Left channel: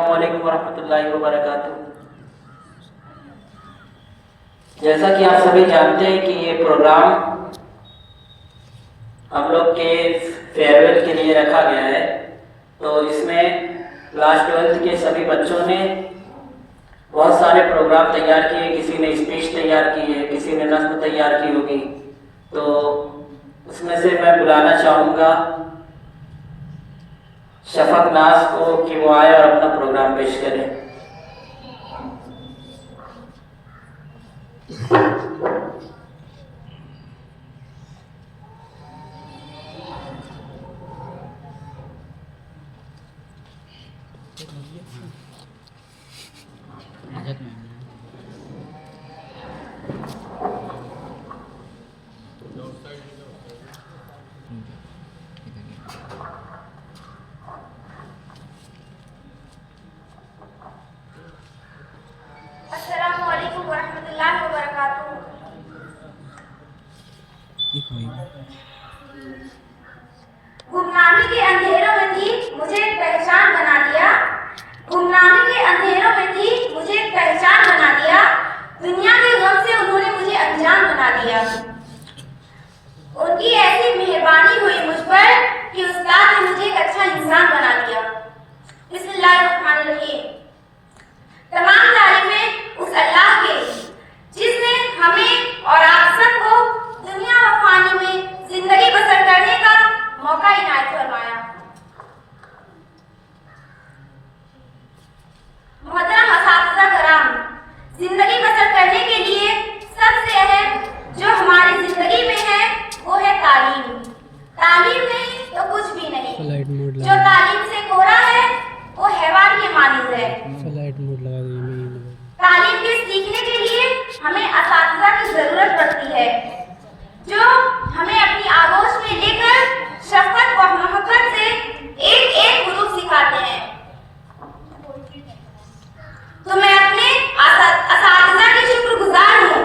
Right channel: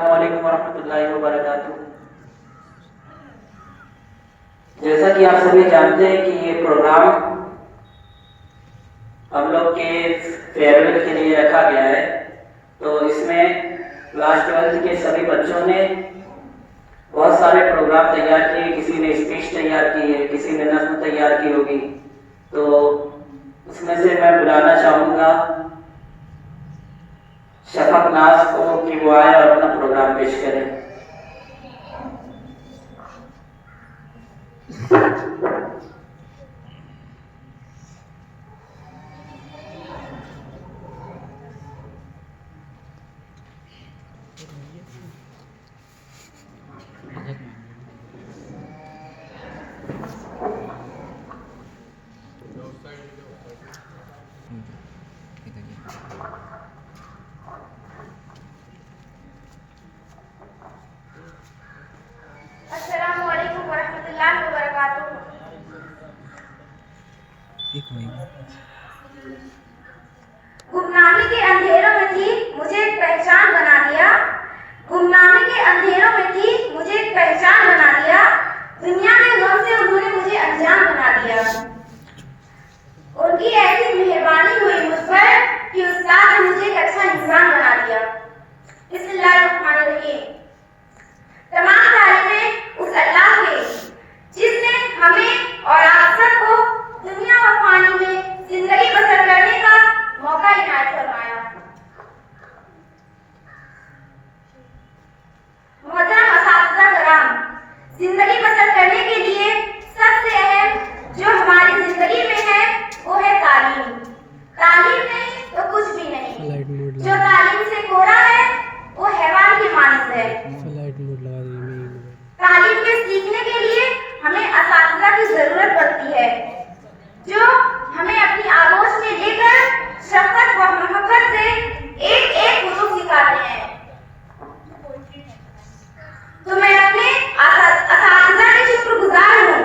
अस्सलामुअलैकुम वरहमतुल्लाहि वबरकातुह। जैसा कि आप सभी जानते हैं कि ये प्रोग्राम हम लोग के फेयरवेल के लिए रखा गया है। तो इसमें क्लास 12th के सभी बच्चों ने बहुत सारे प्रोग्राम तैयार किए, किसी ने स्पीच तैयार की है, किसी ने नज़्म तैयार की होगी। तो उसमें से मैं बुलाना चाहूँगा शफक नाज को कि वो आए और अपना प्रोग्राम पेश करें। अस्सलामुअलैकुम वरहमतुल्लाहि वबरकातुहू। गुमनामी के अंधेरों में थी, मुझे एक पहचान बना दिया। गुमनामी के अंधेरों में थी, मुझे एक पहचान बना दिया। दुनिया के गम से उन्होंने मुझे अनजान बना दिया। उनकी ऐसी मेहरबानी हुई मुझ पर कि उस्ताद ने मुझे एक अच्छा इंसान बना दिया। बिस्मिल्लाहिर्रहमानिर्रहीम। तमाम तारीफें उस अल्लाह के जिसने हमें और आप सबको दुनिया और फानी में जिंदगी बसर करने का मौका इनायत फरमाया। मोहतरम असातिज़ा कराम, जिंदगी बसर करने के लिए सबसे अहम जो हमारी जिंदगी में है वो है तालीम। तालीम नहीं तो कुछ भी नहीं। जो तालीम से कोरा है वो हैवान के मानिज़ है। तालीम के सीखने के लिए हमें असातिज़ा की जरूरत पड़ती है जो हमें अपनी आगोश में लेकर शफ़क़त व मोहब्बत से एक एक हुरूफ सिखाते हैं। तो मैं अपने असातिज़ा के शुक्रगुजार हूँ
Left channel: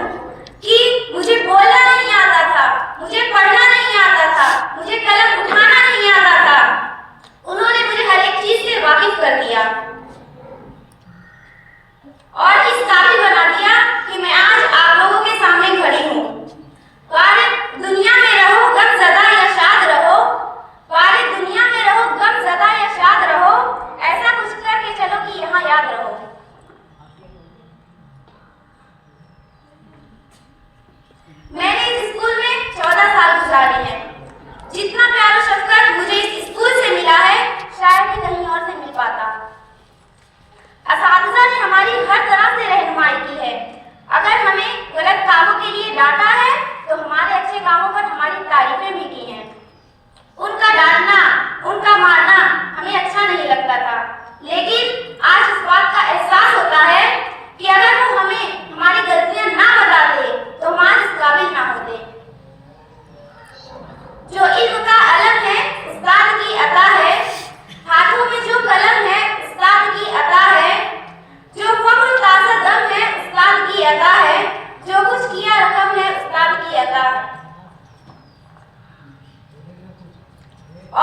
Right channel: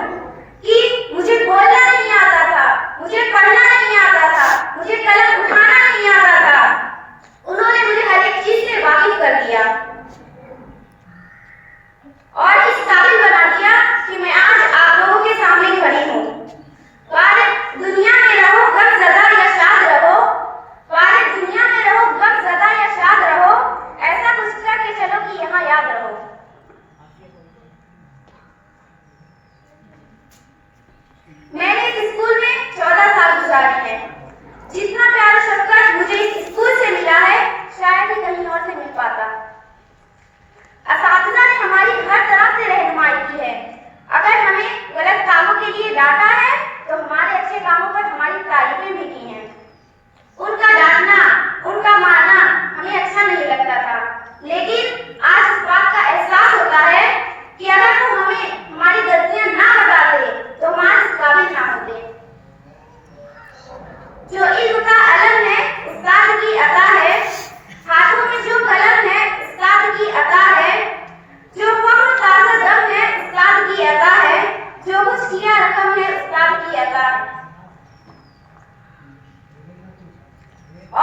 कि मुझे बोलना नहीं आता था, मुझे पढ़ना नहीं आता था, मुझे कलम उठाना नहीं आता था। उन्होंने मुझे हर एक चीज से वाकिफ कर दिया और इस काबिल बना दिया कि मैं आज आप लोगों के सामने खड़ी हूँ। वारिद दुनिया में रहो गमज़दा या शाद रहो, वारिद दुनिया में रहो गमज़दा या शाद रहो, ऐसा कुछ करके चलो कि यहाँ याद रहो। मैंने इस स्कूल में 14 साल गुजारे हैं। जितना प्यार और शफ़क़त मुझे इस स्कूल से मिला है शायद ही कहीं और से मिल पाता। असातिज़ा ने हमारी हर तरह से रहनुमाई की है। अगर हमें गलत कामों के लिए डांटा है तो हमारे अच्छे कामों पर हमारी तारीफें भी की हैं। उनका डांटना, उनका मारना हमें अच्छा नहीं लगता था, लेकिन आज इस बात का एहसास होता है कि अगर वो हमें हमारी गलतियां ना बताते तो हम आज इस काबिल ना होते। जो इल्म का अलम है उस्ताद की अता है, हाथों में जो कलम है उस्ताद की अता है, जो फख्र ताज़ा दम है उस्ताद की अता है, जो कुछ किया रकम है उस्ताद की अता।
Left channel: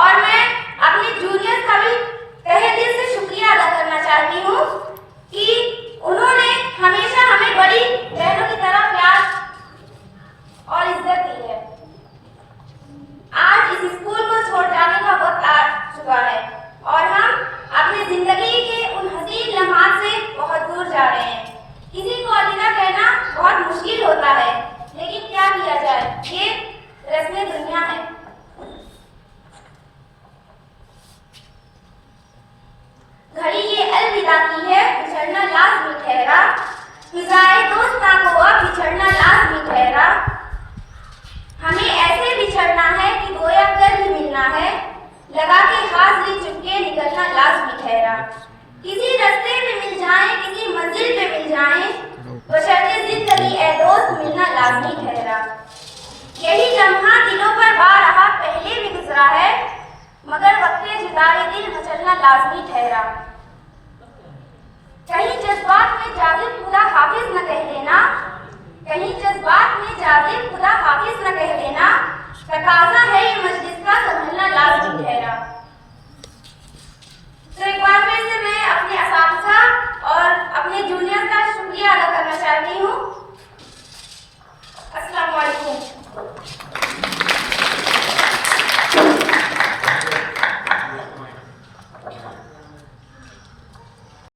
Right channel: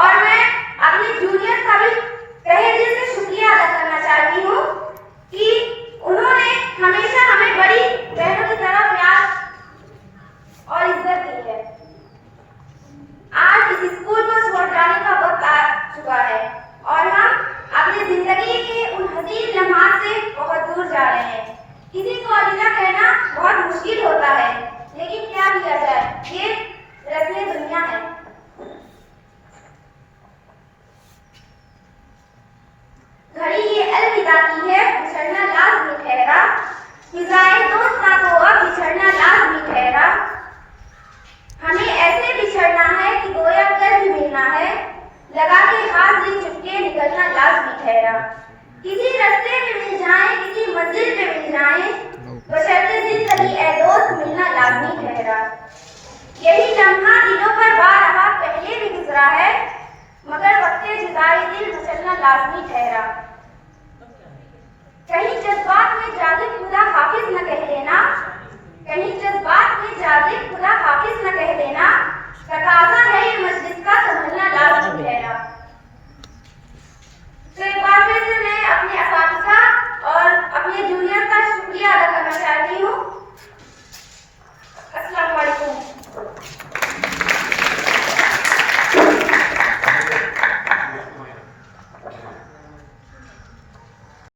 और मैं अपने जूनियर का भी तहे दिल से शुक्रिया अदा करना चाहती हूँ कि उन्होंने हमेशा हमें बड़ी बहनों की तरह प्यार और इज्जत दी है। आज इस स्कूल को छोड़ जाने का वक्त आ चुका है और हम अपनी जिंदगी के उन हसीन लम्हात से बहुत दूर जा रहे हैं। किसी को अलविदा कहना बहुत मुश्किल होता है, लेकिन क्या किया जाए, ये रस्म दुनिया है। घड़ी ये अलविदा की है, बिछड़ना लाज़मी ठहरा, फिज़ाए दोस्ता को अब बिछड़ना लाज़मी ठहरा। हमें ऐसे बिछड़ना है कि गोया कर ही मिलना है, लगा के हाजिरी चुपके निकलना लाज़मी ठहरा। किसी रास्ते में मिल जाए, किसी मंजिल पे मिल जाए, बशर्ते जिंदगी ए दोस्त मिलना लाज़मी ठहरा। यही लम्हा दिलों पर बारहा पहले भी गुजरा है, मगर वक्ते जुदाई दिल मचलना लाज़मी ठहरा। कहीं जज्बात में जाजिब खुदा हाफिज न कह देना, कहीं जज्बात में जाजिब खुदा हाफिज न कह देना, तकाज़ा है ये मजलिस का संभलना लाज़मी ठहरा। तो एक बार फिर से मैं अपने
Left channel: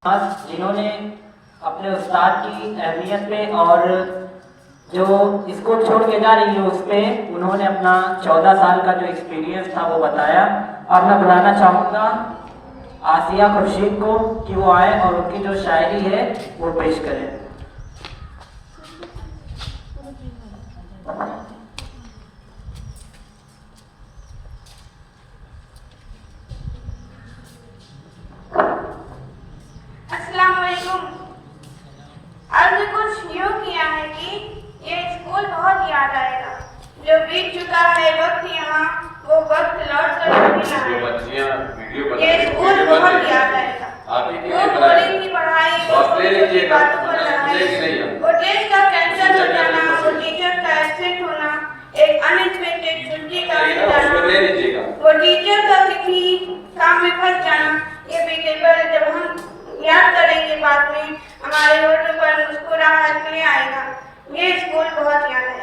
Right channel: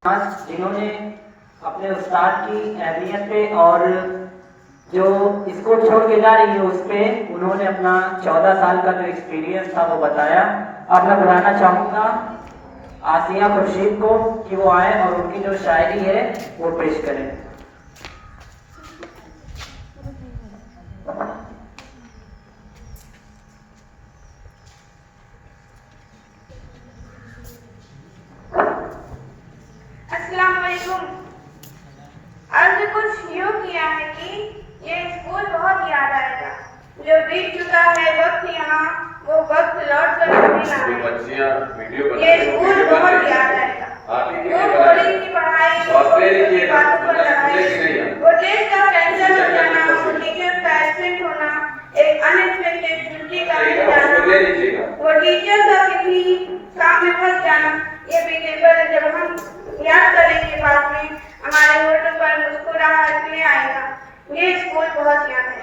आज जिन्होंने अपने उस्ताद की अहमियत पे और जो स्कूल छोड़ के जा रही है उस पर उन्होंने अपना 14 साल का जो एक्सपीरियंस था वो बताया। और मैं बुलाना चाहूँगा आसिया खुर्शीद को कि वो आए और उनकी जो शायरी है वो पेश करें। अस्सलाम वालेकुम। अर्ज कुछ यूँ किया है कि ये स्कूल बहुत याद आएगा। जो बीत चुका है वक्त यहाँ, वो वक्त लौट कर नहीं आएगा। ये स्कूल बहुत याद आएगा। वो बोर्डिंग की पढ़ाई, वो बातों पर लड़ाई, वो टेस्ट का कैंसर हो जाना, वो टीचर का एक्सीडेंट होना, एक अनएक्सपेक्टेड छुट्टी का मिल जाना, वो टीचर का किसी काम में फंस जाना, ये बेकेबल जब हम याद करेंगे बाद में हमारे होठों पर मुस्कुराहट ले आएगा। ये स्कूल बहुत याद है।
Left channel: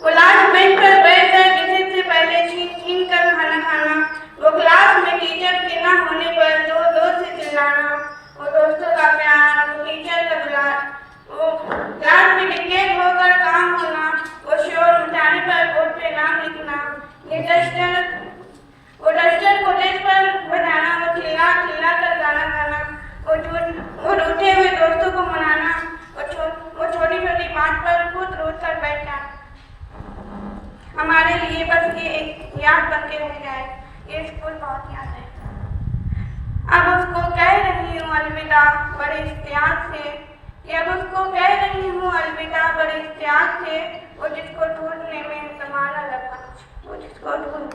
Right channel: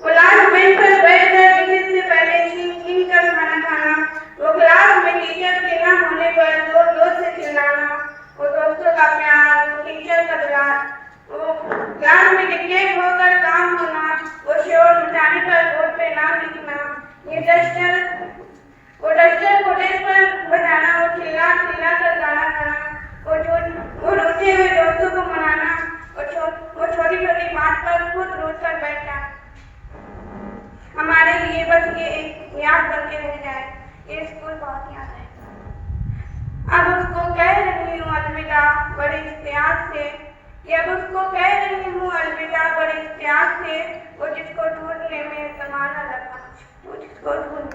वो लास्ट बेंच पर बैठकर विजिट से पहले छीन कर खाना खाना, वो क्लास में टीचर के न होने पर जोर से चिल्लाना, वो दोस्तों का प्यार, वो टीचर का प्यार, वो क्लास में डिक्टेट होकर काम होना, वो शोर मचाने पर बोर्ड पे नाम लिखना, ये वो डस्टर को डेस्क पर बनाना, वो चिल्ला कर गाना गाना, वो रोते हुए दोस्तों को मनाना, वो छोटी छोटी बात पर खुद रोज कर बैठना, हमारे लिए बस ये एक याद करके रह जाए। ये स्कूल बहुत याद है। अब उसको कह रही हूँ अलविदा बड़े इख्तियार से, अब उसको कह रही हूँ अलविदा बड़े इख्तियार से, वो जिसको ढूंढने में ज़माना लगा, वो जिसको ढूंढ।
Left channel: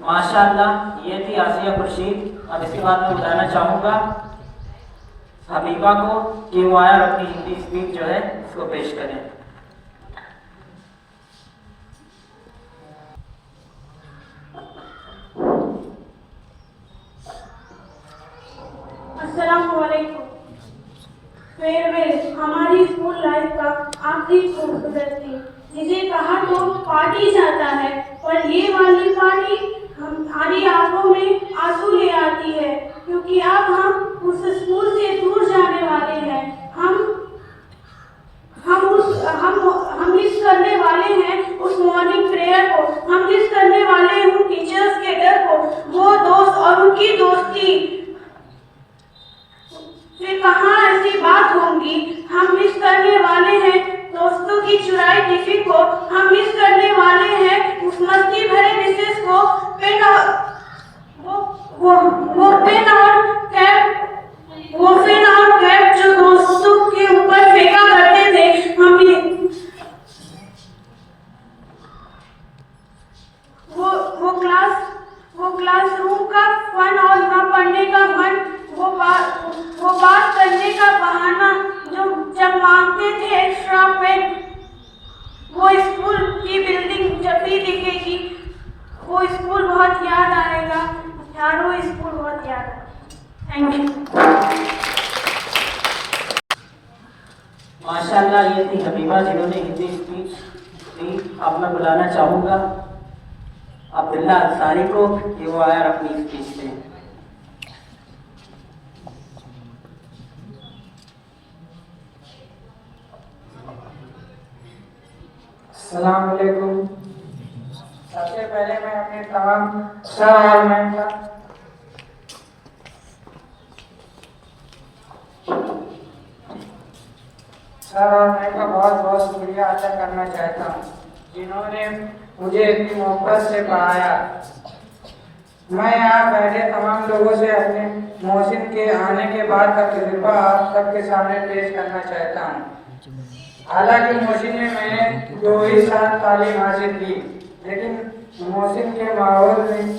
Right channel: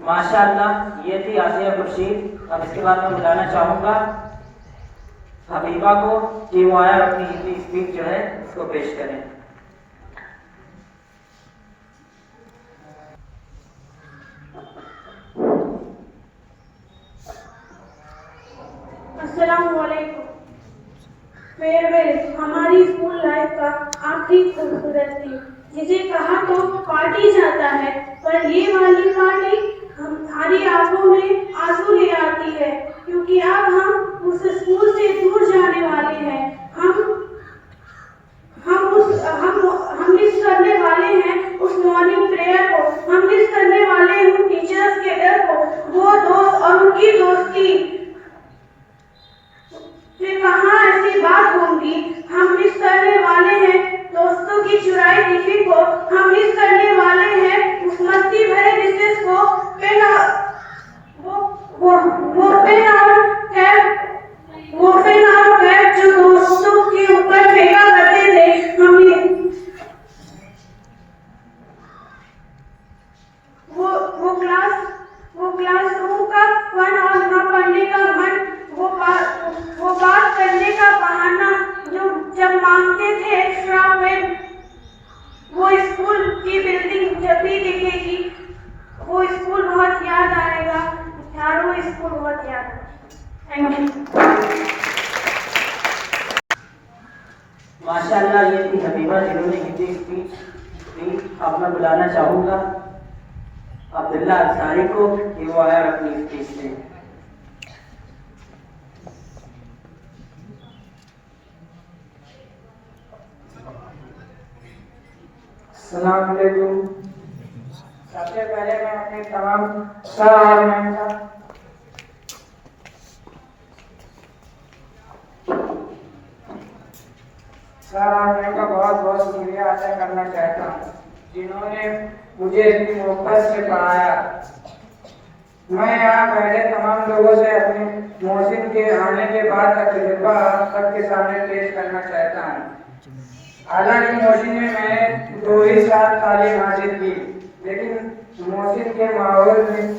माशाअल्लाह, ये थी आसिया खुर्शीद। अब इसके बाद मैं बुलाना चाहूँगा हबीबा को कि वो आया अपनी हिंदी स्पीच जो है उसको पेश करें। अस्सलाम वालेकुम। फेयरवेल हमारी स्कूल लाइफ का आखिरी खूबसूरत थी, जिसे कहा तो पार्टी जाता है, पर ये वाली पार्टी हमारी आंखों में आंसू ले आती है, क्योंकि अब हम उस स्कूल से दूर जाने वाले हैं। हम मिस करने वाले हैं उस मॉर्निंग प्रेयर को, हम मिस करने वाले हैं टीचर्स के डर को, वो दोस्त और उनकी दोस्ती फिर कहाँ ऐसी बात होंगी। हम मिस करने वाले हैं दोस्तों की चुराई टिफिन को, हम मिस करने वाले हैं उस मस्ती भरे रिसेस को, पेन और वो पेन और कैप जो दोस्तों के ऊपर फेंका करते थे। वो क्लासरूम का फन और न पढ़ने का मन, वो बात करने का बहाना जो जब मांगते थे एक्स्ट्रा पेन, वो स्कूल की बिल्डिंग जब भी दिखेगी वो स्कूल बहुत याद आएगा यार, वो स्कूल बहुत याद आएगा। Thank you. माशाअल्लाह, ये थी हबीबा जिन्होंने हिंदी स्पीच दी। अब मैं बुलाना चाहूँगा अब्दुल्ला अंसारी को कि वो आया अपनी स्पीच दें। अस्सलाम वालेकुम। सबसे पहले मैं अपने तमाम सर और मैम का बहुत बहुत शुक्रिया अदा करना चाहता हूँ, जिन्होंने मुझे इतनी मोहब्बत से पढ़ाया। मैं यहाँ पहले तमाम लोगों से अपने मोहसिन के आने के बाद का तजुर्बा आप सबके सामने पेश करना चाहता हूँ। हालांकि मोहसिन में मैंने 2 ही साल तालीम हासिल की, लेकिन मोहसिन के माहौल में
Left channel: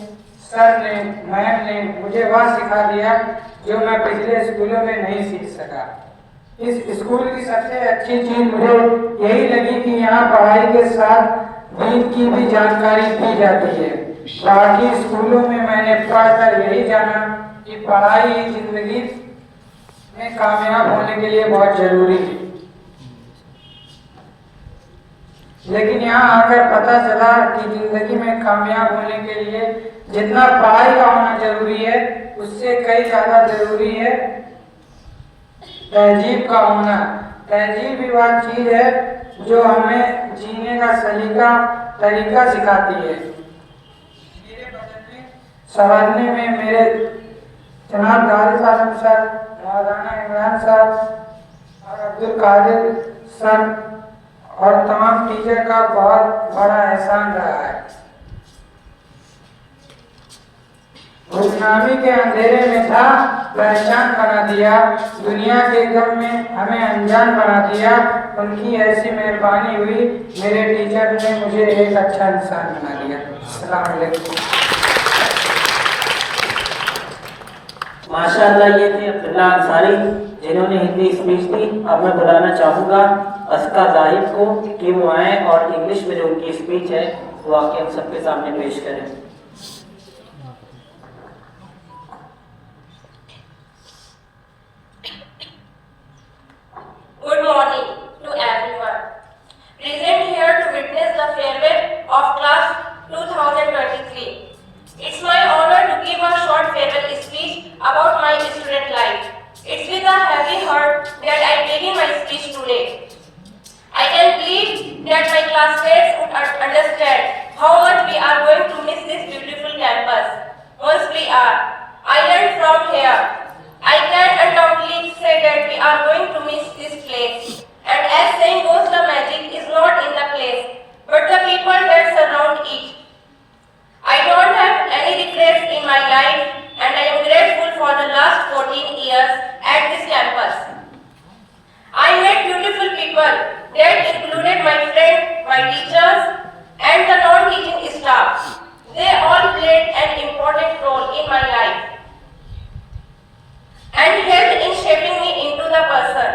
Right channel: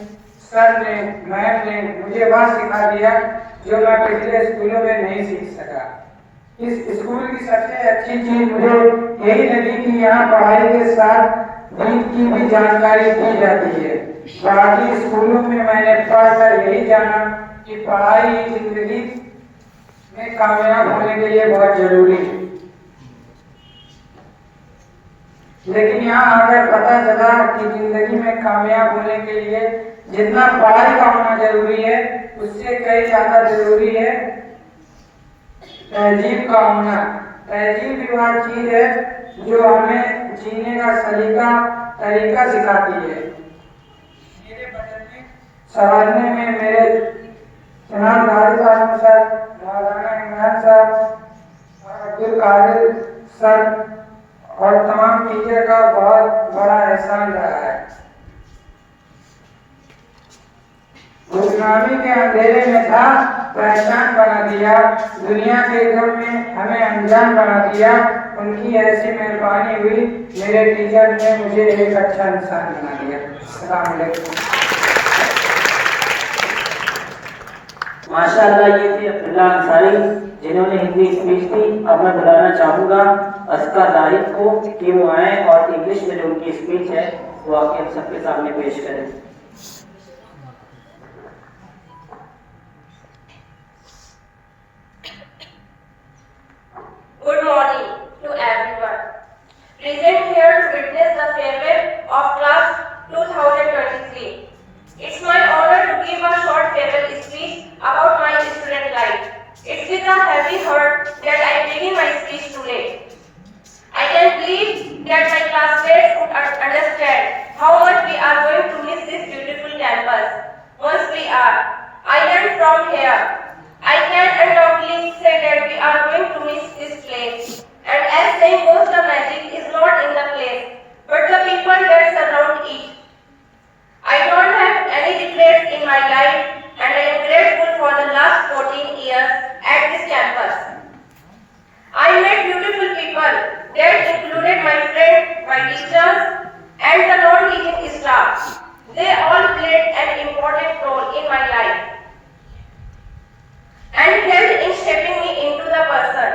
सर ने मैम ने मुझे वह सिखा दिया जो मैं पिछले स्कूलों में नहीं सीख सका। इस स्कूल की सबसे अच्छी चीज मुझे यही लगी कि यहाँ पढ़ाई के साथ दीन की भी जानकारी दी जाती है। बाकी स्कूलों में मैंने पढ़कर यही जाना कि पढ़ाई जिंदगी में कामयाब होने के लिए बहुत जरूरी है। लेकिन यहाँ आकर पता चला कि जिंदगी में कामयाब होने के लिए जितना पढ़ाई का होना जरूरी है, उससे कई ज्यादा जरूरी है तहजीब का होना। तहजीब ही वह चीज है जो हमें जीने का तरीका सिखाती है। मेरे बदलने संवारने में मेरे जनाब गालिब आलम सर, मौलाना इमरान सर और अब्दुल कादिर सर और तमाम टीचर का बहुत बड़ा एहसान रहा है। गुमनामी के अंधेरे में था, पहचान बना दिया, दुनिया के गम में हमें अनजान बना दिया। उनकी ऐसी मेहरबानी हुई, मेरे टीचर ने मुझे एक अच्छा इंसान बना दिया। अस्सलाम वालेकुम। माशाअल्लाह, ये थे अब्दुल्ला अंसारी जिन्होंने हिंदी स्पीच दी। अब मैं बुलाना चाहूँगा अस्का जाहिद को कि वो आए और इंग्लिश में जो उनकी स्पीच है वो आके हम सबके सामने पेश करें। Good morning to everyone. Present here to witness the farewell of class 2023. It's my honor to give a short farewell speech about my student life. It's with a heavy heart that I begin my speech today. I can believe that my classmates would understand how much we are going to miss this beautiful campus. Once we are. I learned from here. I can undoubtedly say that we are going to miss this place. And as saying goes, the magic is not in the place, but the people that surround it. I don't have any regrets in my life, and I am grateful for the last 14 years at this campus. I met beautiful people that included my friends, my teachers, and the non-teaching staff. They all played an important role in my life and helped in shaping me into the person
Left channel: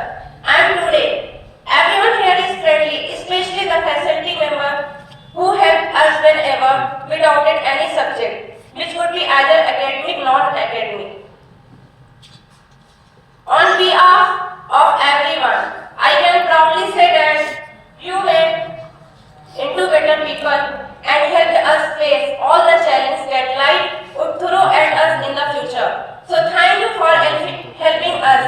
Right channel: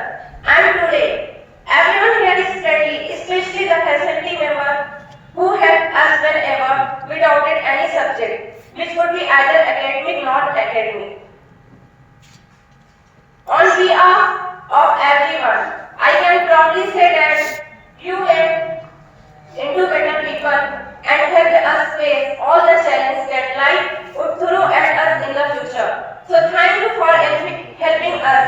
I am today. Everyone here is friendly, especially the faculty members who helped us whenever we doubted any subject, which could be either academic or non-academic. On behalf of everyone, I can proudly say that you made into better people and helped us face all the challenges that life would throw at us in the future. So thank you for helping us.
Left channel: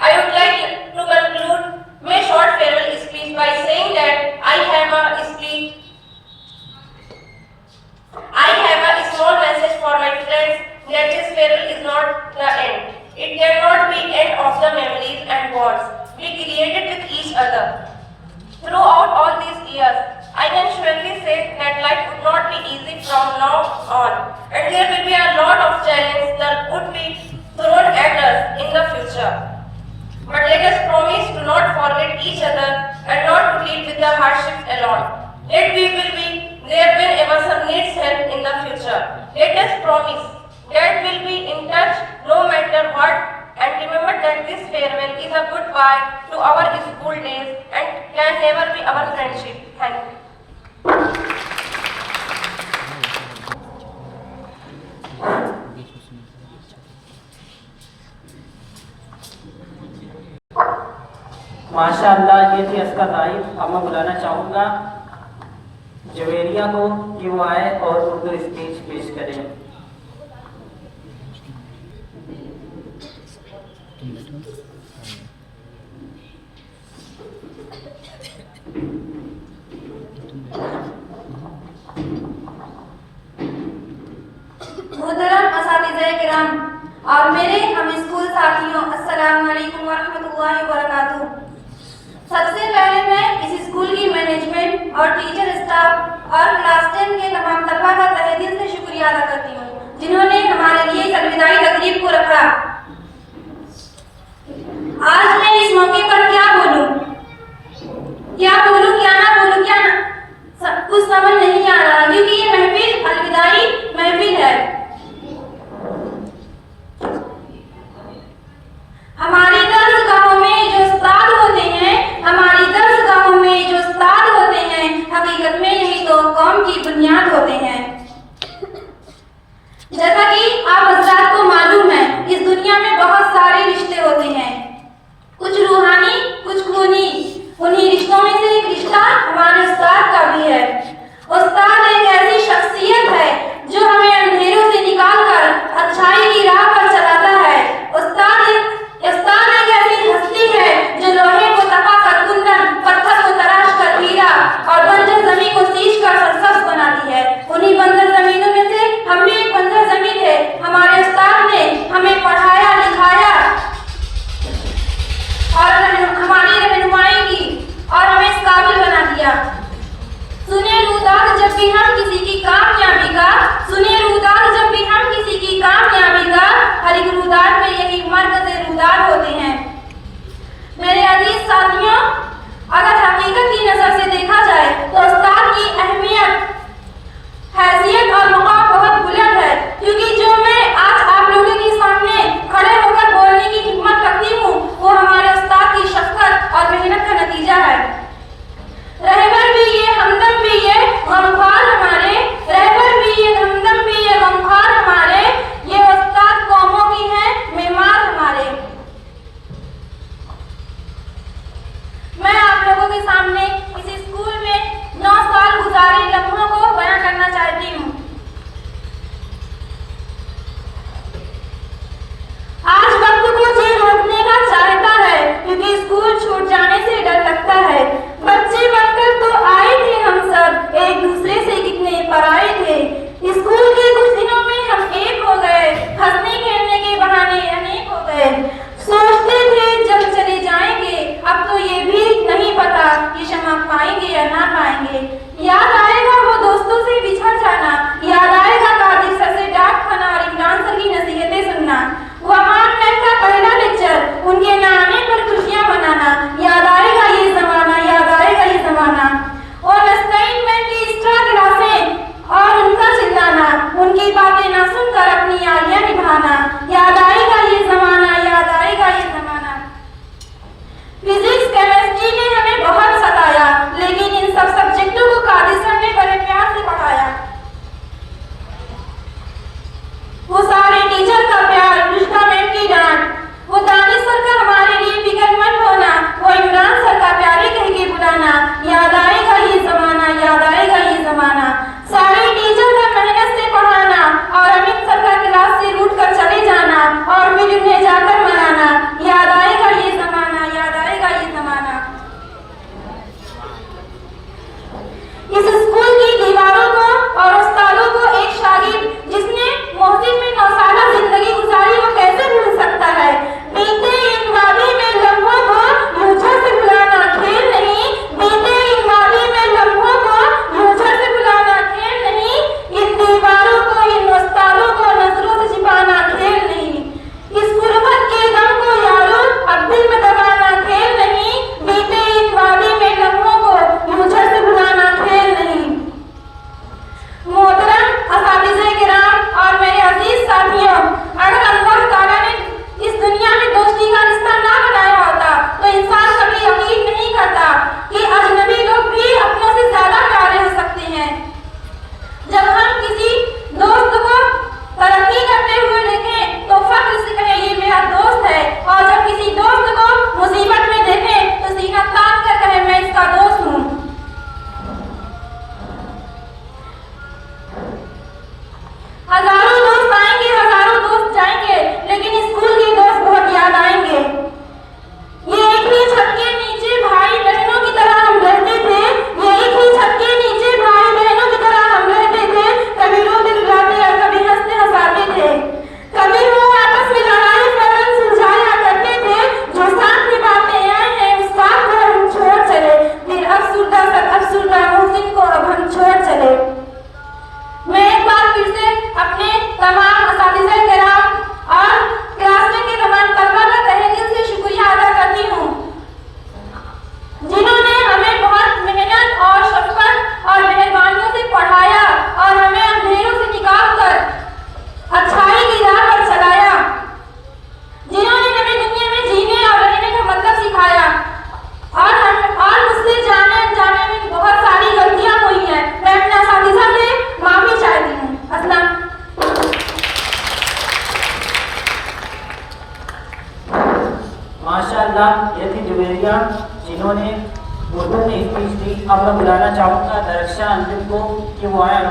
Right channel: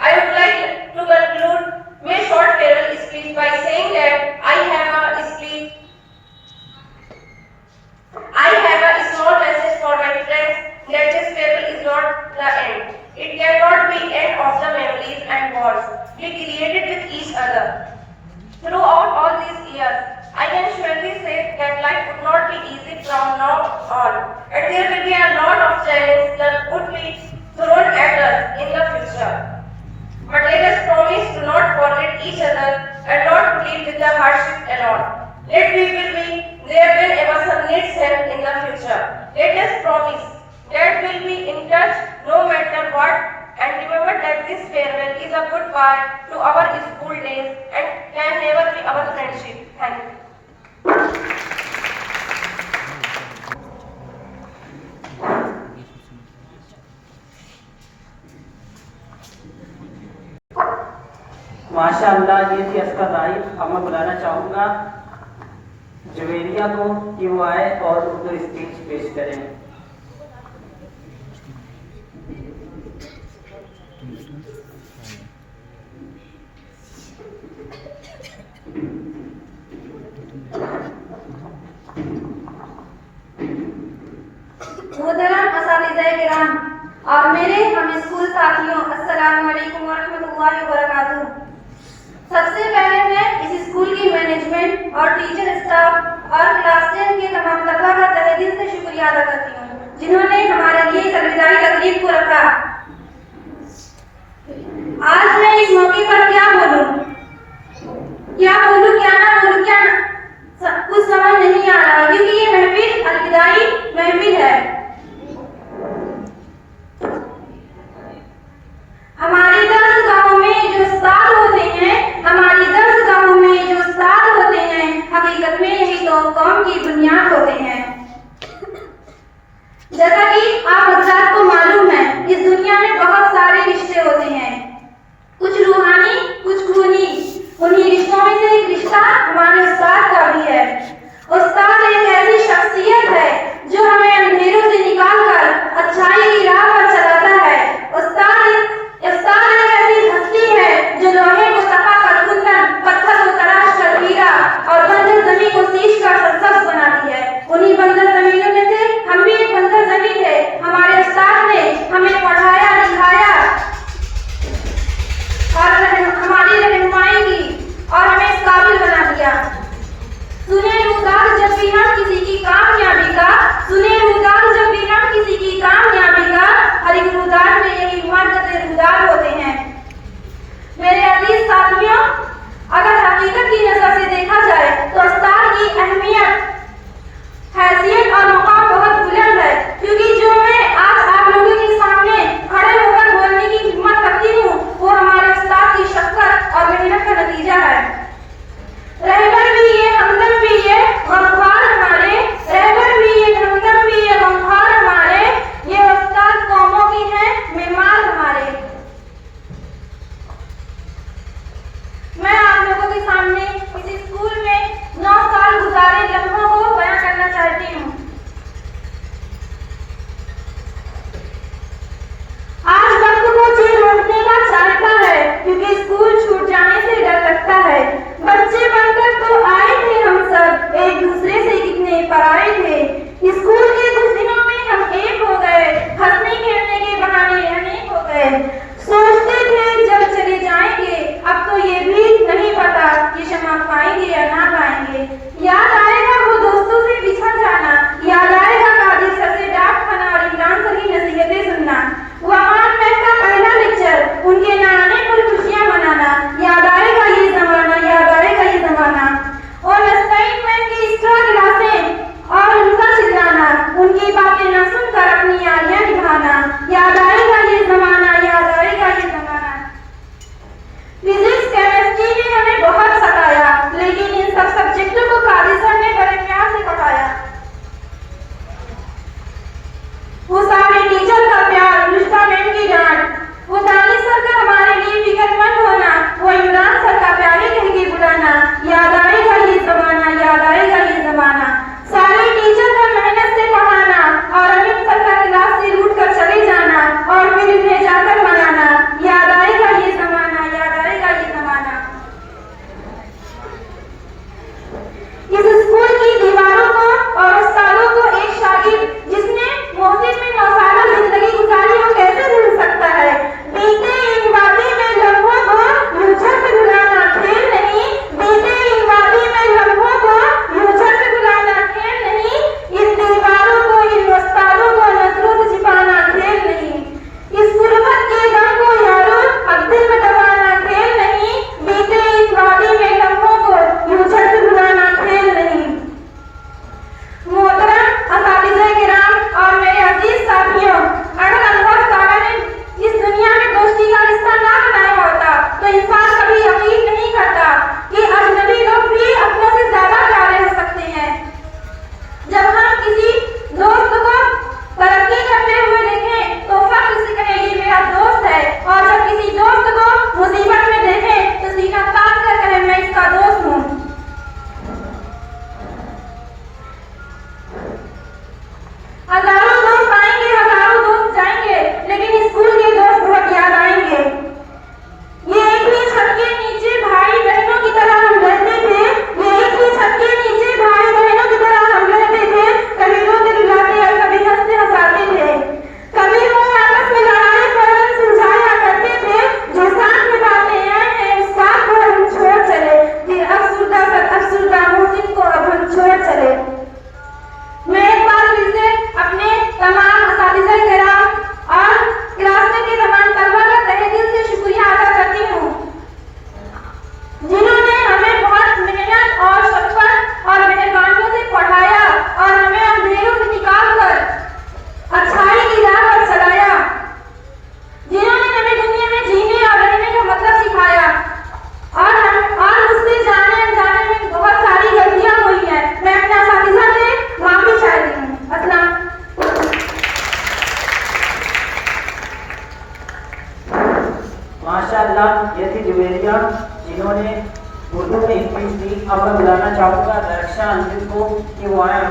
I would like to conclude my short farewell speech by saying that I have a small message for my friends that this farewell is not the end. It cannot be end of the memories and bonds we created with each other. Throughout all these years, I can surely say that life would not be easy from now on, and there will be a lot of challenges that would be thrown at us in the future. But let us promise to not forget each other and not to deal with the hardships alone. Let we will be there whenever some needs help in the future. Let us promise that we'll be in touch no matter what, and remember that this farewell is a goodbye to our school days and can never be our friendship. Thank you. माशाअल्लाह, ये थी अस्का जाहिद। अब मैं बुलाना चाहूँगा जवेरिया को कि वो आए और उर्दू स्पीच पेश करें। मोहतरम असातिज़ा किराम और मेरे हम स्कूल साथियों, अस्सलाम वालेकुम वरहमतुल्लाहि वबरकातुहू। सबसे पहले मैं इस स्कूल की मैनेजमेंट और टीचर स्टाफ और क्लास 10 के तमाम तलबा का तहे दिल से शुक्रिया अदा करती हूँ जिन्होंने हमारे लिए इस अलविदाई तकरीब को रखा। आज मैं इस मौके पर क्या बोलूं, क्या ना बोलूं, कुछ समझ नहीं आ रहा, क्योंकि ये महफिल अलविदाई महफिल है। हमारी दर्सगाहों में जो उस्ताद होते हैं, हकीकत में यही तो कौम की बुनियाद होते हैं। जैसा कि आप हज़रात को मालूम है, इस दुनिया में बहुत सारे रिश्ते होते हैं, कुछ रूहानी, कुछ खूनी। उन्हीं रिश्तों में से एक रिश्ता हमारे उस्ताद का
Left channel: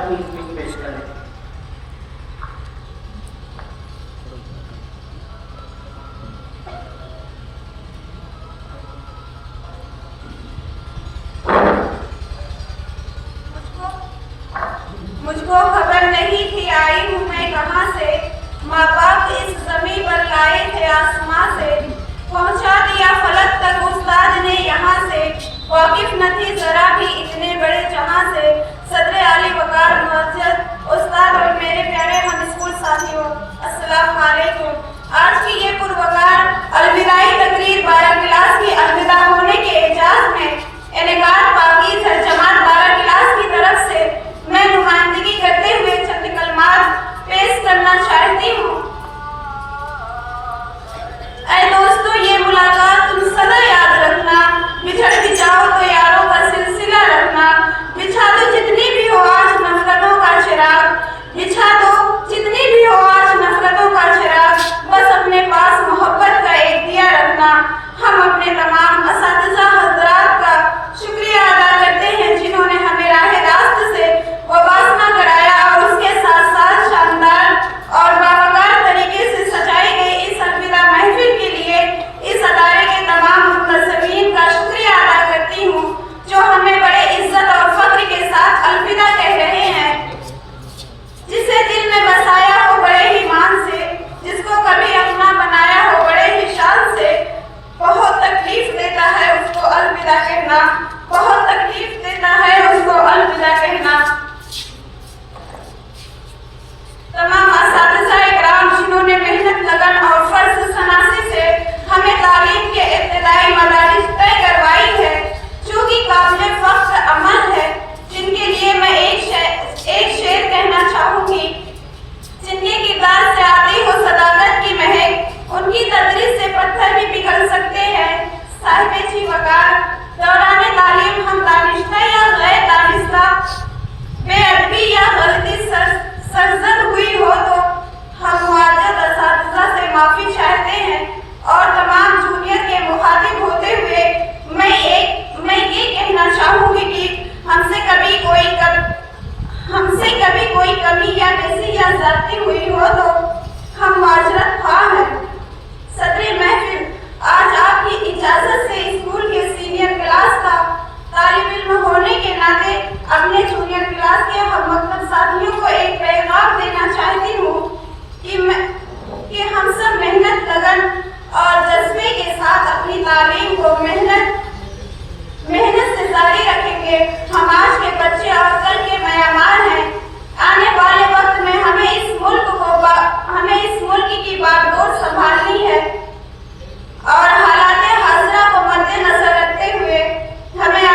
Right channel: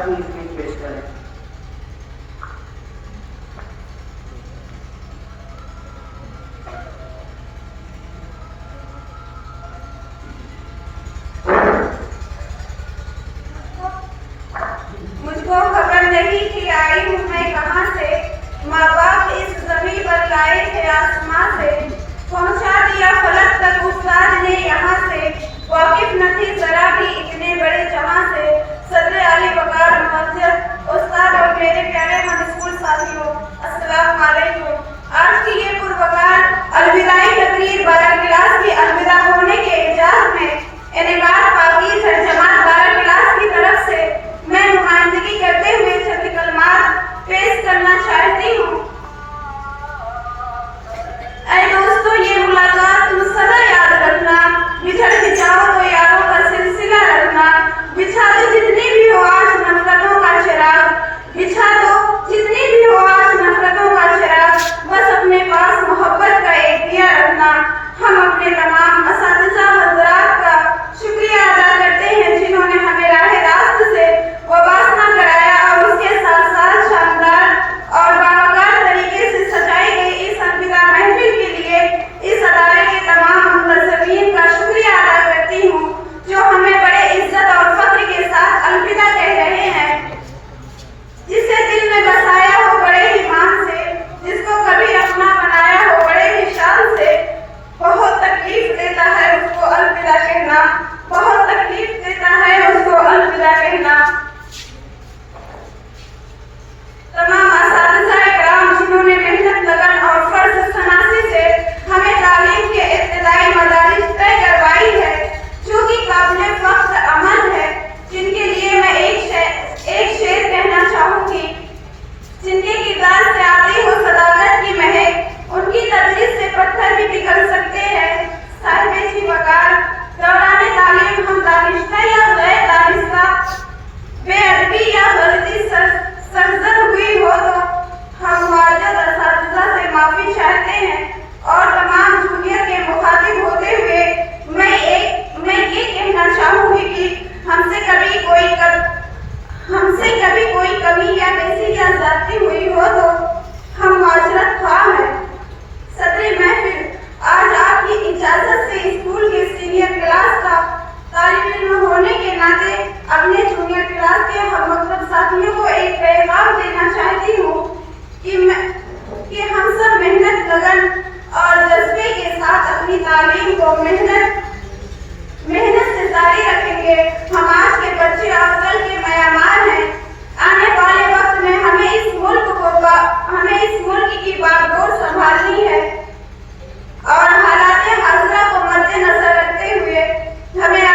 अपनी स्पीच पेश करें। मुझको खबर नहीं थी आई हूँ मैं कहाँ से, माँ बाप इस जमीन पर लाए थे आसमां से, पहुँचा दिया फलक तक उस्ताद ने यहाँ से, वाकिफ न थी जरा भी इतने बड़े जहाँ से। सदर आली वकार मुअज्जज उस्ताद और मेरे प्यारे हम स्कूल साथियों, अस्सलाम वालेकुम। आज की ये पुरवकार अलविदाई तकरीर 12 क्लास की अलविदा होने के एजाज में इनेगार पाकीज़ है जमात 12 क्लास की तरफ से मैं नुमाइंदगी करते हुए चंद कलमात पेश करना चाहती हूँ। ऐ दोस्तों, ये मुलाकात तुम सदा याद रखना, बिछड़ भी जाओ तो यारों का सिलसिला रखना, बिछा दो जितनी भी हो आज नफरतों का चिराग, बिछा दो जितनी भी हो आज नफरतों का चिराग, बस अपने पास मोहब्बत का एक दिया रखना। हम अपने तमाम असातिज़ा हज़रात का शुक्रिया अदा करते हैं जिन्होंने हमें राह रास्त से वाबस्ता कराया और उसके साथ साथ शानदार और बावकार तरीके से सजाई गई इस अलविदा महफिल के लिए इस अदारे के तमाम मुंतज़मीन का शुक्रिया अदा करती हूँ जो हमें बड़े इज्जत और फख्र के साथ अलविदा कह रहे हैं। जिसे दिल में बसाया हो बड़े ही मान से, जिसको कभी अपना बनाया हो बड़े ही शान से, बहुत तकलीफ देता है उसको अलविदा कहना, बहुत तकलीफ देता है उसको अलविदा कहना। तमाम असातिज़ा इकराम जिन्होंने मेहनत लगन और फर्ज सनासी से हमें तालीम के इब्तिदाई मदारिज तय करवाई है जो कि काबिल फख्र अमल है, जिनके लिए मैं एक शेर कहना चाहूंगी। जिनके किरदार से आती हो सदाकत की महक, उनकी तदरीस से पत्थर भी पिघल सकते हैं। साहिबे जी वकार, दौराने तालीम हम दानिश्ता या गैर दानिश्ता, बेअदबी या गलती सरजद हुई हो तो हम मुआज्जद असातिज़ा से माफी चाहते हैं और तमाम जूनियर के मुखातिब होते हुए मैं ये कहना चाहूंगी कि हमसे कभी कोई कमी या बेसी या ज़्यादती हुई हो तो हम माजरत ख्वाह हैं। सदर महफिल, आज आपकी इजाजत से स्कूल के सीनियर क्लास का तालिब इल्म होने के नाते अपने जूनियर क्लास के हमवक्त साथियों को एक पैगाम देना चाहती हूँ कि हम सब मेहनत लगन और जज्बे के साथ अपनी तालीम को मेहनत से जारी रखेंगे। हम आज के बच्चे और कल के मयामार हैं। आने वाले वक्त में हमें इस मुल्क की बागडोर संभालनी है और हालात हाज़िरा को मद्देनजर रखते हुए हमें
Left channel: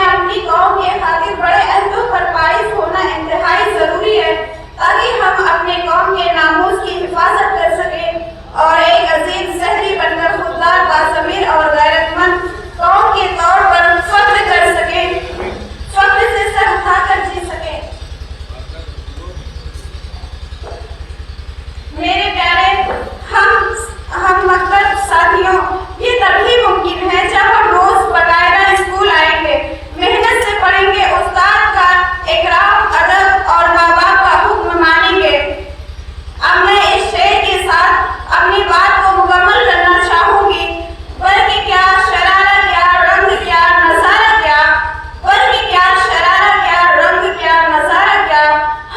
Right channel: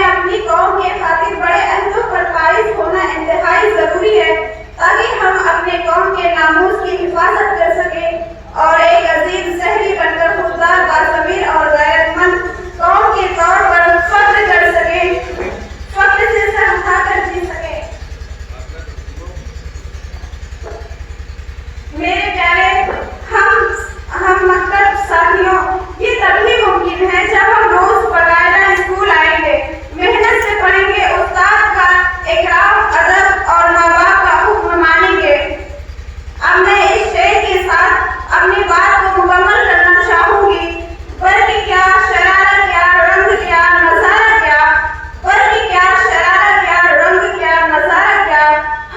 अपनी कौम के खातिर बड़े अहदों पर फाइज होना इंतहाई जरूरी है ताकि हम अपने कौम के नामूस की हिफाजत कर सकें और एक अजीम शहरी बनकर खुददार, बाज़मीर और गैरतमंद कौम के तौर पर फख्र कर सकें, फख्र से सर उठाकर जी सकें। मेरे प्यारे हम मतलब साथियों, ये तभी मुमकिन है जब हम रोज बकायदा स्कूल आएंगे, मेहनत से पढ़ेंगे, उस्ताद का इकराम, अदब और माँ बाप का हुक्म मानेंगे। अब मैं इस शेर के साथ अपनी बात को मुकम्मल करना चाहूंगी। वर्ग क्या शरारा क्या रंग क्या नजारा क्या, वर्ग क्या शरारा क्या रंग क्या नजारा क्या,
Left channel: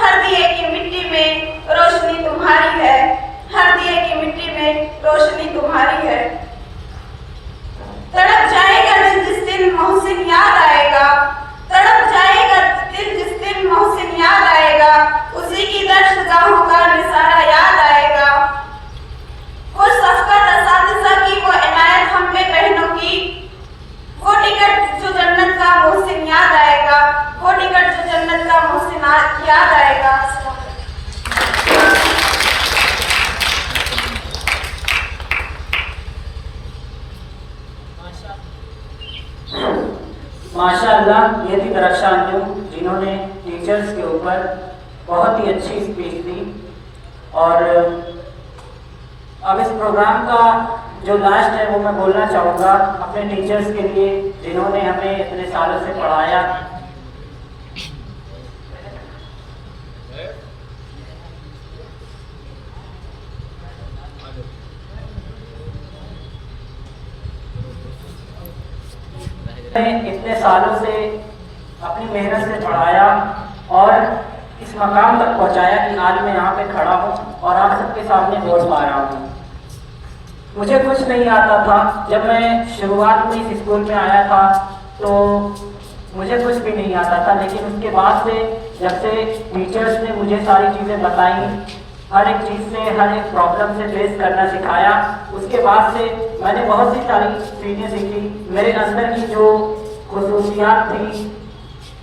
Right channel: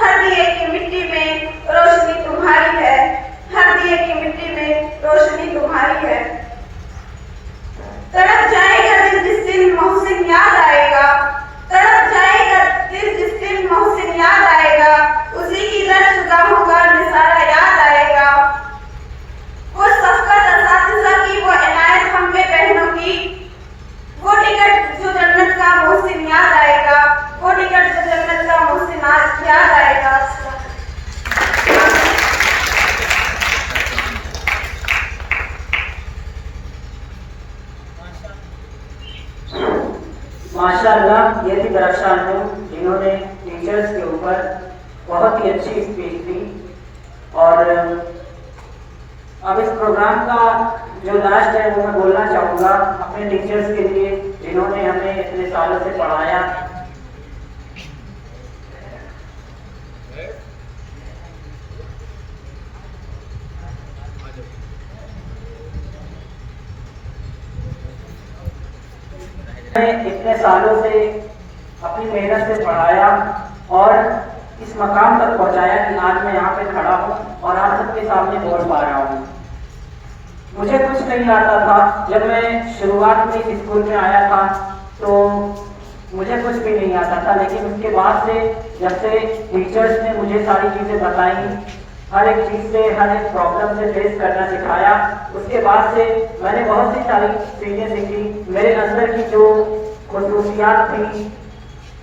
हर दिए की मिट्टी में रोशनी तुम्हारी है, हर दिए की मिट्टी में रोशनी तुम्हारी है। तड़प जाएगा दिल जिस दिन मोहसिन याद आएगा, तड़प जाएगा दिल जिस दिन मोहसिन याद आएगा, उसी की दर्शगाहों का निसारा याद आएगा। वो सफ़क़त असातिज़ा की, वो इनायत हम पे बहनों की, वो टिकट जो जन्नत का मोहसिन याद आएगा, वो टिकट जो जन्नत का मोहसिन याद आएगा। माशाअल्लाह, ये थी दरख्शान जिन्होंने टीचर्स के ऊपर बहुत ही अच्छी स्पीच दी। और अब इस प्रोग्राम का जो लास्ट है वो मैं बोलना चाहूँगा अपने टीचर्स के लिए जिन्होंने हमें इतने सालों से पढ़ाया। इतने सालों से अपनी मेहनत से पढ़ाया और इस मकाम तक पहुंचाया कि आज मैं यहाँ पे खड़ा हूँ और आप सबके सामने बोल पा रहा हूँ। मुझे कुछ नहीं आता था। जब मैं शुरुआत में इस स्कूल में आया था तो मुझे कुछ भी नहीं आता था, लेकिन उसके बाद से जब से टीचर्स ने मुझे सारी चीज़ें बताई, हर एक चीज़ से, हर एक प्रॉब्लम से फेस करना सिखाया, उसके बाद से मैंने बहुत सी सारी चीज़ें सीखी। मेरे अंदर की जो खसूसियात थी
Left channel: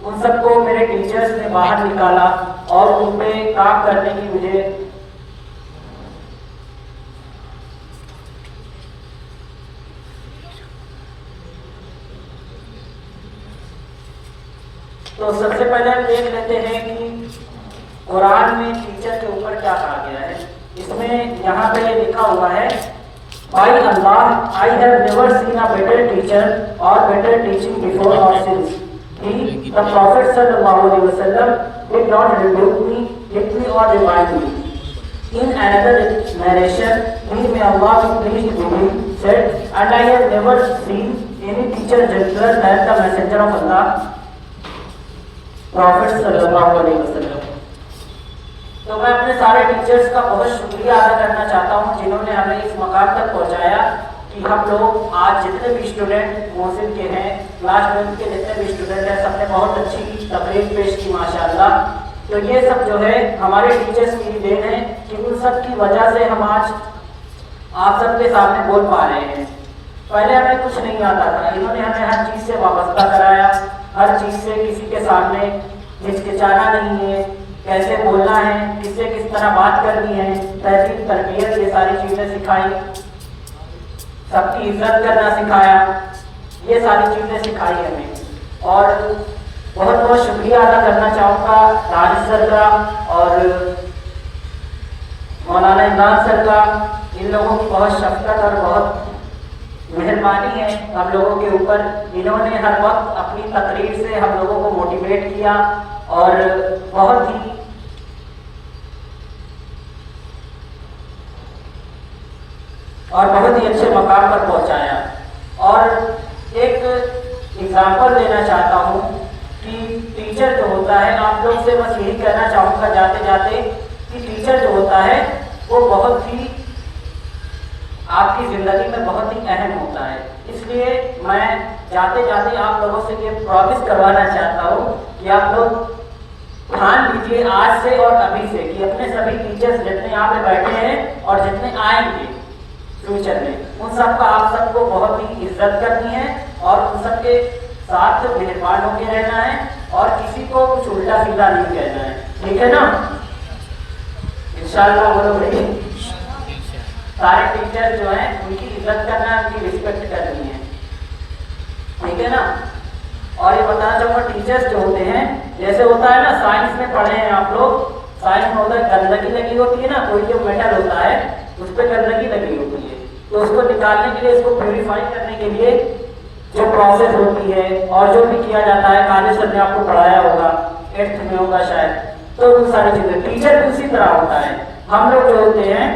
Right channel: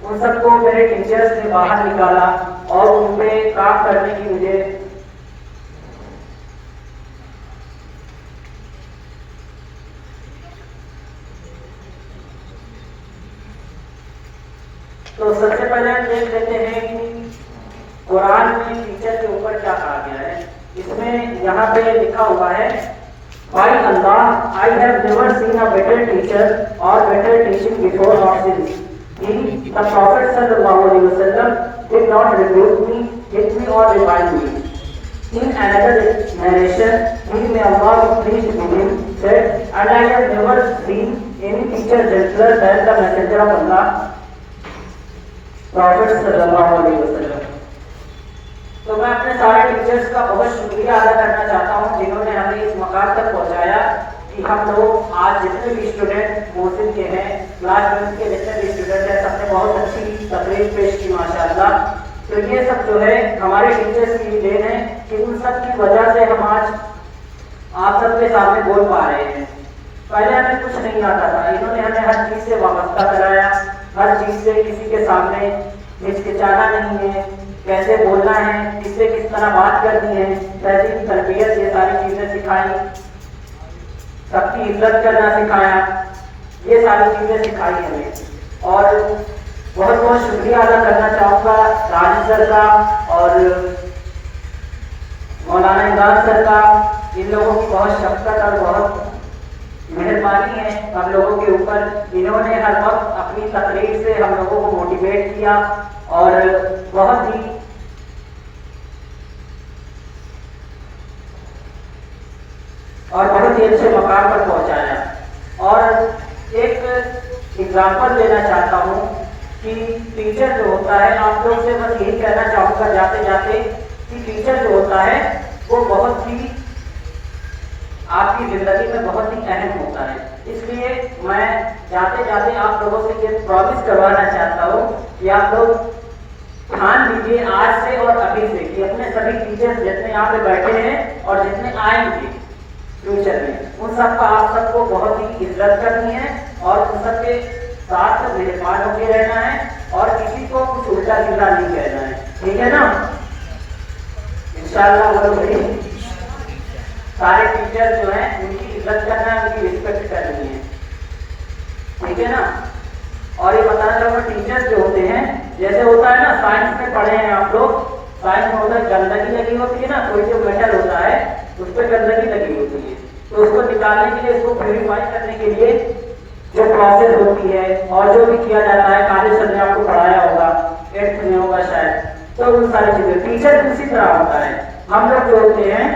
उन सबको मेरे टीचर्स ने बाहर निकाला और उन पे काम करने की मुझे तो सबसे पहले हम देख लेते हैं कि कुरान में टीचर के ऊपर क्या कहा गया है। इसमें यहाँ पे लिखा हुआ है, by Allah, I have never seen a better teacher और बेटर टीचिंग बिफोर और since he, the Prophet sallallahu alaihi wasallam, did not rebuke me, hit me or remind me. In another narration, he, may Allah be pleased with him, said, and I have never seen any teacher gentler than the messenger of Allah, Prophet sallallahu alaihi wasallam. तो मैं अपने सारे teachers का बहुत शुक्रिया अदा करना चाहता हूँ जिन्होंने हमें इस मकाम तक पहुँचाया कि हम लोग आज जितने भी स्टूडेंट मोहसिन के हैं, क्लास 12 के जितने भी स्टूडेंट हैं, सबने बहुत अच्छी तकरीर पेश की माशाल्लाह। तो ये सब जो है हमारे टीचर्स की देन है कि उन सब की वजह से हम आज आप सबके सामने बोल पा रहे हैं। पहले हमें कुछ नहीं आता था, इन्होंने हमें हर चीज़ से वाबस्ता कराया, हर चीज़ से किसी के सामने हिचकिचाना नहीं है, कैसे बोलना है, किससे किस तरह बात करनी है, तहजीब तरबियत, ये सारी चीज़ें सिखाई, सबकी इज्जत करना सिखाया, ये सारी चीज़ें सिखाई हमें। और बहुत बहुत शुक्रिया अदा करना चाहूँगा राज सर का और मौलाना इमरान सर का। इन लोगों की बहुत शफकत और बहुत मेहरबानी है हम लोगों के ऊपर। इन्होंने हर वक्त अपनी तकरीर से हम लोगों को मोटिवेट किया और बहुत ही अच्छे मकाम पर पहुंचाया। और एक एग्जाम्पल देना चाहता हूँ कि टीचर जो होता है, आप लोग से बस यही कहना चाहूँगा जाते जाते कि टीचर जो होता है वो बहुत ही आपकी ज़िंदगी में बहुत ही अहम होता है। इसलिए मैं जाते जाते आप लोगों से ये प्रॉमिस करवाना चाहता हूँ कि आप लोग ध्यान दीजिए आज से और अभी से कि अपने सभी टीचर्स जितने यहाँ पे बैठे हैं और जितने आएंगे फ्यूचर में, उन सबका आप सबको बहुत ही इज्जत करनी है और उन सबके साथ मेहरबान होकर रहना है और किसी को कुछ उल्टा सीधा नहीं कहना है, ठीक है ना? इंशाअल्लाह भाई सारे टीचर जो हैं उनकी इज्जत करना है, उनकी रिस्पेक्ट करनी है, ठीक है ना? और ये बताना चाहूँगा टीचर्स जो होते हैं, जैसे होता है ना साइंस में पढ़े हैं आप लोग, साइंस में उधर गंदगी लगी होती है ना, कोई जो मेटल होता है उस पर गंदगी लगी होती है, तो उसको निकालने के लिए, इसको प्यूरिफाई करने के लिए जो प्रोसेस होती है और जो भी किया जाता है, काले सर ने आपको पढ़ाया होगा, 8th में होगा शायद, तो उन सारी चीजें टीचर उसी तरह होता है। हम लोग जो होते हैं,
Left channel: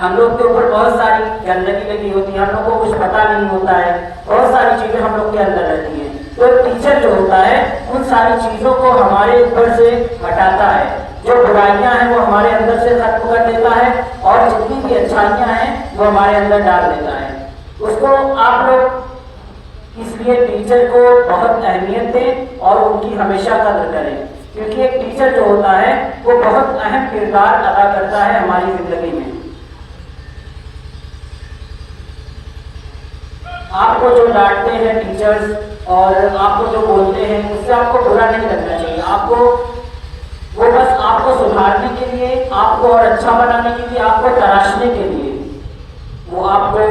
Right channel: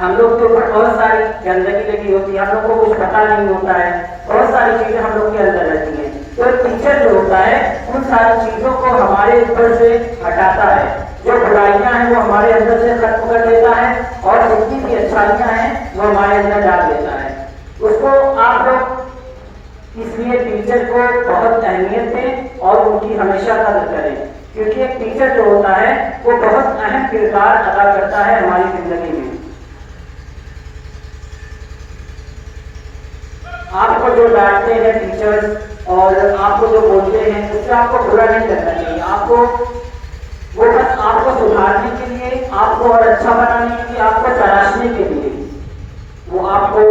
हम लोग के ऊपर बहुत सारी गंदगी लगी होती है, हम लोग को कुछ पता नहीं होता है, बहुत सारी चीजें हम लोग के अंदर रहती है। तो टीचर जो होता है उन सारी चीजों को हमारे ऊपर से हटाता है, जो बुराइयां हैं वो हमारे अंदर से खत्म कर देता है और जितनी भी अच्छाइयां हैं वो हमारे अंदर डाल देता है। उसको आप लोग इसलिए टीचर को बहुत अहमियत दें और उनकी हमेशा कदर करें, क्योंकि एक टीचर जो होता है वो बहुत अहम किरदार अदा करता है हमारी जिंदगी में। आपको जो डांटते हैं टीचर्स और आपको जो बोलते हैं उससे आपको बुरा नहीं लगना चाहिए, आपको वो बस आपको सुधारने के लिए, आपको और अच्छा बनाने के लिए, आपको तराशने के लिए वो आपको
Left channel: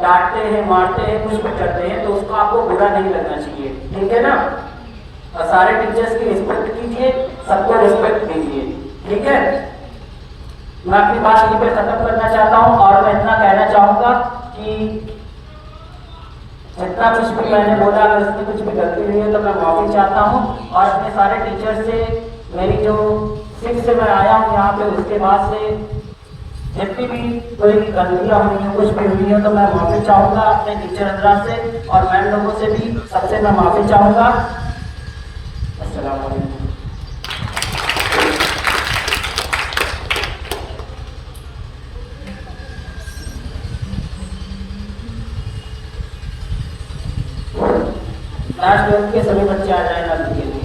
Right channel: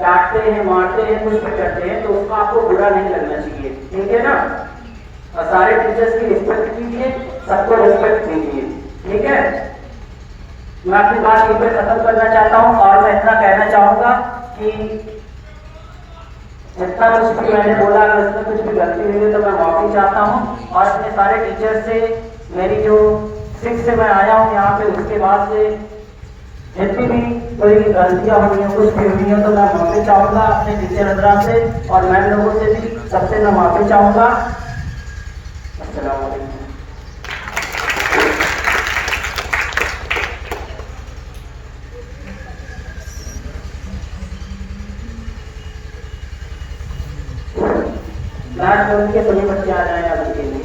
डांटते हैं, मारते हैं, कुछ भी करते हैं, तो उसको आपको बुरा नहीं लगना चाहिए, ठीक है ना? और सारे टीचर्स की रिस्पेक्ट कीजिए, सबको रिस्पेक्ट दीजिए, ठीक है? मैं अपनी बात यहीं पे खत्म करना चाहता हूँ और मैं इतना कहना चाहूँगा कि जितना कुछ भी मैंने बोला, अगर इसमें कुछ भी गलती हुई है तो मैं माफ़ी चाहता हूँ और अपने सारे टीचर्स से, मेरी जो 6 से मैं आया हूँ यहाँ पे, उसके बाद से जितनी भी कोई गलतियां हुई हैं, कुछ भी हुई है, तो मैं माफी चाहूंगा अपने टीचर हजरात से और मैम लोगों से भी, सबसे मैं माफी चाहूंगा। अस्सलाम वालेकुम। लास्ट वर्ग के सभी बच्चे आ जाए आप के लिए।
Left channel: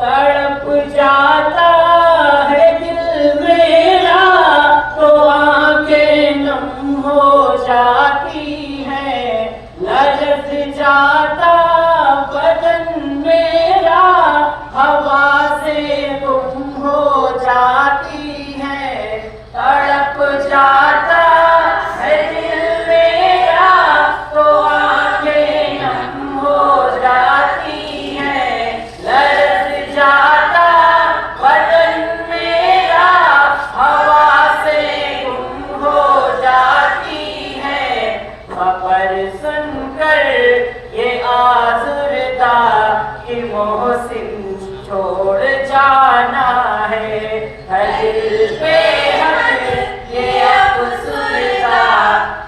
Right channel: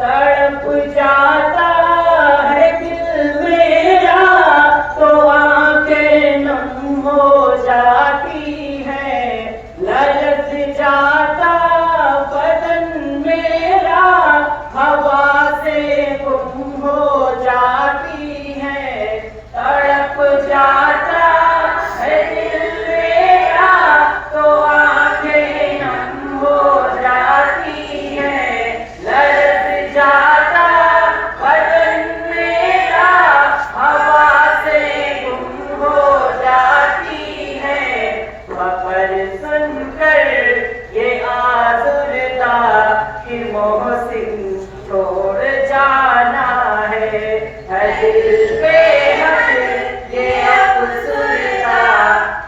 तड़प जाता है दिल मेरा तो आंखें नम हो जाती है, ललच जाता बदन मेरा हवा से गुम हो जाती है। तड़प जाता है दिल मेरा तो आंखें नम हो जाती है, ललच जाता बदन मेरा हवा से गुम हो जाती है। खबर सुनकर ये आज़ुर्दा कि मोहसिन छोड़ जाना है, दिल पे हक ये अफ़सुर्दा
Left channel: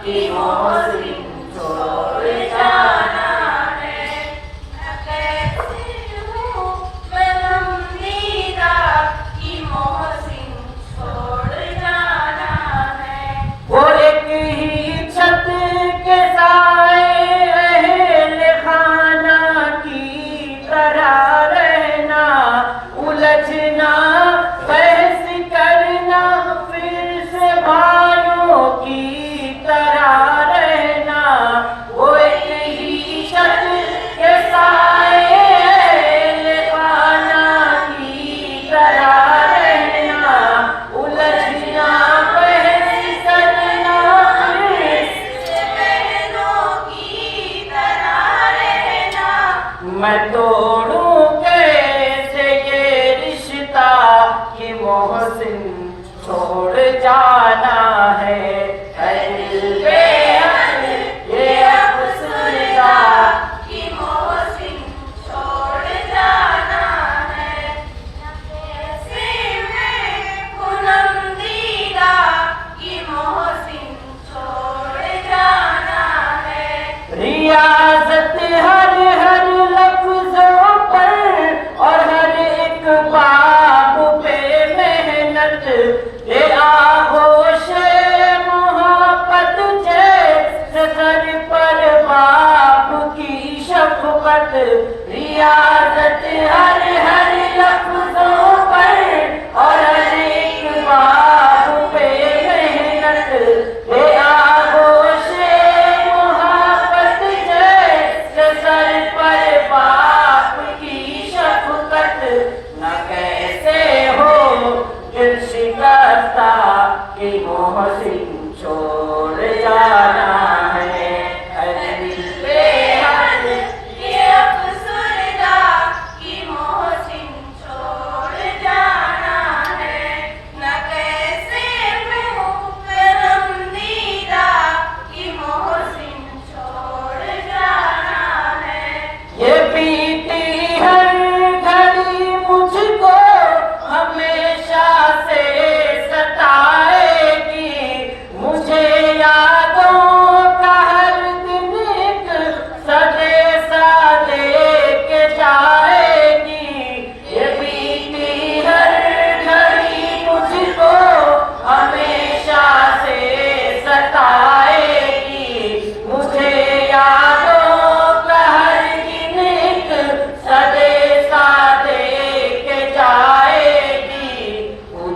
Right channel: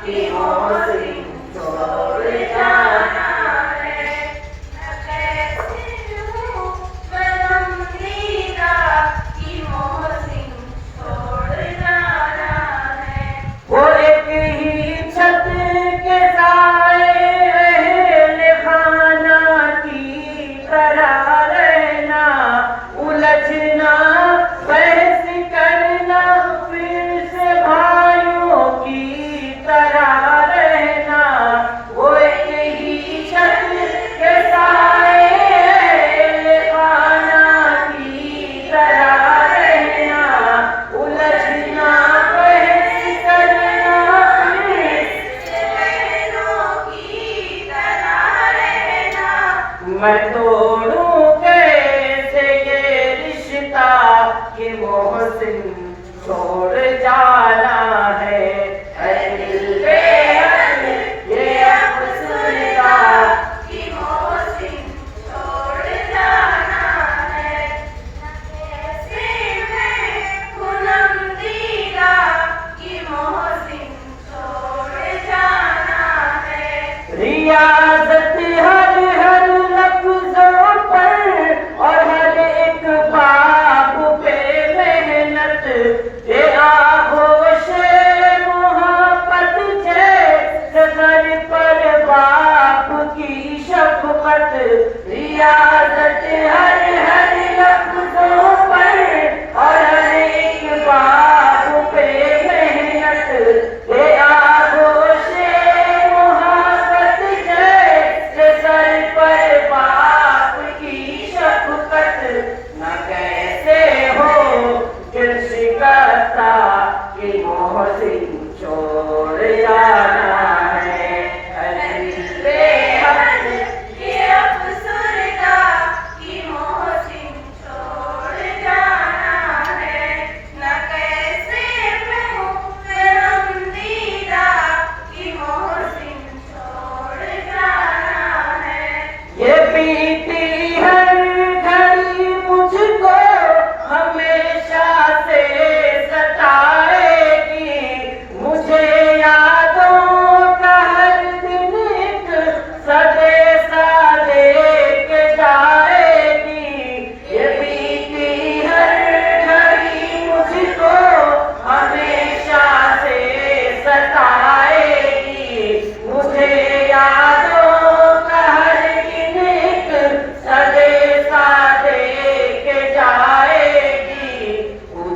कि मोहसिन छोड़ जाना है। वो एक ही छत के साए अहल खाना की तरह रहना, उलझना बहस करना फिर से भाइयों की तरह रहना। वो एक ही छत के साए अहल खाना की तरह रहना, उलझना बहस करना फिर से बहनों की तरह रहना। मैं तोड़ूं कैसे ये रिश्ता कि मोहसिन छोड़ जाना है, दिल पे हक ये अफ़सुर्दा कि मोहसिन छोड़ जाना है। कैसे मैं पूनम दीदा कि मोहसिन छोड़ जाना है। रियाज़त हर हर लफ्ज़ों पर और हर एक बाब पे मेहनत, ये आगोशे मोहब्बत जैसे सर पर बाप की शफ़क़त। रियाज़त हर हर लफ्ज़ों पर और हर एक बाब पे मेहनत, ये आगोशे मोहब्बत जैसे सर पर बाप की शफ़क़त। न कैसे हो दिल शिकस्ता कि मोहसिन छोड़ जाना है, दिल पे हक ये अफ़सुर्दा कि मोहसिन छोड़ जाना है। न कैसे मैं हूँ गमदीदा कि मोहसिन छोड़ जाना है। ये बीती हर घड़ी मुझको हमेशा से सताएगी, मुझे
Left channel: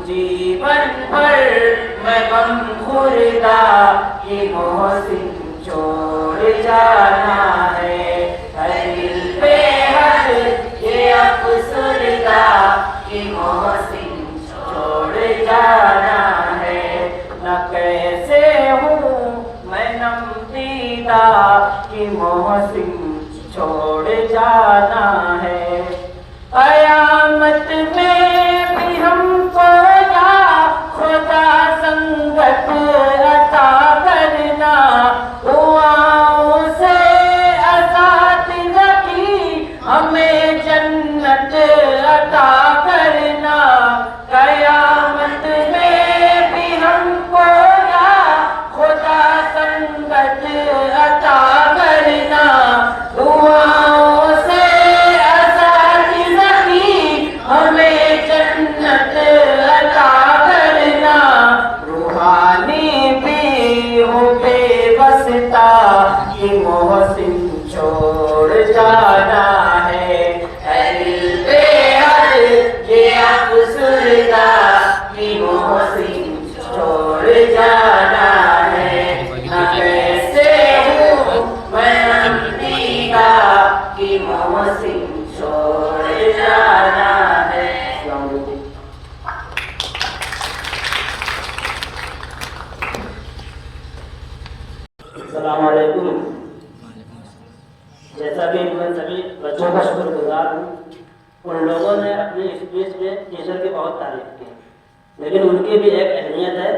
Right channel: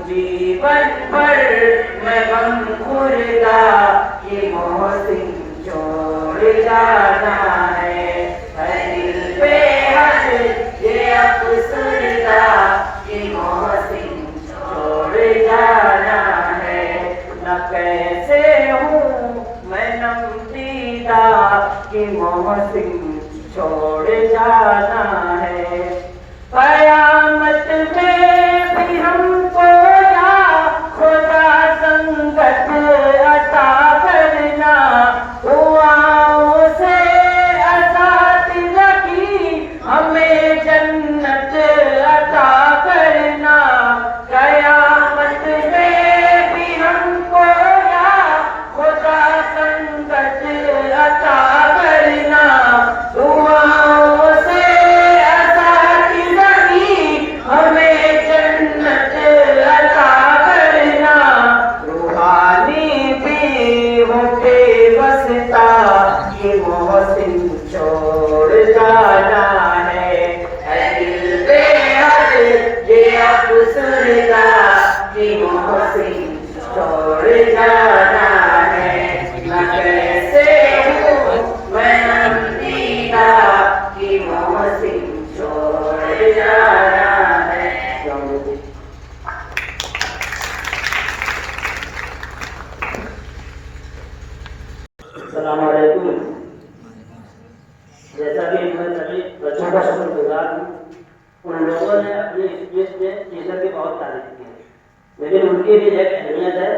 जीवन भर मैं गम खुर्दा ये मोहसिन छोड़ जाना है, दिल पे हद ये अफसरदा ये मोहसिन छोड़ जाना है। न कैसे हूँ मैं नमदीदा कि मोहसिन छोड़ जाना है। कयामत में भी हमको ना खुदा संगत अता करना, दुआओं से असातिज़ा की हमें जन्नत अता करना। कयामत में भी हमको ना खुदा संगत अता करना, दुआओं से असातिज़ा की हमें जन्नत अता करना। रूहानी भी हूँ बेबसता ये मोहसिन छोड़ जाना है, दिल पे हद ये अफसरदा ये मोहसिन छोड़ जाना है। न कैसे हूँ मैं नमदीदा कि मोहसिन छोड़ जाना है। अस्सलाम वालेकुम। जैसा कि मैं सभी बच्चों का शुक्रगुजार हूँ, उन लोगों ने अपने स्पीच में टीचर की बहुत तारीफ की, लेकिन उनकी भी एक अहमियत है।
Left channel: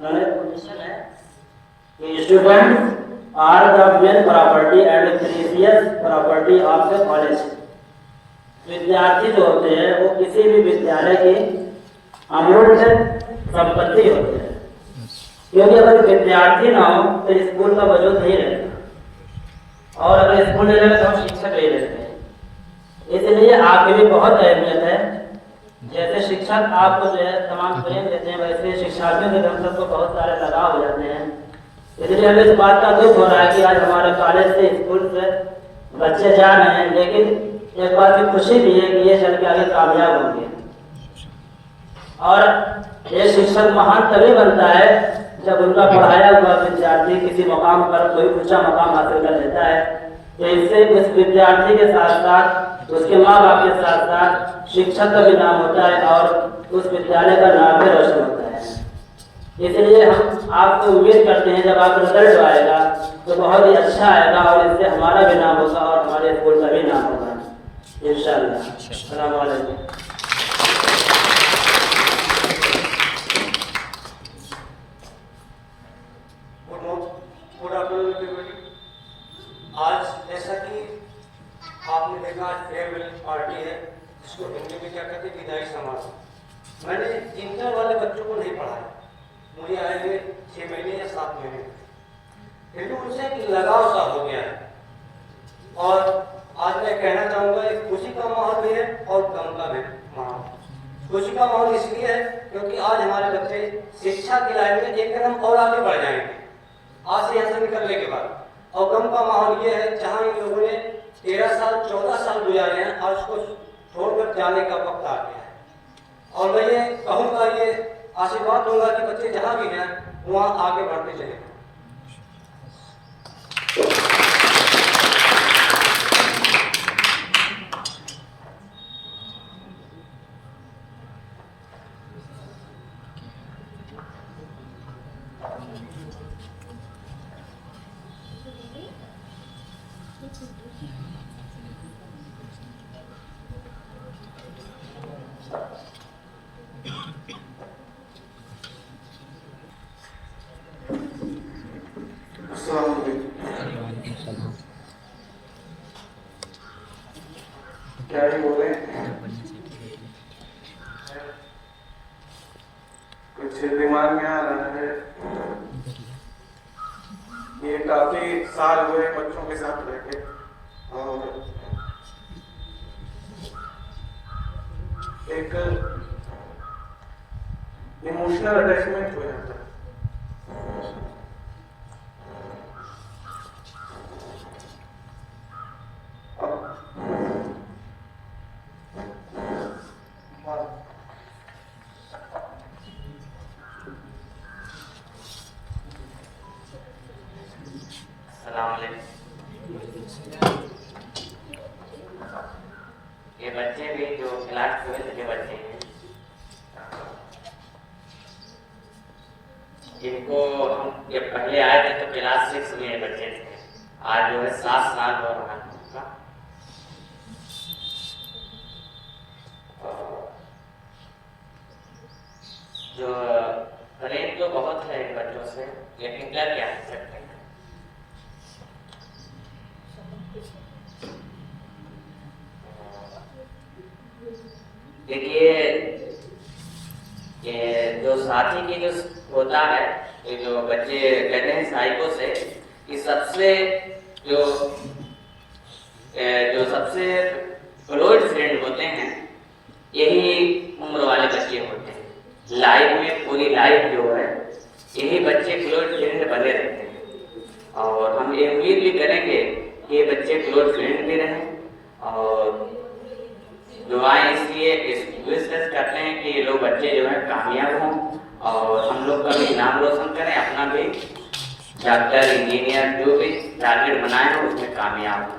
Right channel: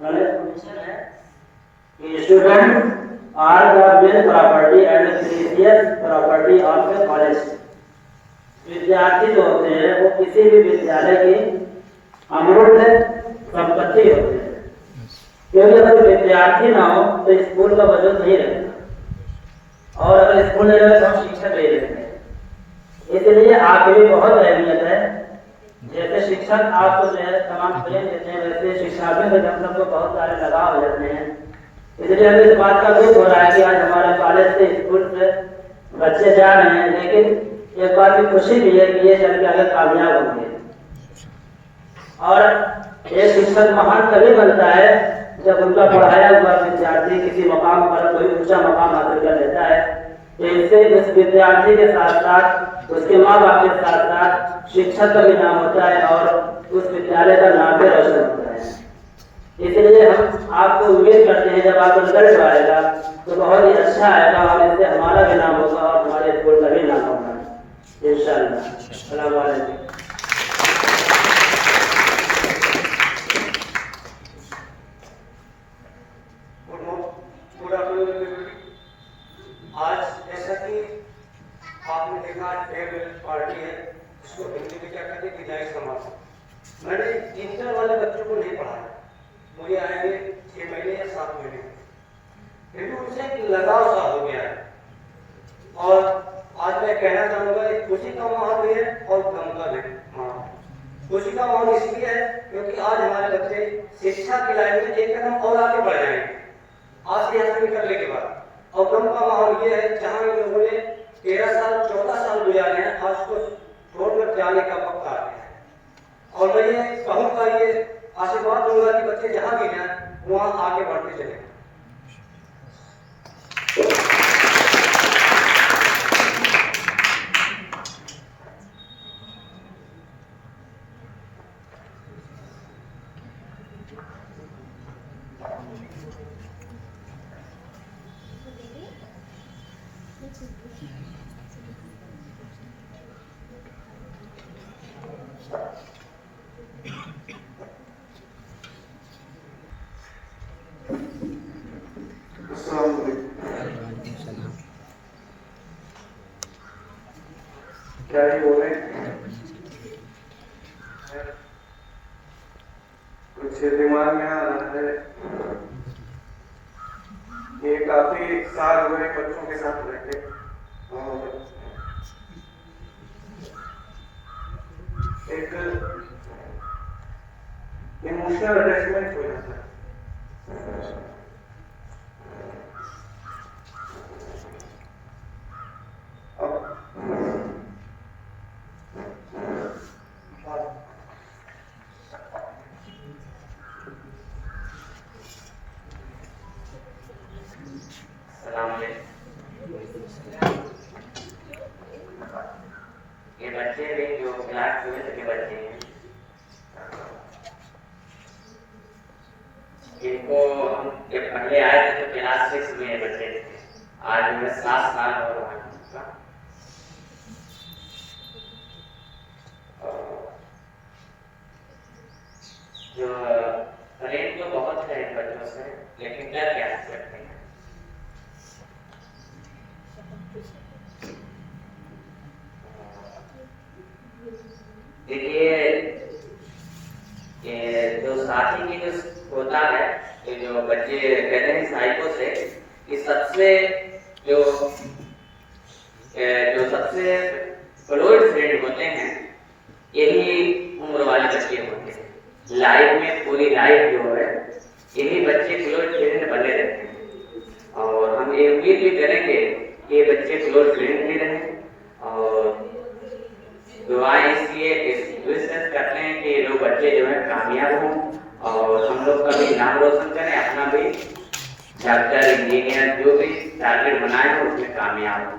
उन्होंने पूछा है कि students are the main property and precious property of the college. विद्यार्थी जो होते हैं वो किसी भी विद्यालय की अमूल्य संपत्ति होती है, क्योंकि अगर विद्यार्थी ना हो तो स्कूल का वजूद नहीं रहेगा, और अगर स्कूल नहीं रहे तो शिक्षक नहीं रहते। इसलिए आपकी भी बहुत अहमियत है। जैसे शिक्षक आपको जो है तमाम प्रेम देते हैं, वैसे शिक्षार्थियों से हम सबको बहुत सारे लगाव हो जाते हैं। इसलिए हमें इस बात का दुख हो रहा है कि आज हमारे कॉलेज से स्कूल से बच्चे जा रहे हैं, लेकिन एक बात की खुशी भी है कि ये चल के आगे कामयाब होंगे। और ये शिक्षक महान तभी बनता है जब उनका पढ़ाया हुआ विद्यार्थी किसी मकाम पर कोई ऊंचा मकाम हासिल कर लेता है। तो इससे उस विद्यार्थी के साथ साथ उसके माँ बाप के साथ साथ शिक्षक का भी नाम होता है और उस विद्यालय का नाम भी रोशन होता है। इसलिए हम आपको उम्मीद करते हैं जब आपको रिजल्ट आएगा तो बहुत ही अच्छा आएगा, और इससे हमारा भी नाम होगा और हमारे स्कूल का भी नाम होगा इंशाअल्लाह। अस्सलाम वालेकुम। आज जैसा कि आपने देखा फेयरवेल पार्टी है, जिसको हिंदी में क्या कहते हैं विदाई समारोह। मैंने इंटर वाले बच्चों को नहीं पढ़ाया, मुझे आएंगे 6 महीने या 7 महीने, फिर भी उनसे एक लगाव सा हो गया है। और आज मैं कहना चाहूँगा एक खुशी का माहौल भी है और गम का भी माहौल। खुशी का माहौल इसलिए है क्योंकि आज हमारे बच्चे शिक्षा की लाइन में एक कदम और आगे बढ़ जाएंगे आज से यहाँ से निकलने के बाद। और गम का माहौल ये है जहाँ इन लोगों ने 13 साल 14 साल गुजारे हैं और उसको छोड़कर जाने का वक्त आ गया है। और मैं ये कहूँगा, ये आशीर्वाद दूंगा कि बच्चे जहाँ भी हैं वहाँ आगे बढ़ते चले। क्या ही बोले, कुछ दिमाग में आ रहा है। ये काफी साल हुए बच्चों के साथ रहके और एक इमोशनल अटैचमेंट हो जाता है। जिनको हम जब पहले आए थे तो क्लास 6 में बच्चे थे, आज जो है 7 साल हो रहा है उनका। जो प्रेम तो बहुत है इन बच्चों से, लेकिन डर क्या कर सकते हैं। देखिए ये जो साथी की जो होता है, ये जो बच्चे कहते हैं साइको से कि सबसे जो सबसे क्लोज फ्रेंड होते हैं यही उम्र वाले बच्चे होते हैं। लाइफ में पूरी लाइफ जो है यही बच्चे क्लोज फ्रेंड बने रहते हैं, और हम ये उम्मीद भी करेंगे कि ये बच्चे क्लोज फ्रेंड भी रहें। और दुआएं इसलिए विशेष करते हैं कि ये लोग बच्चे जो है कामयाब हों और हम लोग का भी नाम रोशन करें, अपना भी डॉक्टर इंजीनियर जो भी टारगेट बनाए हो उसमें कामयाब हो।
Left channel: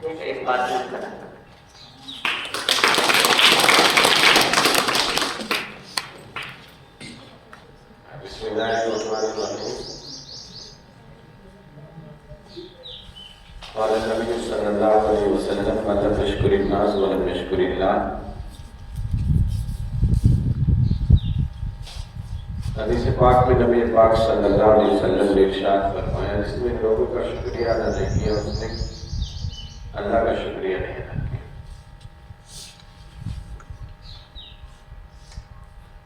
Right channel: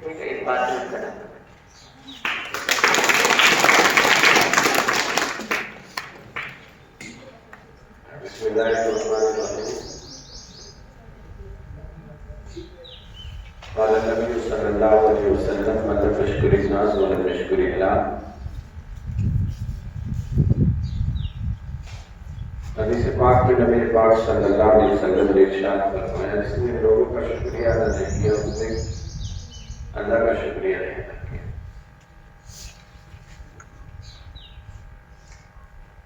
ठीक है, इस बात में करें। हदीस पाक में नबी पाक सल्लल्लाहु अलैहि वसल्लम ने इरशाद फरमाया, जिसने लोगों का शुक्रिया अदा नहीं किया उसने अल्लाह का शुक्रिया नहीं अदा किया।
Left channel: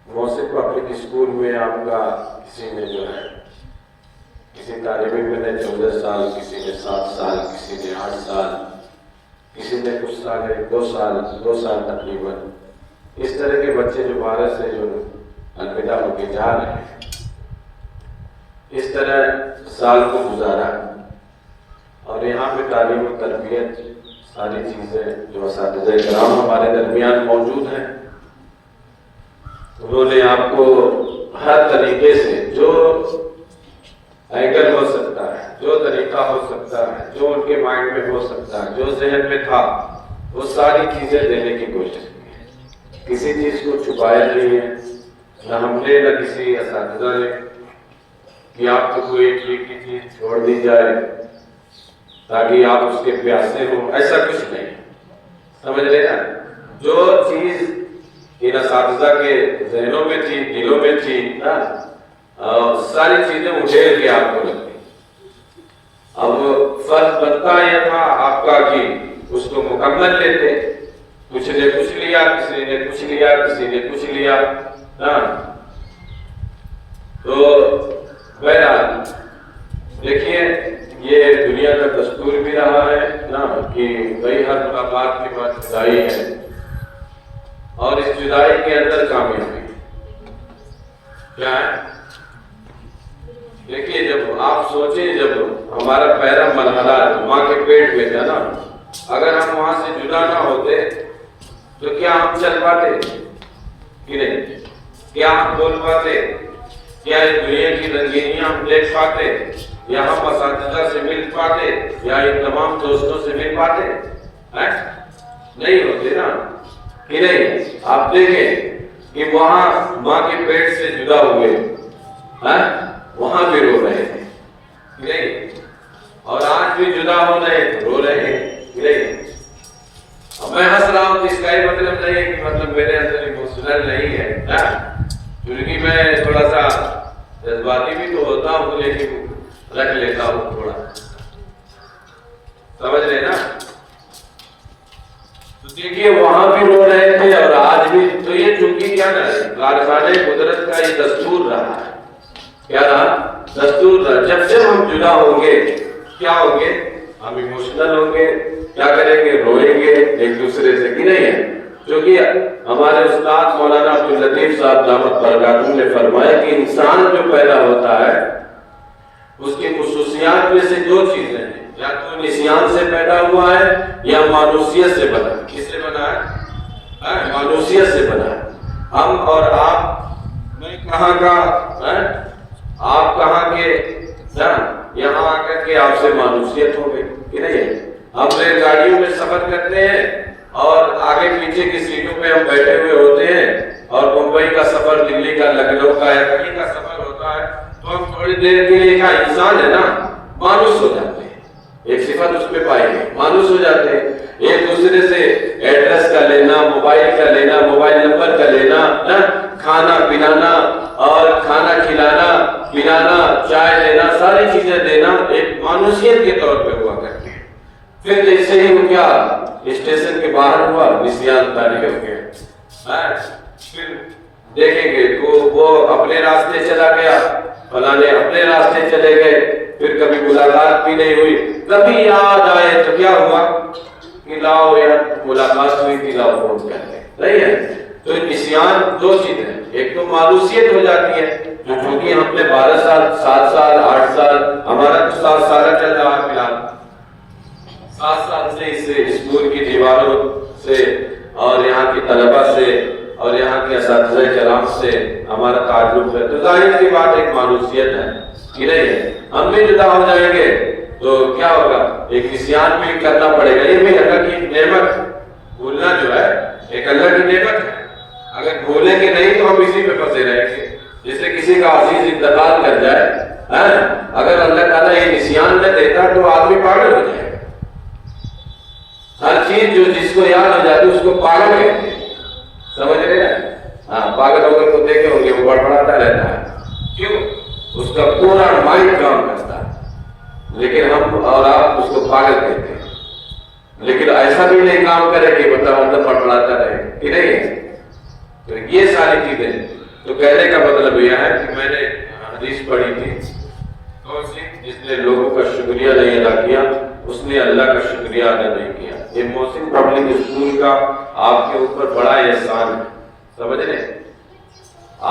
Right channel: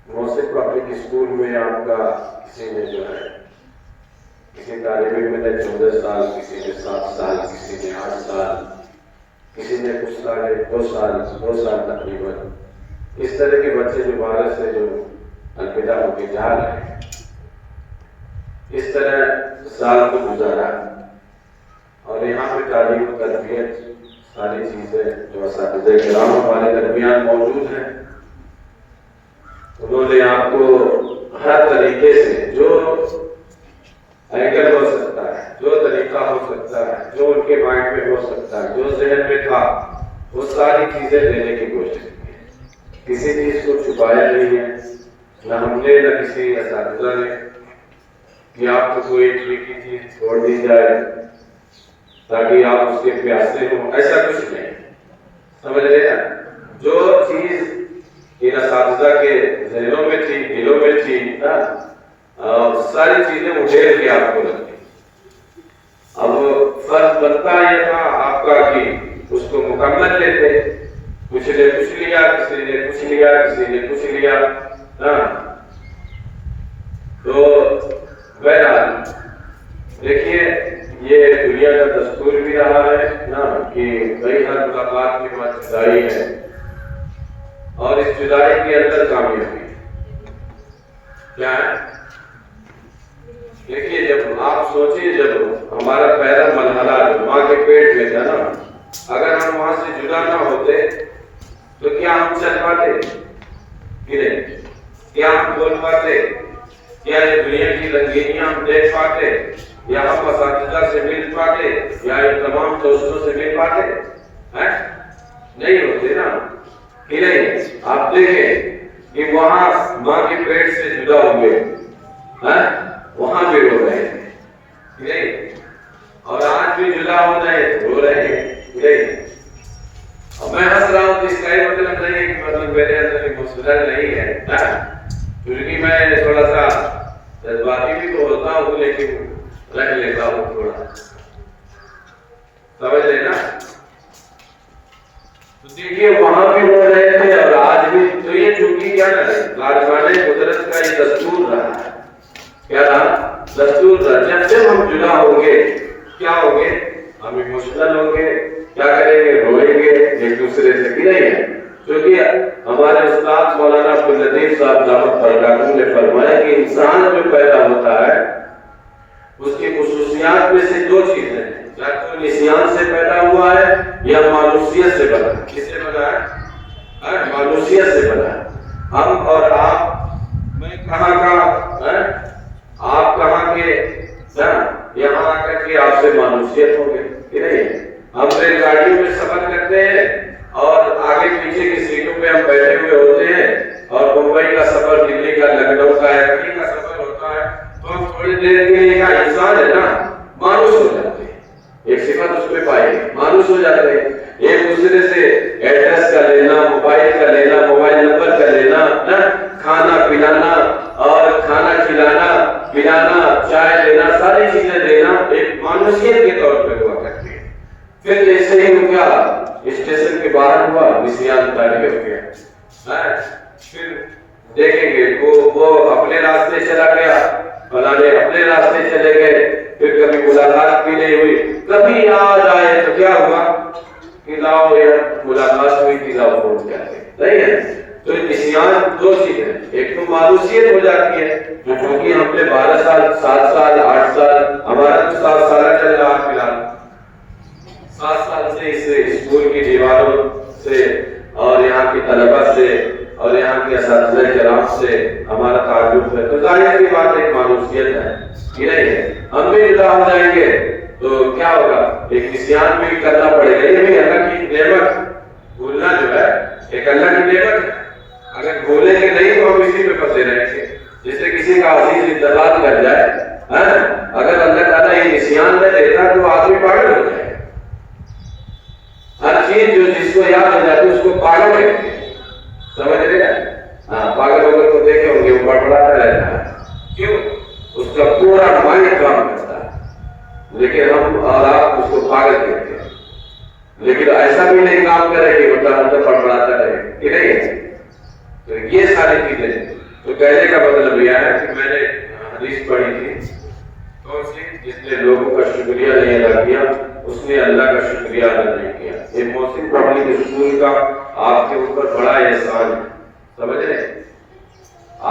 मौसे पब्लिक स्कूल में आपका किसी ने जो है किसी तालिब इल्म ने 14 साल, किसी ने 7 साल, किसी ने 8 साल, किसी ने कुछ साल 2 साल तकरीबन, इस तरह के बच्चे जो भारत से जो अलविदा होके जा रहे हैं, इस तरह साल को गुजारा। और यहाँ पे तालीम तरबियत सारी चीजें जो असातिज़े किराम हमारे दरमियान मौजूद हैं, उन्होंने आपको हर तरीके से जो एंगल हो सकता है, जो तरीका हो सकता है, जो उनके माइंड में हो सकता है, जो जहन में था, वो सारी चीजें देने की कोशिश की। किसी चीज को छुपाया नहीं है, न हमने न किसी असातिज़ा ने कि आपको कोई ठीक की चीज छोड़ दी जाए ताकि आप उसके प्यासे हो, ऐसा कुछ नहीं। समझ रहे ना, जो चीज इन असातिज़ा के जहनों में थी, दिलों में थी ना, सारी चीजें उठेल के आपको लगती। अब फर्ज बनता यह था आपका कि उसको मुकम्मल लेते, कुछ ने कुछ लिया, किसी ने कुछ लिया, किसी ने कुछ लिया ना। तो बहरहाल देखिए, ये दुनिया का दस्तूर भी रहा है ना कि कई हर मुलाकात के बाद जुदाई है, और इस जुदाई के अंदर कामयाबी क्या है। देखिए, जब आप सोचिए, जब हमारा पहला मरहला माँ के पेट में था ना, अगर हम वहां से जुदा ना होते तो क्या हम चल पाते कि नहीं? क्या हम बोल पाते? क्या इस दुनिया की रंगीनियां हम देख पाते? या हम असातिज़ा से मिल पाते? या इन तमाम दोस्तों से मिल पाते? हैं? नहीं होते ना कि नहीं? आप देखें कि वहां माँ के पेट से जुदा हुए हैं, वहां भी रो रहे हैं कि नहीं? और आज भी जुदा हो रहे, रो रहे हैं कि नहीं? और मैं हंस रहा हूँ तो इसका मतलब नहीं है कि मतलब मेरे अंदर इमोशनल नहीं है, क्योंकि मैं थोड़ा सा जज्बाती भी तो होता हूँ, लेकिन रख लेता हूँ थोड़ा, समझ रहे ना। तो देखिए, वहां भी रो रहे थे और आज भी। तो ये चूंकि क्या है, कारखाने कुदरत का ये दस्तूर रहा है। क्या रहा? दस्तूर रहा। जब से हम जुदा होंगे क्या होंगे? हम इमोशनल होंगे, क्या करेंगे? रोएंगे एक दूसरे से कि नहीं है? क्योंकि हमारे उस्ताद मौलाना अब्दुल लतीफ साहब दामद बरकातहू ने फरमाया कि इंसान जो पैदा होता है उसकी खुसूसियात में से 2 चीजें हैं, या तो निस्यान से पैदा हुआ है या मानूसियत से बना है। किससे बना है? मानूसियत से बना है। हम और आप, मैं कहाँ का है, आप कहाँ के, यहाँ आकर के आपसे मानूसियत हो गई कि नहीं? हम रेलगाड़ियों में सफर करते हैं और आगे पीछे की सीटों पे हम बैठे हुए होते हैं, और मुंबई का सफर, दिल्ली का, लखनऊ का, दिल्ली का सफर होता है, तो देर के लिए क्या इंसान है ना, मानुस हो जाते हैं, एक सिफत उसमें पाएंगे, मानुस हो जाते हैं। एक दूसरे से एड्रेस का लेना, मोबाइल का लेना, मोबाइल नंबर का लेना, खाना पिलाना और खाना खिलाना पिलाना, चाय देना, सारी चीजें देना एक मानुसियत के तौर पे हुआ करती है। फिर जैसे ही वो क्या स्टेशन के बाहर हुआ, निशान उतारे करके फिर देखेंगे वो अपने रास्ते चला गया, फलाने अपने रास्ते चले गए, फिर कभी मुलाकात भी नहीं हुई, कभी याद आए तो क्या हुआ कि लाओ यार मुलाकात हुई थी, लाओ फोन करके, नहीं है। तो निशान दो चीजें, एक तो मायूसियत हो जाती है, क्योंकि हमने 12 साल 7 साल 8 साल, हमारा तो 7 साल चल रहा है फिलहाल, 7 साल से इस स्कूल की दीवारों से और यहाँ की तलबा से और यहाँ के असातिज़े किराम से हमारा ताल्लुक है, तो जाहिर सी बात एक मायूसियत है कि नहीं है। हम भी जुदा हो जाएंगे तो क्या होगा, एक निशान भी करना पड़ेगा। ये भी अल्लाह की नेमत, भूलना जो है एक अल्लाह की नेमत है, अगर भूलेंगे नहीं तो हम इसी में फंसे रहेंगे। जैसे किसी का अजीज इंतकाल कर जाए, अगर अल्लाह ताला ये निशान में देता तो आदमी पागल हो जाए। हर चीज जो जिसको याद हो जाती है उसको पागल कहते हैं, समझ रहे ना? पागल होकर तो देखे होंगे वो बड़बड़ाता रहता है, क्यों? उसका पूरा माइंड काम करता है, लेकिन हम और आप उसको पागल कहते हैं। लेकिन ऐसा भी नहीं काम करे कि मतलब अंदर बड़बड़ाता रहे, कि नहीं है। तो ये सारी चीजें, तो कहने का मतलब यह है कि मैंने हदीस पढ़ी थी, कौन सी? जिसने लोगों का शुक्रिया नहीं अदा किया उसने अल्लाह का शुक्रिया अदा नहीं किया। ये मोहसिन पब्लिक स्कूल का आपके ऊपर बड़ा एहसान है, समझ रहे?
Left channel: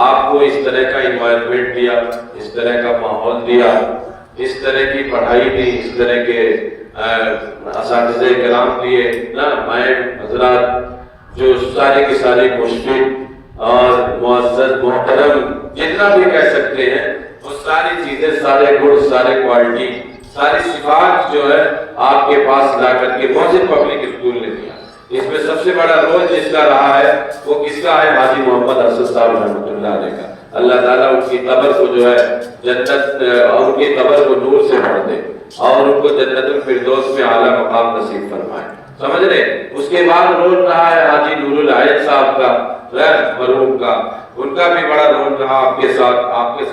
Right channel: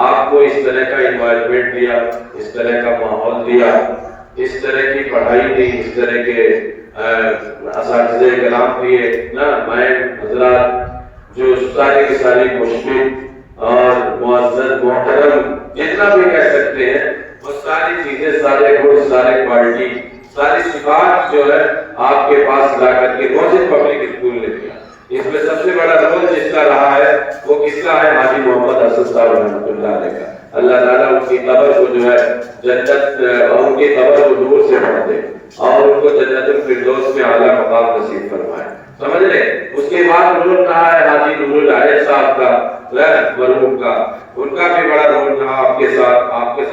आपको इस तरह का इन्वायरमेंट दिया, इस तरह का माहौल दिया, इस तरह की पढ़ाई दी, इस तरह के असातिज़े किराम दिए ना, मैं हजरात जो सारे के सारे मुस्लिम और मुअज़्ज़ज़ मोहतरम जितना भी कह सकते हैं, वो सारी चीजें, सारे गुण, सारे क्वालिटी, सारी सिफात जो है आपके पास ला करके मोहसिन पब्लिक स्कूल ने दिया। इसमें सबसे बड़ा रोल जिसका रहा है वो किसका है? हाजी मोहम्मद असद साहब रहमतुल्लाह अलैह का। अल्लाह ताला उनकी कब्र को जो है जन्नत और उनकी कब्र को नूर से भर दे और उनको जन्नतुल फिरदौस में आला मकाम नसीब फरमाए, समझ रहे? उसके बाद रोल रहा है हाजी नूरुल आयत साहब का, मरहूम का, उनका भी बड़ा रोल रहा आपके साथ, आपका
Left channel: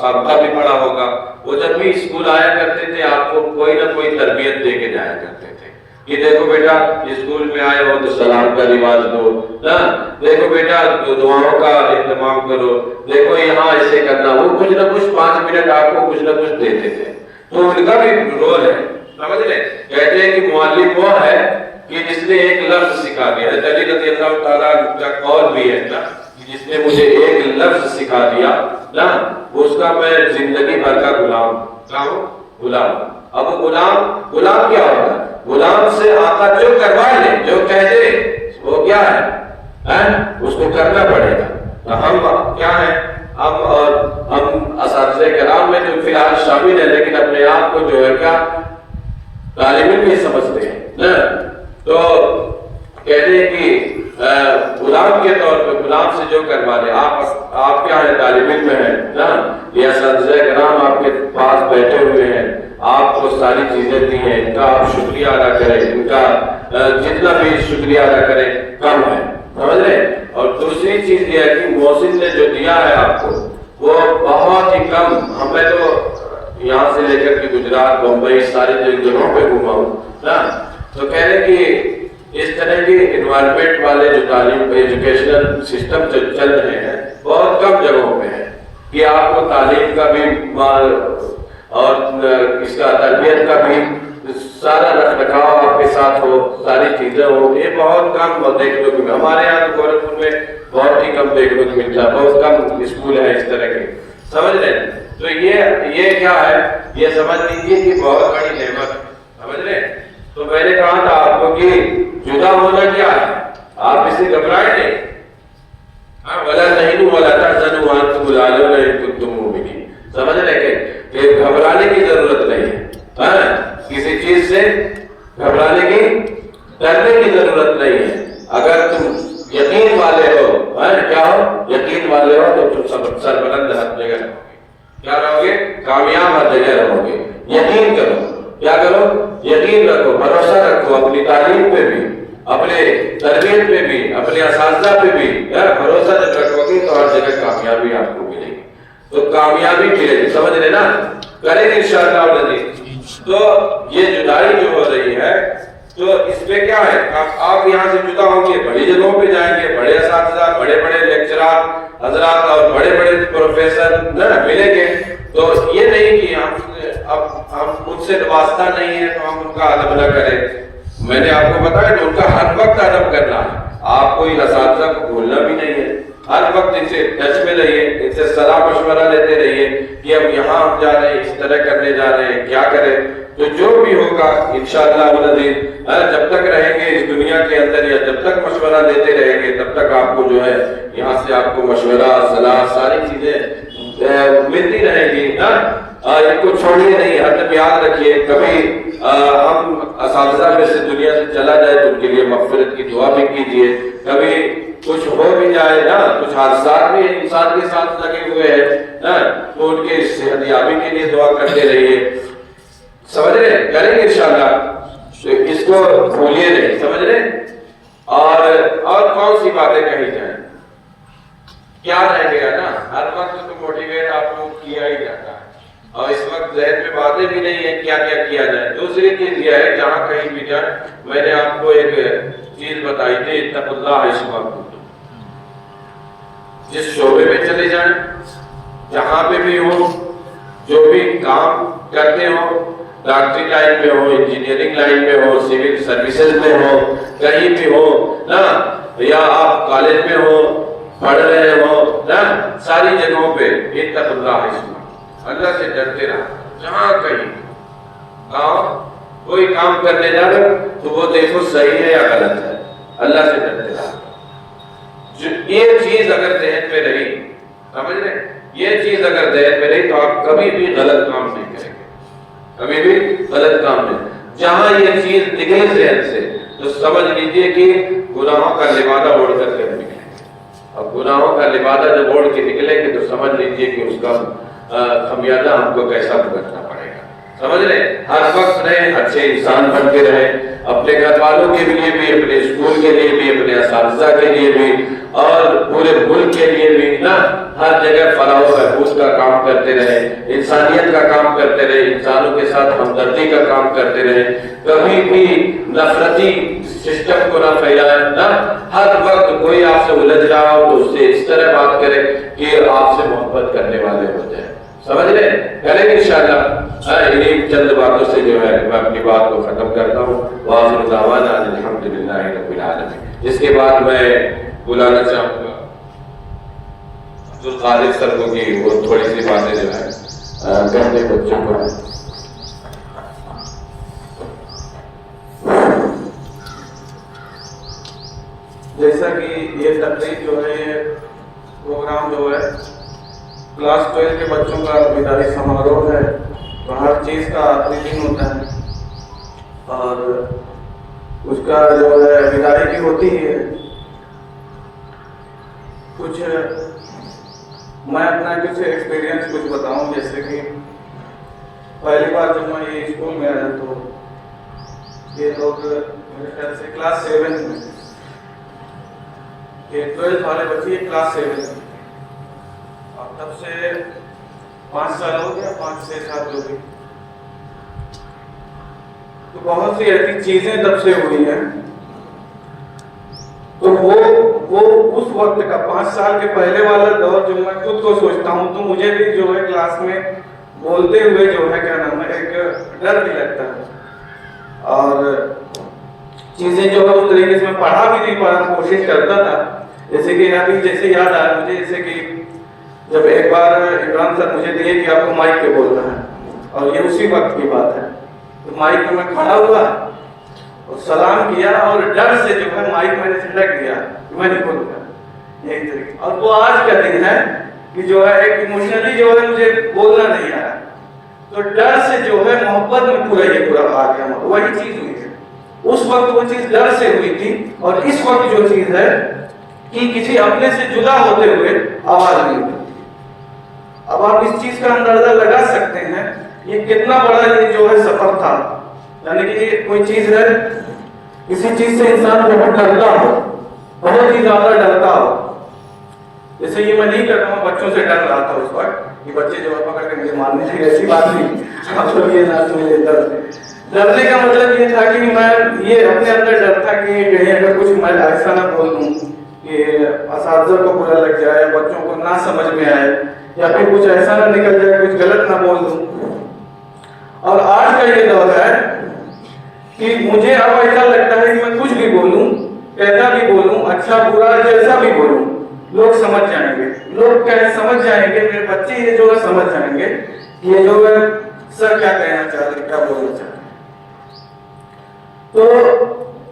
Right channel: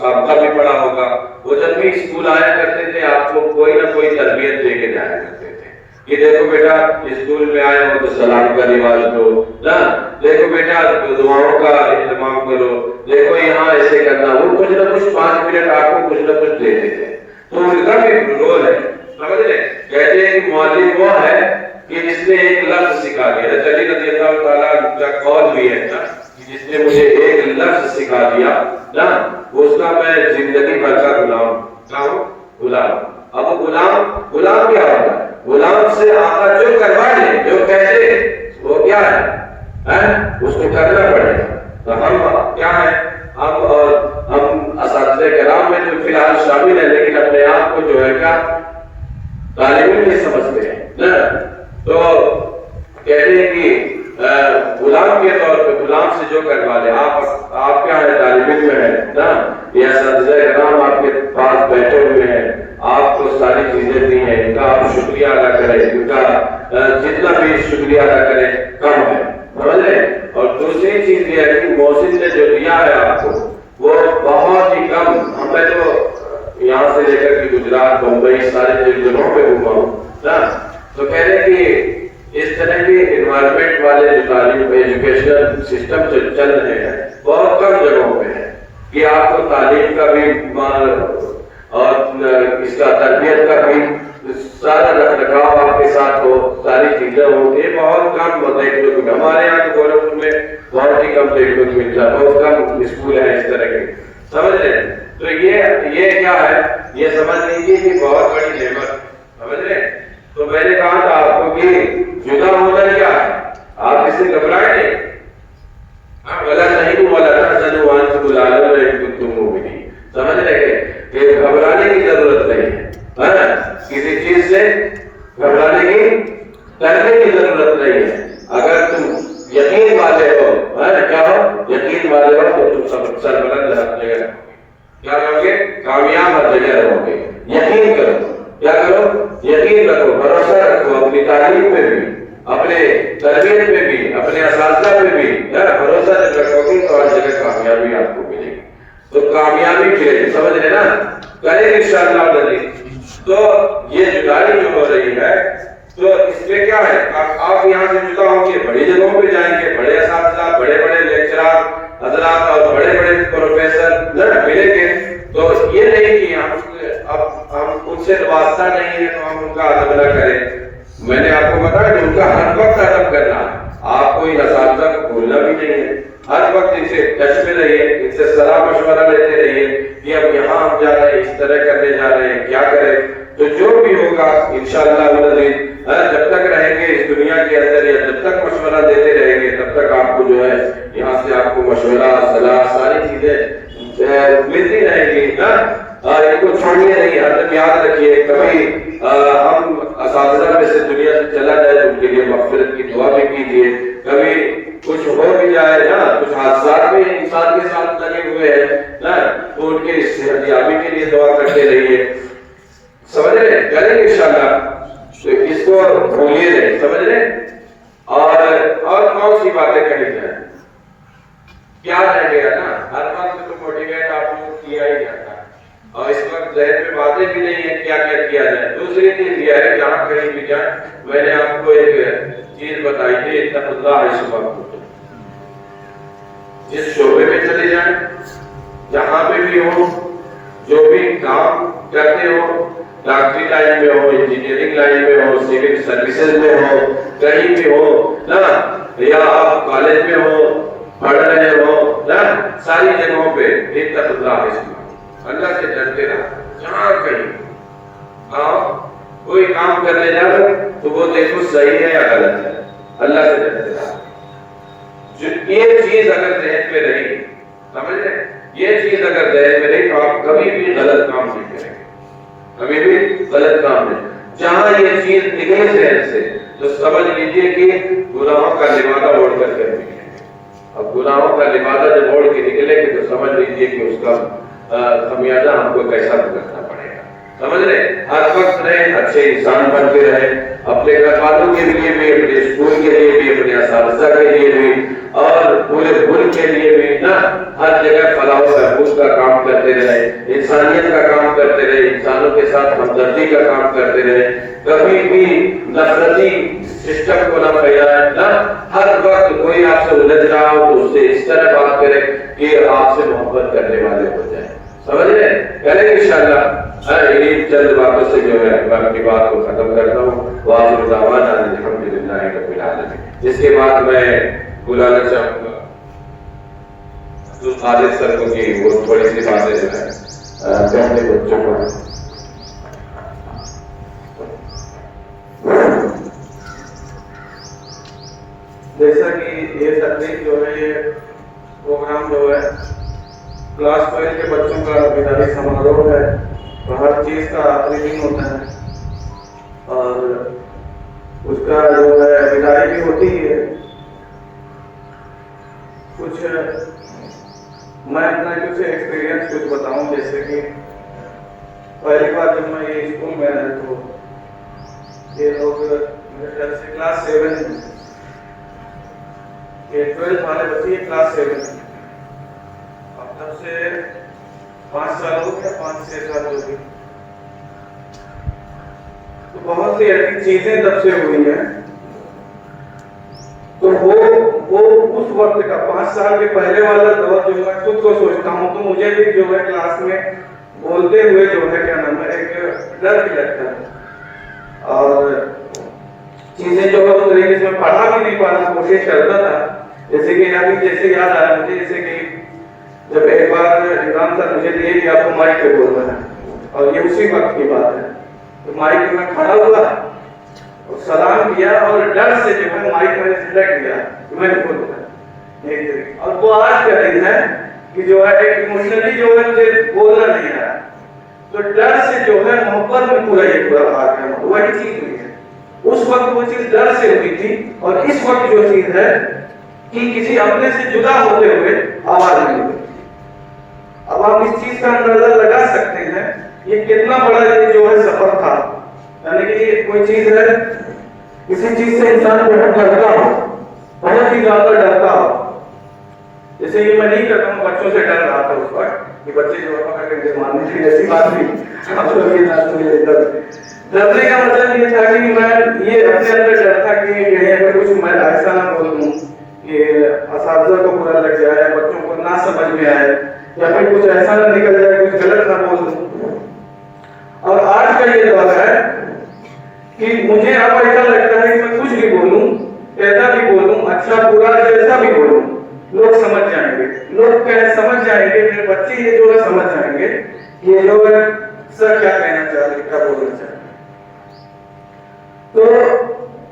साथ भी बड़ा होगा। वो जब भी स्कूल आया करते थे आपको कोई ना कोई तरबियत दे के जाया करते थे कि देखो बेटा स्कूल में आए हो तो सलाम का रिवाज दो ना, देखो बेटा दुआओं का इंतजाम करो, देखो यहाँ ऐसे करना, वो कुछ ना कुछ 5 मिनट आपको कुछ ना कुछ देते थे। तो उनका भी रोल है, समझ रहे? कहते हैं कि मुअल्लिम वो है कि जिसने एक लफ्ज सिखा दिया, अली रज़ी अल्लाह ताला का कौल भी है ना, कि जिसने मुझे एक लफ्ज सिखा दिया ना, वो उसका मैं जिंदगी भर का गुलाम हूं, गुलाम। अब गुलाम क्या होता है? गुलाम से आका जो करवा ले, जो कह दे, वो क्या है? उसको करना पड़ेगा। तो हम क्या है, हम असातिज़े किराम में जो फिलहाल शामिल है, लेकिन अपने आप को जो है क्या तालिब इल्म समझते हैं ना, तो कहते हैं कि गुलाम के तौर पे, गुलाम से जो करवा ले, आप क्या है? तालिब इल्म है ना, ये असातिज़े किराम आपके पास बैठे हुए हैं, आपको सारी चीजें दी हैं, इनका आप शुक्रिया अदा करें, इनका जितना भी शुक्रिया अदा करें कम है, समझ रहे? और दूसरी चीज ये है कि मोहसिन ने जो दिया है आपको वो बहुत ही कम। हमें तो यहाँ से लेकर के गुजरात, बम्बई, सारे जगहों पे घूमा हूँ ना, तो कह रहे कि इस तरह के इन्वायरमेंट वाले जो तालीम एजुकेशनल सिस्टम जो चल रहे हैं बहुत कम जगहों पे है कि आपको तालीम का भी और इसका तरबियत का भी सारा रखरखाव आपके साथ हो, सारी चीजें हो, ये बहुत कम देखने को। हमारे यहाँ तो गोरखपुर में बहुत ही कम देखने को मिलता है, बहुत कम स्कूल है इस तरह के, समझ रहे? तो ये क्या है, ये समझ लीजिए कि बहुत बड़ी नेमत, समझ रहे? तो मैंने कहा था आपको कि जुदा होना क्या है, आप इससे घबराए नहीं। हाँ, बोला नहीं बोला था जनवान तो बुला लो नहीं तुम मोमिनी, समझ रहे? कि घबराने की जरूरत नहीं है, किसी चीज से घबराने की, डरने की जरूरत नहीं है। अगर तुम यकीन वाले हो, क्या हो? यकीन वाले हो तो तुम सब सरबलंद हाथ जगह रखोगे, क्या रहोगे? कामयाब नतीजा रहोगे। यकीन करो, क्या करो? यकीन रखो, भरोसा रखो अपनी तालीम पे भी, अपने तरबियत पे भी, अपने असातिज़ा पे भी। भरोसा जब रखोगे तो हर जगह कामयाबी आपको मिलेगी। तो कामयाबी मिलेगी, समझ रहे ना? करेंगे इंशाअल्लाह अज़ीज़। तो ये जुदाई जो हो रही है, तो इसमें क्या है, आप यहाँ से जुदा होंगे, बड़ी जगहों पे जाएंगे, बड़े असातिज़ा, बड़े बड़े लेक्चरर हजरात और बड़े बड़े प्रोफेसर मिलेंगे। तो ये नहीं कि हम उनसे वास्ता नहीं है तो हम उनका अदब न करें। मैंने आपको बताया कि उनका हर वक्त अदब करना है। आपको इन असातिज़ा को भूलना भी नहीं है, हर वक्त इनसे टच में रहिए, इनसे सलाह मशवरा लेते रहिए कि हम यहाँ जा रहे हैं, इस तरह करने जा रहे हैं, क्या करें। तो जो भी होगा इंशाअल्लाह जब तक रहेंगे इस दुनिया के अंदर या जब तक मशवरा देते रहेंगे तब तक आपको जो है यहाँ से आपको मशवरा, सलाह, सारी चीजें मिलती रहेगी ना। इनको छोड़िए नहीं, हरदम याद रखिए। कभी हम असातिज़ा में से दुनिया से चला जाए तो उनके लिए मग़फ़िरत की दुआ भी कीजिए। कभी कुछ हो भी जाए ना, कुछ हादसा भी इंसान के साथ लगे हुए हैं ना, तो उनके सेहतयाबी के लिए दुआ करते रहिए। समझ रहे? करेंगे इंशाअल्लाह, तो इसको भूलिए नहीं, समझ रहे? और कौन सी बातें कही जाए, क्या रह गया ना, हर वक्त तो मोटिवेट आपको किया ही जाता है और इस वक्त ज़हन में बातें भी नहीं है क्या क्या किया जाए। दूसरी चीज यह है, जहाँ कहीं भी जाए, मैंने आपको एक चीज बताई थी, इत्तक़ुल्लाह हिस्बकुम। जिस शोबे में चले जाएं, जहाँ पे भी हो, जो भी काम करते हो, डॉक्टरी लाइन में हो, इंजीनियरिंग लाइन में हो, सिविल सर्विसेज में हो, कहीं भी हो ना, या आप कॉलेज में हो, पढ़ रहे हो ना, सारी जगहों पे इत्तक़ुल्लाह हिस्बकुम, अल्लाह से डरते रहो। जहाँ कहीं कोई काम करने जा रहे तो वो देखो सही है या गलत है, अल्लाह से डरते रहो। ये चीज अगर ज़हन में रही, समझ रहे, ये चीज अगर ज़हन में रही तो आप कभी भी गलत काम नहीं करेंगे, कभी भी गलत काम नहीं। जहां ये चीज निकले ज़हन से तो समझ लीजिए कि गुनाहों का लिबादा ओढ़ करके निकलेंगे, और गुनाहों का लिबादा जब ओढ़ के निकलेंगे तो समझ लीजिए कि उसका खमियाजा हमको कैसा भुगतना पड़ेगा। समझ रहे? हर वक्त रहे, अच्छे इंसान बनते रहे, अपने घर वालों के लिए भी, अपने स्कूल के लिए भी, अपने असातिज़ा के लिए भी और पूरे मुल्क के लिए भी ना, हर जगह फलाह व बहबूद का काम करते रहे, इंसानियत का काम करते रहे, इंसानों के साथ हमदर्दी का काम करते रहे, कभी भी नफरती सिस्टम को न फैलाए ना। हर वक्त कोई आपसे उलझ रहा हो तो उससे इस तरह बात करे कि आपसे मोहब्बत करने वाले हो जाए। समझ रहे? करेंगे इंशाअल्लाह। इन्हीं चंद बातों से जो है मैं अपनी बात को खत्म करता हूँ। वाखिर दावाना अल्हम्दुलिल्लाहि रब्बिल आलमीन। इसके बाद मैं बुलाना चाहूँगा अब्दुल कादिर सर को कि वो थोड़ी सी बातें जो है अपने बच्चों को। जैसा कि ये तकरीब जो है, ये प्रोग्राम जो है क्लास 12 के बच्चों का विदाई समारोह है, तो हर चीज़ का ट्रेनिंग होता है और उसका जो है विदाई भी होती है। कुछ मैं अपना कुछ एक्सपीरियंस कुछ बताऊं, जैसे कि पहली बार जब मैं ये स्कूल में आया तो ये लोग मेरे ख्याल से क्लास 7 में, ये 12 वाले बच्चे क्लास 7 में, तब से 5 साल हो गया, 5-6 साल जो भी, तो बहुत सी ऐसी चीजें तब से हुई हैं। तो वो उस वक्त का 5 साल के पहले वाला दौर जो है खुद को सोचता हूँ तो मुझे भी जो है क्लास में बोलते हुए जो है क्या नाम है एक डर भी लगता है और चीजें जो है उस तरीके से मैं पढ़ा भी नहीं पाना कोशिश करता था। जैसे कि अभी जैसे याद आया मुझे, जैसे कि जब एक बार इमरान सर मुझे दिए कि आपको माइक पे बोलना है और ये उसी वक्त की बात है, तो माइक पे मैं खड़ा हुआ और सलाम किया और डर से जो है माइक मैंने सिलेक्ट किया, मैं नहीं बोलूंगा यही तरीके। और वो आज का दिन है कि जो है एक इमोशनली जो है मुझे बोलना नहीं आया, तो डर से जो है मोहब्बत में पूरा ये पूरा भाग गया, वही चीज हुई है। उस वक्त वो चीज डर से हुई थी और इस वक्त जो चीज है कि किसी अपने से जुदा होते हुए आवाज नहीं निकलती। अब आप आप इस चीज का अंदाजा लगा सकते हैं ये कितना बड़ा ये जो है सफर था। यानी कि ये कोई चीज है, किसी चीज से इंसान बहुत डरता हो, बहुत ही ज्यादा डरता हो। जैसे ये मैं नहीं करता हूँ, बच्चों से डर रहा था उस वक्त कि बच्चे जो है पकड़ के मुझे मारने की, ऐसी बात नहीं। आप लोग ये ना सुनिए, डरने का मतलब ये था कि मैं ये अपने अंदर डर था कि कहीं अगर कुछ मैं ऐसा ना बोल दूं कि असातिज़ा को बुरा लग जाए, बच्चों को ना समझ में आए, या फिर कुछ ऐसा ना निकल जाए, कुछ गलत ना बोल दूं। और आज का ये दौर है कि मुझे अब ऐसा लगता है कि मैं कुछ भी बोलूं, कैसा भी बोलूं, अच्छा बुरा जैसा भी बोलूं, लोग समझ जाएंगे, लोग क्या समझ जाएंगे, मेरे बच्चे ये जो है समझ जाएंगे कि ये जो है सर क्या कहना चाहते, क्या बोलना चाहते। तो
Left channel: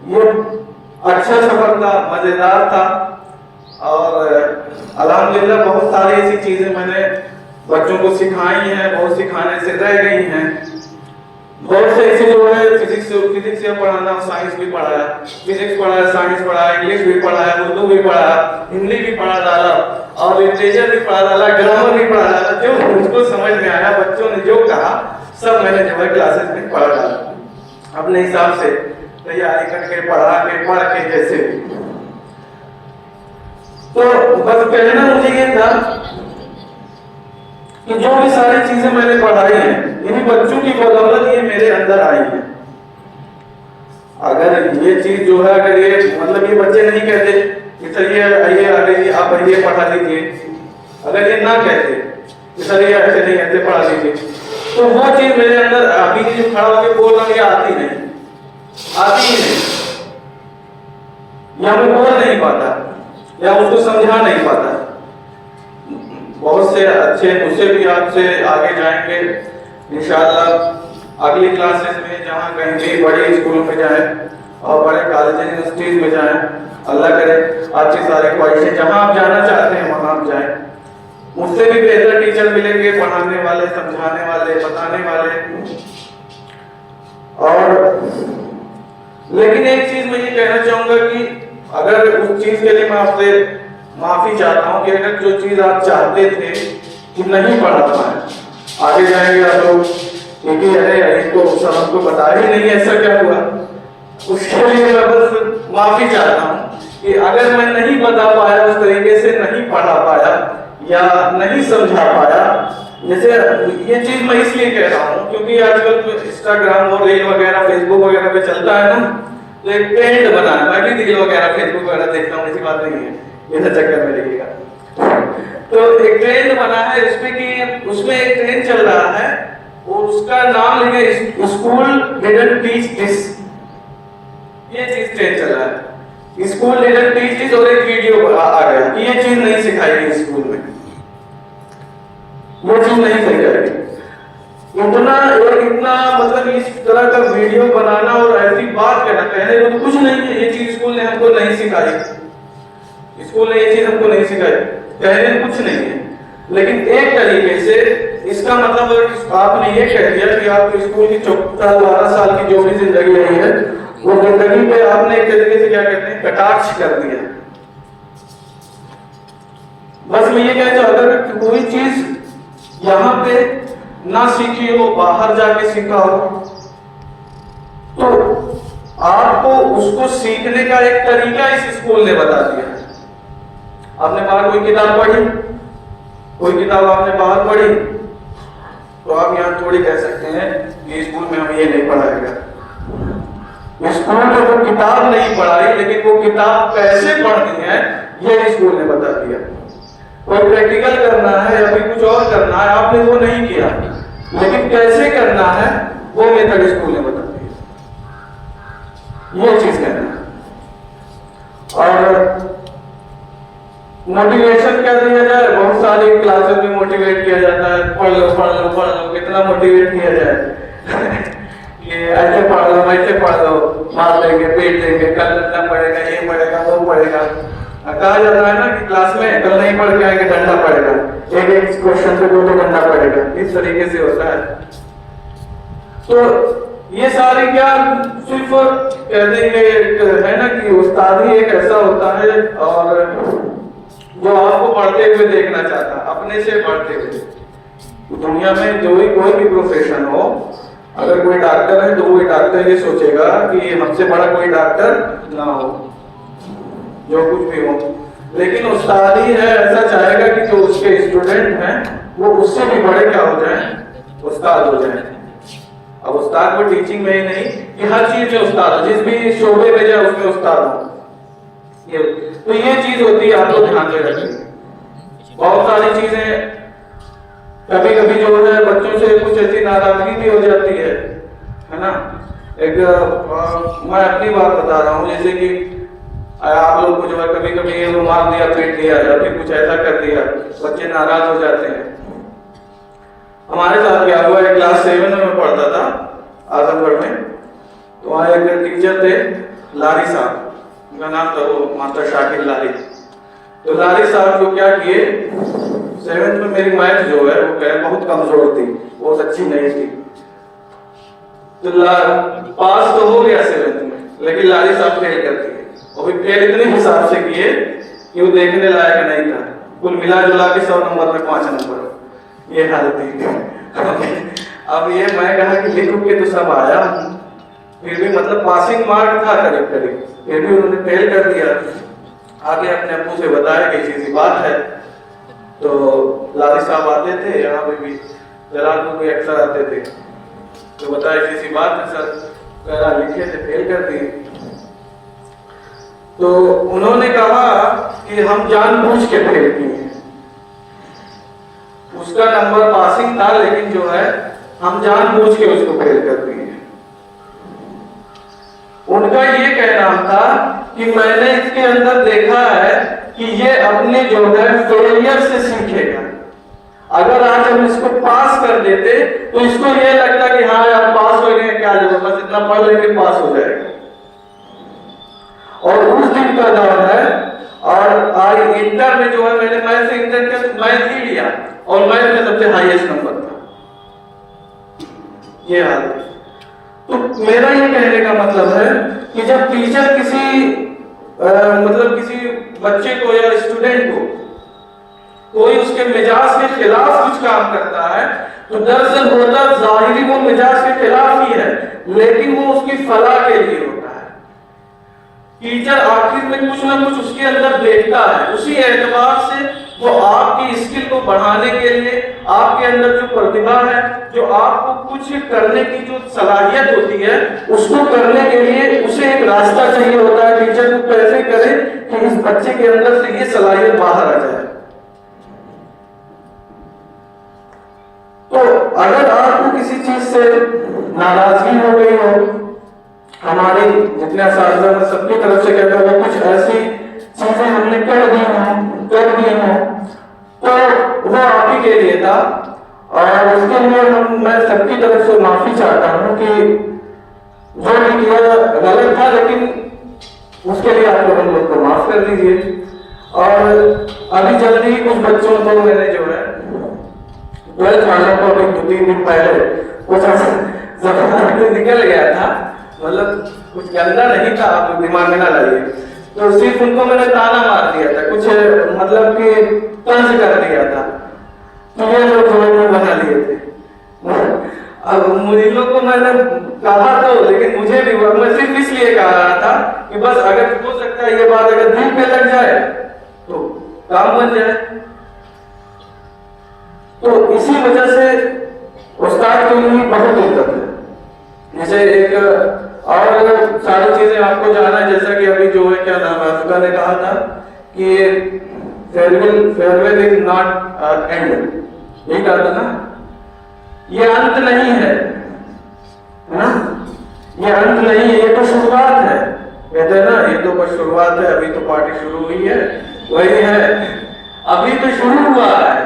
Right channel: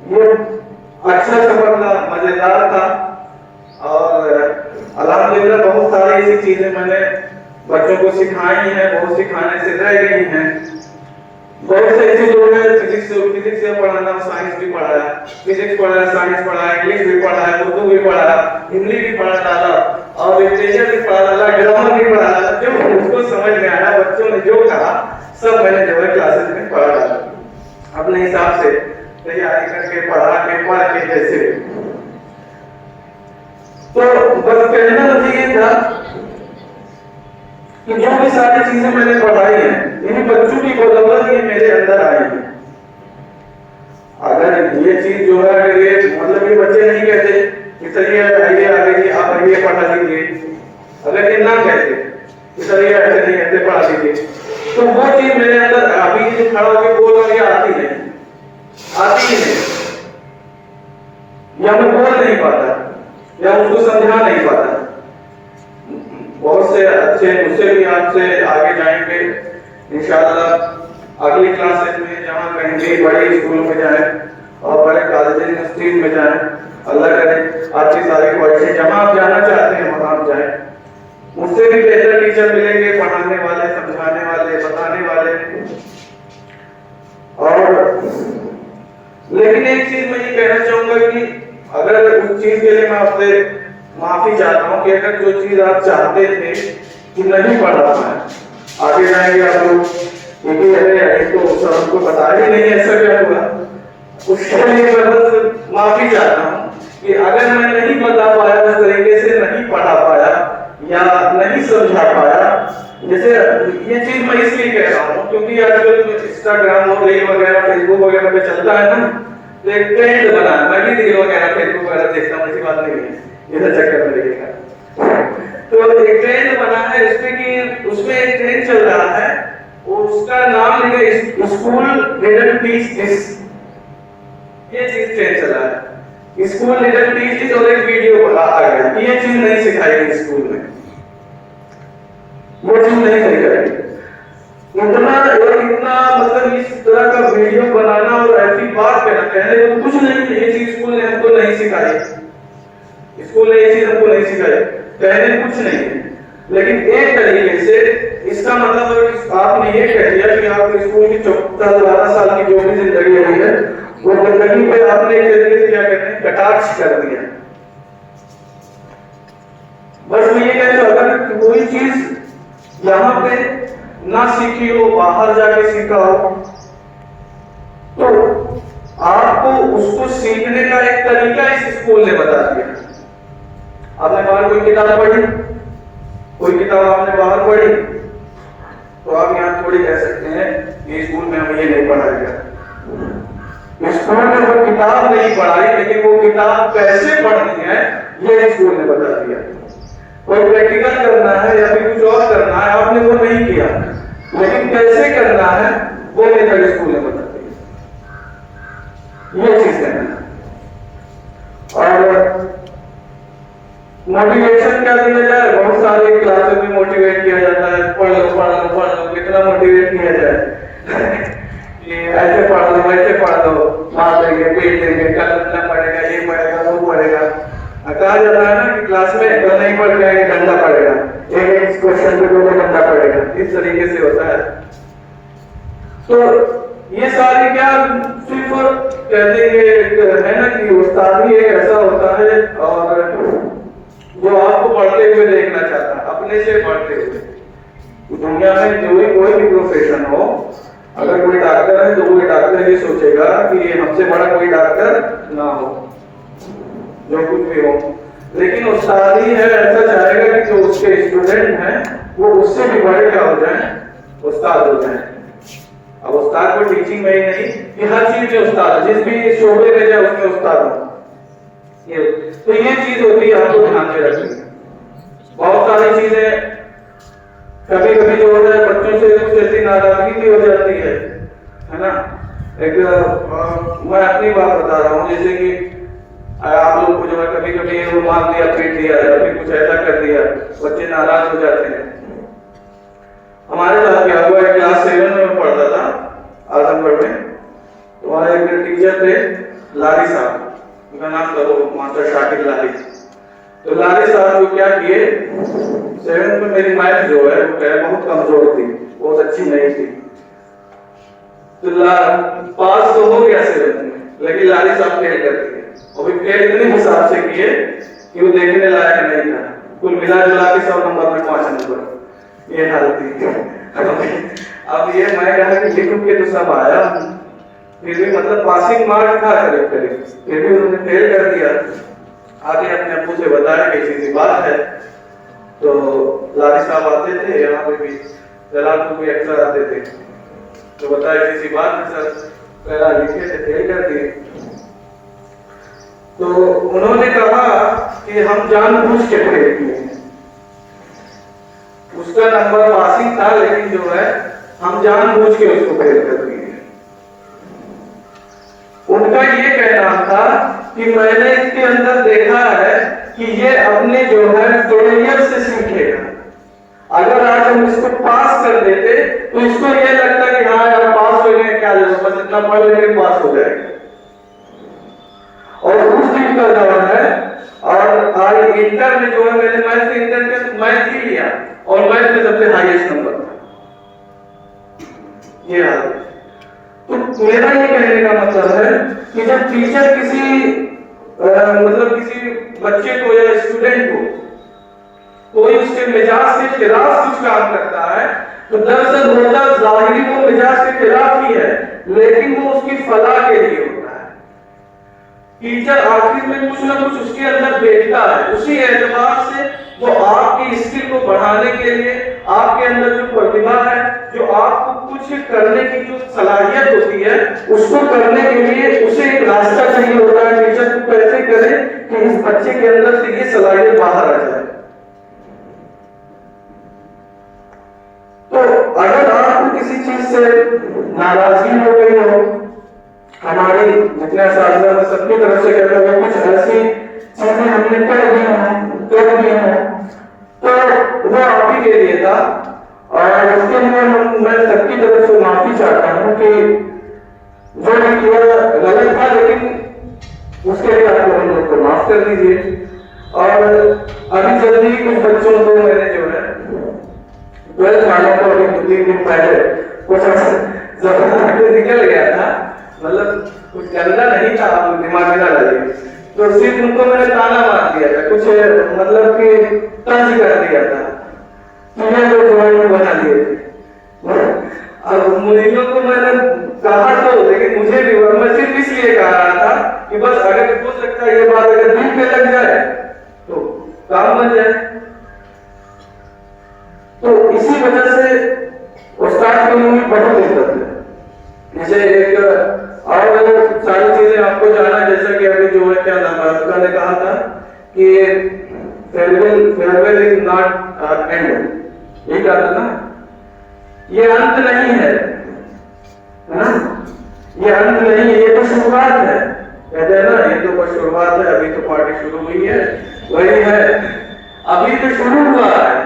ये अच्छा सफर था, मजेदार था, और अल्हम्दुलिल्लाह बहुत सारी ऐसी चीजें मैंने बच्चों को सिखाई हैं, बहुत सिखाने से रह गई हैं। बहुत से ऐसे जो है फिजिक्स से पढ़ाना, साइंस भी पढ़ाया, फिजिक्स पढ़ाया, साइंस पढ़ाया, इंग्लिश भी पढ़ाया, उर्दू भी पढ़ाया, हिंदी भी पढ़ा डाला, और लिटरेचर भी पढ़ा डाला, ग्रामर भी पढ़ा डाला। जो मुझको समझ में आया, बच्चों ने जो कहा सब मैंने जो है क्लासेस में पढ़ा डाला, अपने हिसाब से तैयारी करके पढ़ा के जैसे। तो बस कहना मुझे ये था कि जो भी सारी चीजें मैंने पढ़ाई हैं, इन्हीं बच्चों की बदौलत ये मेरे अंदर आई है। अगर ये चीज जो है, अगर ये मतलब ये बच्चे नहीं कहते कि सर ये आइए आगे आप ये पढ़ा लीजिए, अगर ये ना कहते कि सर ये ऐसे नहीं ऐसे पढ़ा लीजिए, तो वो चीज मेरे अंदर अभी जो खड़ा होकर बोल रहा है आती नहीं, आती ही नहीं, या मैं बोल नहीं पाता, या उसको समझा नहीं पाता। बहुत से अच्छे मुझसे भी आपसे आगे जाएंगे इंशाअल्लाह अगली क्लासेस में, जहाँ कहीं भी बड़े स्कूल में जाए और बड़े कॉलेज यूनिवर्सिटीज में जाए, अल्लाह करे आपकी सारी ख्वाहिशें जहाँ आप जाना चाहते हैं वहाँ आप जाए। मुझसे भी बेहतर टीचर मिलेंगे, पढ़ाने वाले, समझाने वाले, बताने वाले। और लेकिन एक चीज मैं ये कहना चाहूंगा कि अगर उस चीज के लिए मैं आपसे माफी चाहता हूँ कि अगर जो चीज आप चाहते थे कि नहीं पढ़ा पाए, आगे जाएंगे आप लोग क्योंकि अरे इसको सर हमको पता ही नहीं ऐसा क्या हुआ, उसके लिए मैं बस माफी चाहता हूँ कि अगर मैं नहीं बता पाया, उस तरीके से नहीं पढ़ा पाया या नहीं समझा पाया। जैसे ये चीज मैं इसलिए कह रहा हूँ क्योंकि आजकल इंस्टाग्राम हो गई वगैरह, फेसबुक वगैरह पे चलता है ना, तो एक ट्रेंड बना है, मैं भी रील वगैरह फेसबुक वगैरह देखता हूँ, ऐसी बात नहीं है, ये चक्कर में देखिएगा। तो एक ट्रेंड बना है इसमें कि उसमें एक ट्रेंड चल रहा है और उसका नाम लिखे स्कूल डिडंट टीच दिस, ये चीज ट्रेंड चल रहा है, स्कूल डिडंट टीच दिस। और एक वीडियो आ गया कि ये चीज नहीं सिखाई गई स्कूल में, वो चीज नहीं सिखाई गई। इतना मतलब इस तरह का वीडियो बनाना और ऐसी बात करना, पहले वो कुछ नहीं है, ये चीज स्कूल ने हमको नहीं सिखाई, स्कूल ने ये चीज हमको नहीं सिखाई, पहले कुछ नहीं है। लेकिन एक तरीके से इसका मतलब आपने ये कह दिया कि आप स्कूल की 14-12 साल की जो भी जिंदगी रही है, वो जिंदगी पे आपने एक तरीके से क्या कहते हैं कटाक्ष कर दिया। बस मैं ये कहना चाहता हूं कि कोई चीज यहाँ पे ना सीखी हो, बाहर जाके सीखा हो, तो आपको उसको सीखने का एक तरीका इस स्कूल ने बता दिया। आपने बाहर कोई किताब पढ़ी, कोई किताब आपने बाहर पढ़ी, तो आप यहाँ थोड़ी कह सकते हैं कि स्कूल में हमें ये नहीं पढ़ा गया। स्कूल में वो किताब नहीं पढ़ाई, लेकिन वो किताब कैसे पढ़नी है ये स्कूल ने बता दिया। कोई प्रैक्टिकल करना है या फिर कुछ और करना है, आपने वो नहीं किया, लेकिन कैसे करना है वो मेथड स्कूल ने बता दिया, ये चीज करना है। और मोटिवेशन क्या दिया जाए, बहुत सारे क्लासेस में मोटिवेट किया जाता है, पढ़ लो पढ़ लो पढ़ लो, कितना मोटिवेट किया जाए कि ऐसे पढ़ लो वैसे पढ़ लो, मार देंगे पीट देंगे, कल इतना पढ़ेगा, ये पढ़ेगा वो पढ़ेगा। कहा जाता है ना कि क्लास में कल नहीं पढ़ के आएंगे डंडा पड़ेगा, एक क्वेश्चन पे दो डंडा पड़ेगा, इस तरीके से होता है। तो ये सारी क्या सिर्फ कहते हैं ना कि उस्ताद ही एक ऐसा होता है और जो आपको पढ़ते हुए देखना चाहता है, अपने से पढ़ते हुए, दुनिया में जो भी कोई भी प्रोफेशन हो, अगर कोई डॉक्टर है तो कोई डॉक्टर ये सोचेगा कि हमसे बड़ा कोई डॉक्टर ना हो, जो कुछ भी हो। लेकिन उस्ताद ही है ऐसा चाहेगा कि जो उसके स्टूडेंट हैं वो उससे भी बड़े क्या हो जाएं, उस्ताद हो जाएं। अब उस्ताद को टीचिंग में ही नहीं कि हर चीज में उस्ताद हो, जिस भी शोबे में जाए उसमें उस्ताद हो। तो ये चीज होती है, आपको ध्यान में रखिए। बहुत सारी चीजें कभी कभी जो है बच्चों से कुछ ऐसी नाराजगी भी हो जाती है ना। एक मैं अपनी बात बता रहा हूँ, जैसे कि आप लोग को जो है कभी कभी रुमाल दिया, पीट दिया या फिर कुछ ऐसा कर दिया, बच्चे नाराज हो जाते हैं। हमारे साथ क्या हुआ, क्लास 7 में पढ़ता था आजमगढ़ में, तो वहाँ एक टीचर थे लारी साहब, उनका नाम था वो मास्टर शाकिर लारी। तो लारी साहब जो क्या किए, 7th में मेरी मैथ जो है वो बहुत कमजोर थी, बहुत अच्छी नहीं थी। तो पास तो हो गया 7th में, लेकिन लारी साहब फेल कर दिए, और फिर फेल इतने हिसाब से किए कि वो देखने लायक नहीं था। कुल मिला जुला के 100 नंबर में 5 नंबर, ये हाल थी। अब ये मैं कहा कि लिख के तो सब आया, फिर भी मतलब पासिंग मार्क था करीब करीब, फिर भी उन्होंने फेल कर दिया। आगे अपने अब्बू से बताया कि ऐसी बात है। तो लारी साहब आते थे यहाँ पे भी, जलालपुर भी अक्सर आते थे, तो बताया कि ऐसी बात है सर, मेरा लिखे थे फेल कर दिए। तो उन्होंने कहा कि हम जानबूझ के फेल किए हैं, उसका नंबर पासिंग था लेकिन जो है हम जानबूझ के उसको फेल कर दिए। उनका ये कहना था कि मैंने इसके अंदर देखा है कि ये अपने जो है फेलियर से सीखेगा। अगर आज हम इसको पास कर देते तो इसको ये लगता कि हाँ यार पास हो गए, क्या जरूरत, बस इतना पढ़ लेंगे पास हो जाएगा। और उस दिन का दौर है, और आज इंटर में जो है मैंने मैथ से इंटर टेस्ट मैथ ही लिया और मैथ में सबसे हाईएस्ट नंबर था। ये हाल है। तो मेरा ये कहने का मतलब है कि जब टीचर किसी मतलब किसी बच्चे को या स्टूडेंट को कोई उसके मिजाज के खिलाफ कुछ काम करता है, तो दरअसल होता जाहिरी वो मिजाज के खिलाफ ही है, लेकिन वो उसकी फलाह के लिए होता है। टीचर आखिर में कुछ ना कुछ उसके अंदर देखता है, उसी एतबार से वो आपकी स्किल को बढ़ाने के लिए, आपके अंदर जो प्रतिभा है, जो आपको कुछ करने की जो सलाहियत होती है, उसको करने के लिए उसे एक रास्ता चाहिए होता है। टीचर को कैसे करे कि इस बच्चे के अंदर से ये सलाहियत बाहर आ जाए। तो अगर आपको किसी चीज से नाराजगी हो गई हो, हमारी जितने साथी सबकी तरफ से कहते हुए कुछ ऐसी चीजें हमने कर दी हो, तो वो आप ही के लिए था, और उसके लिए मैं सबकी तरफ से माफी चाहता हूँ कि जो भी किया गलत था, लेकिन उसके लिए आपको हम लोग को माफ कर दीजिए। और अभी जल्दी ही कुछ बच्चों को मैंने जो है 12th वालों को अभी 2-3 दिन पहले कुछ जबरदस्ती निकल गया था, मतलब कुछ गंदा नहीं था, आप दिमाग में ना लाइए। तो सिर्फ उनको मैंने ताना मार दिया था, कुछ मतलब कि तंज कर दिया था, तो ये लोग जवान बना लिए थे। अब मुझे को मैंने कहा तो, लेकिन मुझे भी मैं सिर्फ इसलिए कह रहा था कि बस अगर हो सकता है ये बात अगर दिल पे लग जाए तो काम बन जाए। तो इसी वजह से उस्ताद के लिए बहुत दिक्कत है। जैसे एक और सारी चीजें आपको जाना, जैसा कि अभी जो है क्या नाम है उसका ने कहा था कि फेयरवेल इज नॉट एंड, यही कहा था ना, ये अंत नहीं है ना, ये अंत नहीं है, ये तो शुरुआत है। कहते हैं ना, ये तो बस शुरुआत है, अभी तो पार्टी शुरू हुई है, वही है, अभी तो शुरू हुआ है।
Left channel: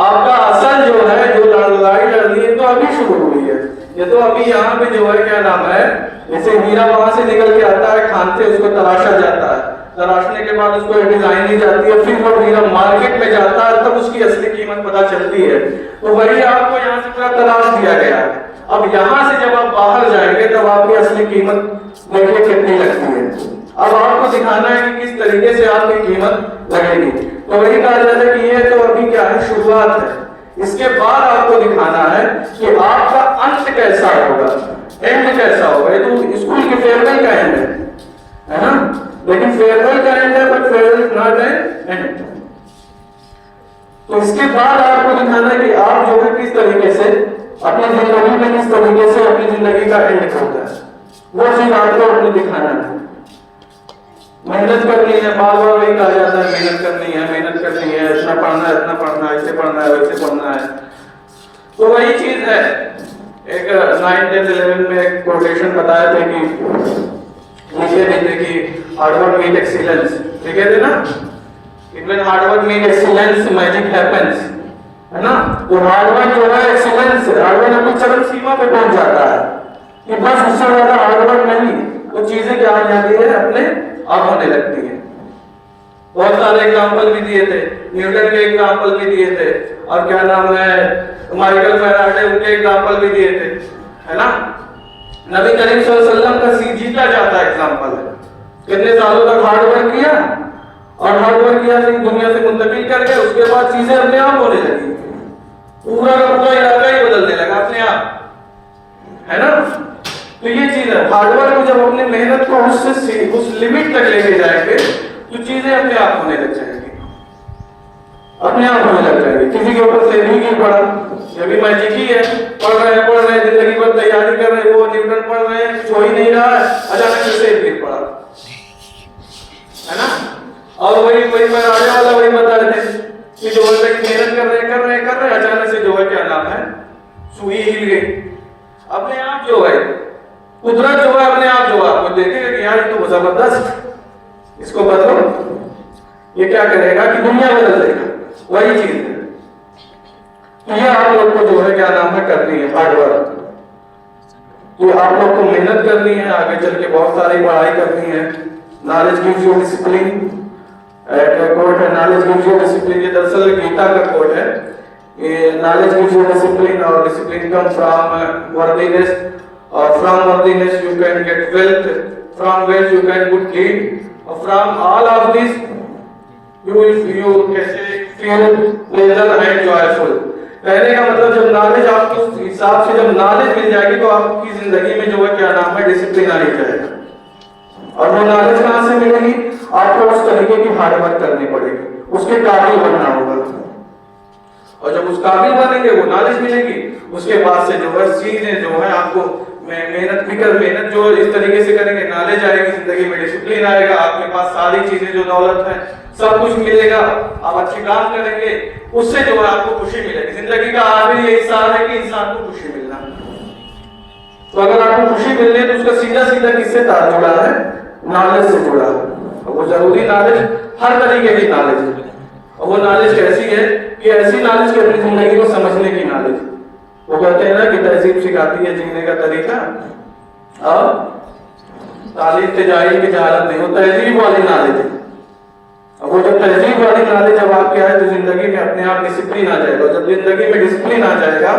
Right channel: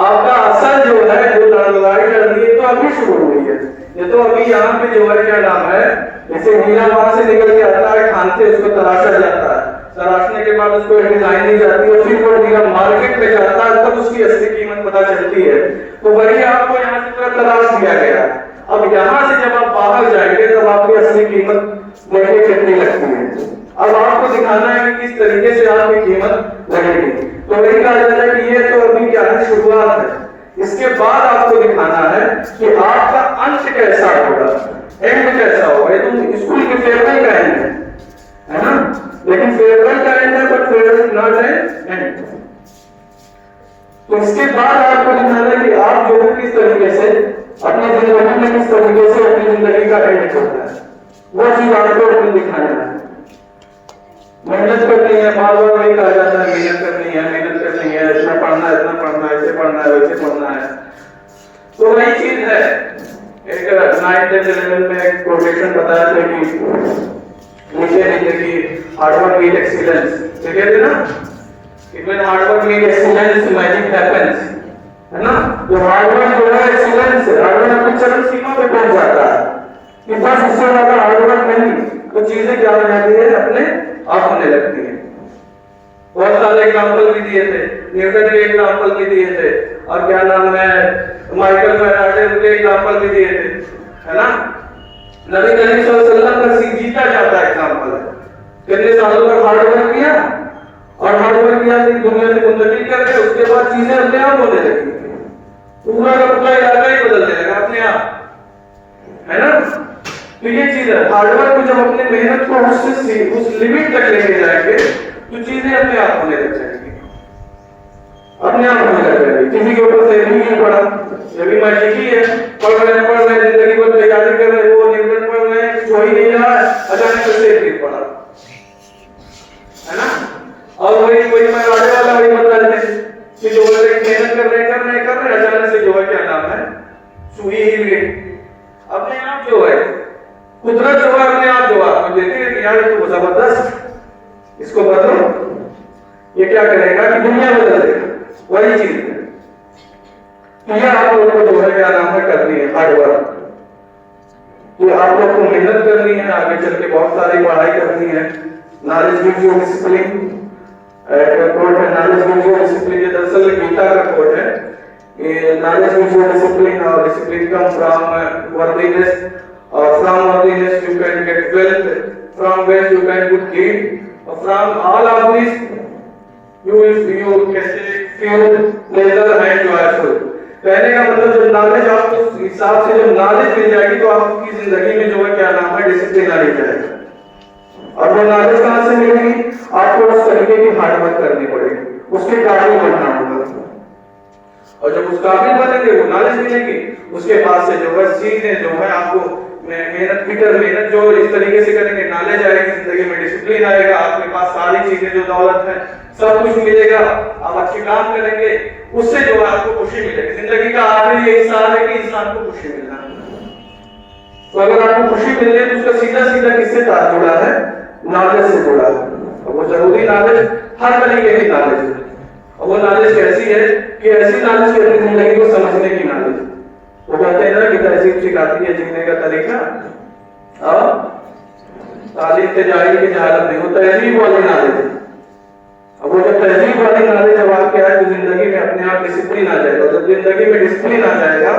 आपका असल जो है, जो लड़ाई लड़नी है, तो अभी शुरू हुई है। ये तो अभी यहाँ पे जो है क्या नाम है, जैसे हीरा वहां से निकल के आता है, खान से उसको तराशा जाता है, तराशने के बाद उसको डिजाइन दी जाती है, फिर वो हीरा मार्केट में जाता है, तब उसकी असली कीमत पता चलती है। तो वही आपको यहाँ से पूरा तराश दिया गया। अब यहाँ से जब आप बाहर जाएंगे तब आपकी असली कीमत देखिए कितनी लगती है। अब आपको दिखाना है कि किस तरीके से आपकी कीमत लगेगी। तो वही कहा जाता है कि ये तो अभी क्या है, शुरुआत है, इसके बाद आपको दिखाना है कि आपका अंत कैसा होगा, एंड कैसा होगा। ये तो स्कूल के फेयरवेल का एंड है ना, लेकिन फेयरवेल का एंड है बट फेयरवेल नॉट एंड। तो इसके बाद आपको दिखाना है कि आप जो है किस तरीके से अपनी जिंदगी में, किस तरीके से अपनी जिंदगी का एंड होता है, वो चीज आपको अपने दिखाना है। मेहनत करनी है, बार बार वही कहा जाता है, मेहनत करनी है, मेहनत करनी है, इतना पढ़ना है, इतना पढ़ना है, ऐसे पढ़ना है, वैसे पढ़ना है। तो वही चीज है। एक 9th 10th 11th में एक कोटेशन बताया था कि लिखे थे कि हार्ड वर्क मीट एक्सीलेंस, लिखे थे ना, कि when hard work meet excellence magic happens, है ना। तो हार्ड वर्क जो है एक्सीलेंस है, हार्ड वर्क अपनी चरम सीमा पे पहुंच जाता है कि बस उससे ज्यादा हार्ड वर्क नहीं, तो चीजें क्या हो जाती है, अपने आप होने लगती है। बहुत सारे एग्जांपल भी दिए थे, न्यूटन के एग्जांपल भी दिए थे, और क्या नाम है, माइकल फैराडे, उनके एग्जांपल भी दिए थे, है ना। नबी करीम सल्लल्लाहु अलैहि वसल्लम का जीता जाता एग्जांपल है। कितने सालों तक हार्ड वर्क किया, और हार्ड वर्क किया फिर दुनिया से मुंतकिल करके उसके बाद चीजें अपने आप होने लगी, पूरा का पूरा इलाका ही बदलने लगा अपने आप, है ना। तो ये चीज है, हार्डवर्क को जब अपने मेहनत को उस लिमिट तक लेके जाएंगे तो चीजें अपने आप होने लग जाएंगी, अपने आप होने लग जाएंगी। किसी के ऊपर से नहीं पड़ा, ये भी मैजिक ही है, पढ़ रहे हैं जिंदगी भर तैयारी कर रहे हैं, वो न्यूटन पढ़ रहे हैं, कुछ हो ही नहीं रहा है, अचानक से सेब गिर पड़ा, है ना। और वही मैं राजा वाला वही बता रहे थे कि जो मेहनत कर रहे अचानक से जो है क्या नाम है, सुई हिल गई। अपने आप जो है कुदरत जो है अपने आप जो आपको देखेगा कि यार ये तो जबरदस्त, इसको बदलो, ये क्या करेगा कि दुनिया बदल देगा, वही चीज है। तो ये आप लोग को जो है क्या नाम है करनी है हार्ड वर्क, तो आप लोग को मेहनत करनी है, आगे चल के बहुत सारी पढ़ाई करनी है। Knowledge gives you discipline, quote है नॉलेज गिव्स यू डिसिप्लिन, ये दरअसल गीता का कोट है। ये नॉलेज गिव्स यू डिसिप्लिन, और डिसिप्लिन कम फ्रॉम वर्दीनेस, और from worthiness you can get wealth, from wealth you can good deed, और from all of this you कैसे फील प्लेजर एंड जॉयफुल। कहने का मतलब जब नॉलेज आपको हिसाब से जब नॉलेज मिल जाएगी तो आपकी जिंदगी में जो है क्या नाम है डिसिप्लिन आ जाएगा। और वो नॉलेज कहां से मिलेगी, आपको उस तरीके की हार्ड वर्क करनी पड़ेगी, उसके काबिल बनना होगा, और जब उस काबिल बनेंगे वो नॉलेज मिलेगी, उसके बाद से जो है चीजें जो है आपको मेहनत जो इस तरीके से करेंगे, नॉलेज आएगी जिंदगी में, डिसिप्लिन आएगा, आपके पास सारी चीजें जो दौलत है सब कुछ मिलेगा, आप अच्छे काम करेंगे, उससे जो है आपको खुशी मिलेगी। जिंदगी का आखिरी यही साल है कि इंसान को खुशी मिलना। तो अगर आपको खुशी मिलनी है तो उसका सीधा सीधा किससे तार जुड़ा है, नॉलेज से जुड़ा है। वो जरूरी नॉलेज हर तरीके की नॉलेज है, और वो नॉलेज कैसी है कि ऐसी नॉलेज की अपनी जिंदगी को समझने की नॉलेज। वो कहते हैं ना कि तहजीब सिखाती है जीने का तरीका, और तालीम तिजारी की जहालत नहीं, वो तहजीब वाली नॉलेज है। और वो जब तहजीब वाली नॉलेज जब आपके आए तो जिंदगी में अपने आप डिसिप्लिन आ जाएगा। जब जिंदगी में डिसिप्लिन आ जाएगा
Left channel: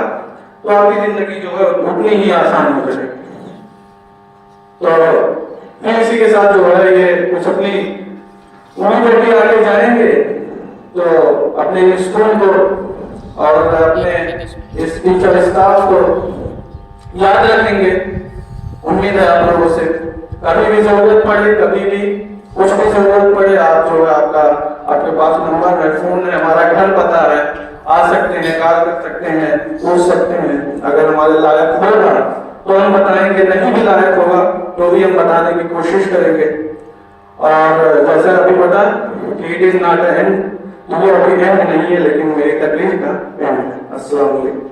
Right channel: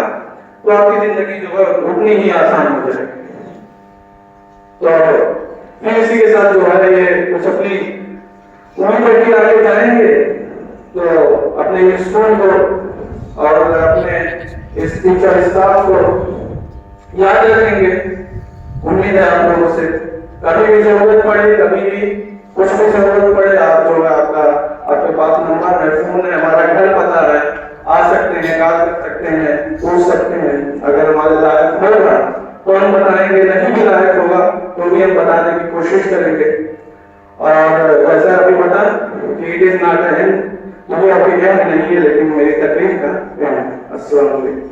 तो आपकी जिंदगी जो है उतनी ही आसान हो जाएगी। तो फिर इसी के साथ जो है ये कुछ अपनी उम्मीद भी आगे जाएंगे तो अपने स्कूल को और अपने इस टीचर स्टाफ को याद रखेंगे। उम्मीद है आप लोगों से कभी भी जरूरत पड़े, कभी भी कुछ भी जरूरत पड़े, आप जो है आपके पास नंबर है, फोन है, हमारा घर पता है, आ सकते हैं, कॉल कर सकते हैं, पूछ सकते हैं। अगर हमारे लायक होगा तो हम बताएंगे, नहीं भी लायक होगा तो भी हम बताने की कोशिश करेंगे। और जैसा अभी पता कि इट इज नॉट एंड, ये अभी एंड नहीं है लेकिन मेरी तकलीफ का एंड है। अस्सलाम वालेकुम।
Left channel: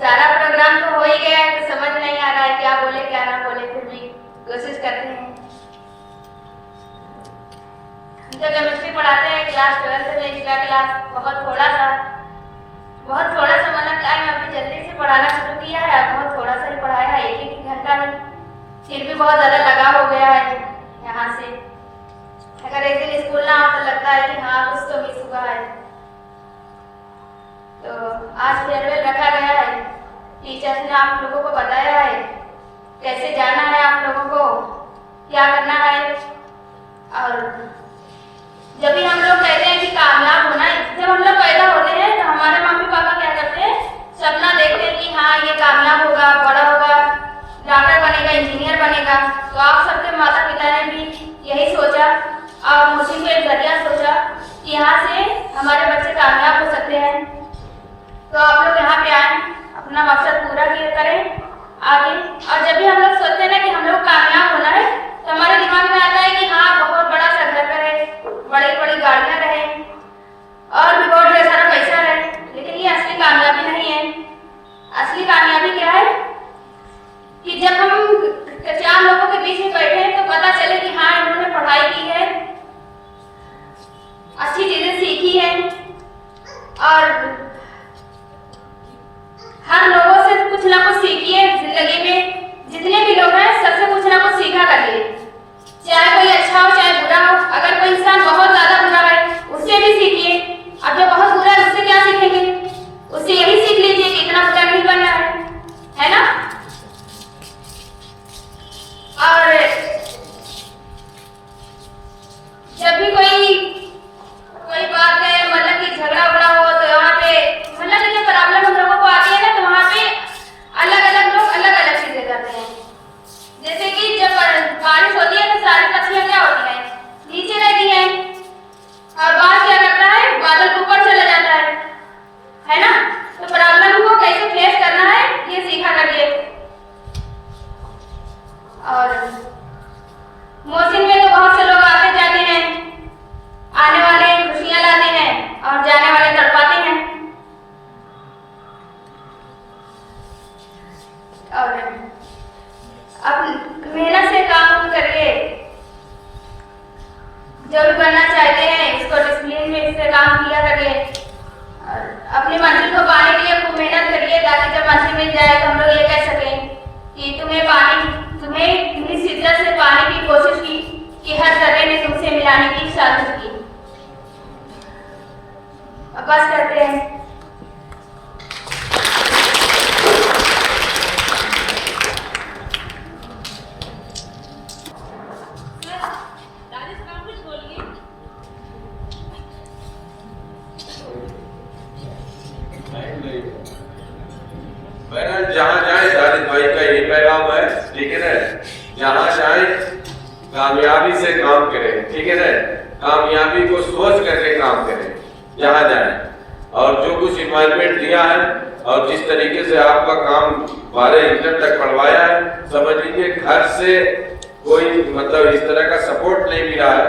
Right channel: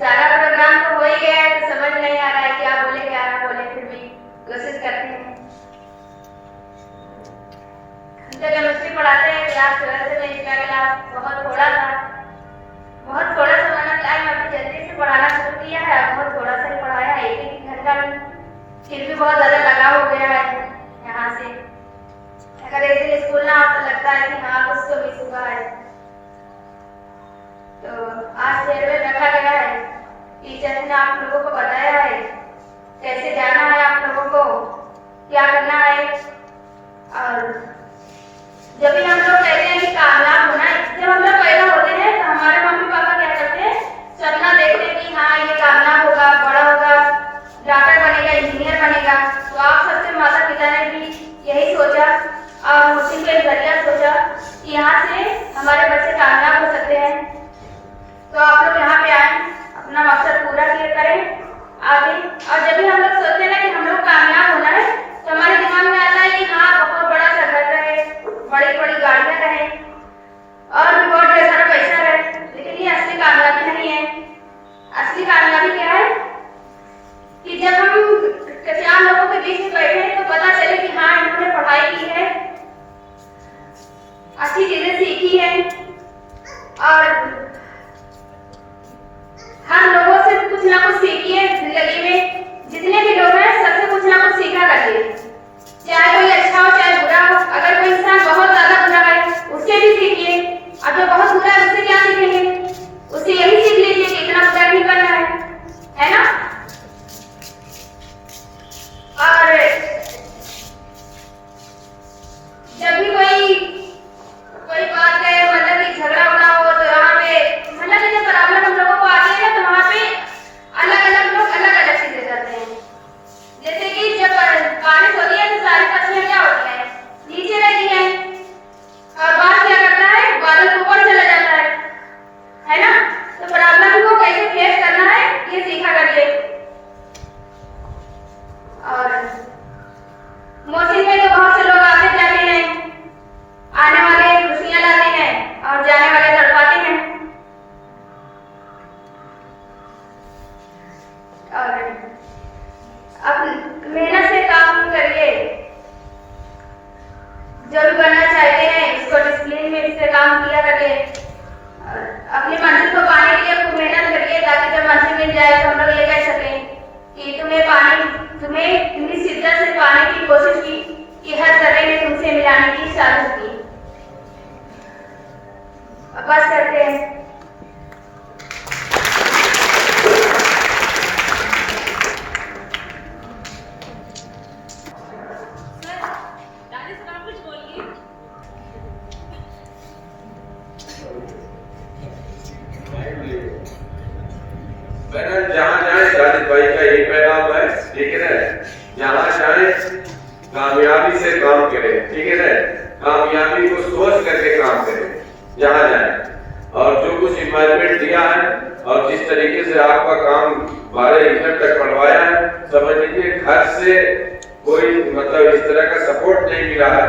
सारा प्रोग्राम तो हो ही गया है, तो समझ नहीं आ रहा है क्या बोले क्या ना बोले, फिर भी कोशिश करते हैं। जब केमिस्ट्री पढ़ाते हैं क्लास 12 में, पिछला क्लास बहुत थोड़ा सा मतलब टाइम अभी जल्दी से पढ़ाना शुरू किया है, अब बहुत थोड़ा सा ही पढ़ाया है, एक घंटा नहीं, फिर भी बहुत ज्यादा लगाव हो गया है यहाँ से। अगर एक दिन स्कूल ना हो तो लगता है कि हाँ कुछ तो मिस हुआ है। तो आज फेयरवेल रखा गया है, टीचर्स ने आप लोगों को बताया है कैसे जाना है, आप लोगों को क्या करना है। और जब भी हम लोग कहते हैं कि कामयाब होना है, जब हम लोग पैदा होते हैं तो हमारे मम्मी पापा क्या करते हैं, सपना देखते हैं कि हाँ ये कामयाब होगा, बड़ा होगा, डॉक्टर बनेगा, इंजीनियर बनेगा। तो आप सबके माता पिता ने भी यही सोचा और मुझे के जरिया सोचा कि यहाँ से हमारे बच्चे कामयाब हो सकते हैं। तो आप लोग यहाँ पे आए, अपना मकसद पूरा करें आगे। और जब भी हम लोग सोचते हैं ना कि हम लोग कामयाब होना है तो हमारे दिमाग में आता है कि हाँ बहुत बड़ा सा घर रहे, बड़ी बड़ी गाड़ियाँ रहे और भी बहुत ढेर सारा पैसा रहे, लेकिन ये असली कामयाबी नहीं है। असली कामयाबी क्या है कि जब हम चार लोगों के बीच में बैठे तो पता चले कि हाँ इन्होंने पढ़ाई की है, अच्छी चीजें सीखी है और हर लोगों से कुछ ना कुछ सीखी है जिंदगी में। जितने भी लोग हैं सबसे कुछ ना कुछ सीखा करिए, चाहे कोई अच्छा हो चाहे बुरा हो। अगर कोई इंसान बहुत ज्यादा बुरा है उससे भी सीखिए, अब जो बहुत बुरा है उससे क्या सीखेंगे, उससे यही सीख लीजिए कि इतना बुरा नहीं बनना है ना। और जब भी कोई बात है मतलब कि झगड़ा उगड़ा हो तो यहाँ पे मतलब कि जब प्रॉब्लम हम लोगों को आती है ना तो वहाँ पे अलग अलग लोग अलग अलग चीजें करते हैं। जैसे कि जब बारिश होती है तो सारी पक्षियाँ क्या होती हैं, नीचे रहती हैं और बाहर क्या करता है, बादल ऊपर चला जाता है ना। तो प्रॉब्लम को कैसे फेस करना है ये सीखा करिए। और मौसम में तो बहुत से लोग आते जाते हैं, आने वाले खुशियां लाते हैं और जाने वाले तड़पाते हैं। और अब मेहनत से काम करिए, जो भी बनना चाहते हैं इसको डिसिप्लिन में इससे काम किया करिए और अपनी मंजिल को पाने के लिए खूब मेहनत करिए ताकि जब मंजिल मिल जाए तो हम लोग ये कह सकें कि तुम्हें इतनी शिद्दत से पाने की कोशिश की कि हर जगह ने तुमसे मिलाने की साजिश की। अब बस करते हैं। बहरहाल जहाँ जाए दानिश भाई का ये पैगाम है, ठीक है ना, जहाँ जाए कामयाबी से काम करें, ठीक है ना, कामयाबी को सोच करके काम करें जहाँ जाए। और जो कुछ इन्वायरमेंट दिया है और जिस तरीके से आपका काम 12 इंटर तक पढ़वाया है, समझ लीजिए घर से कोई मतलब इस तरह का सपोर्ट नहीं मिला है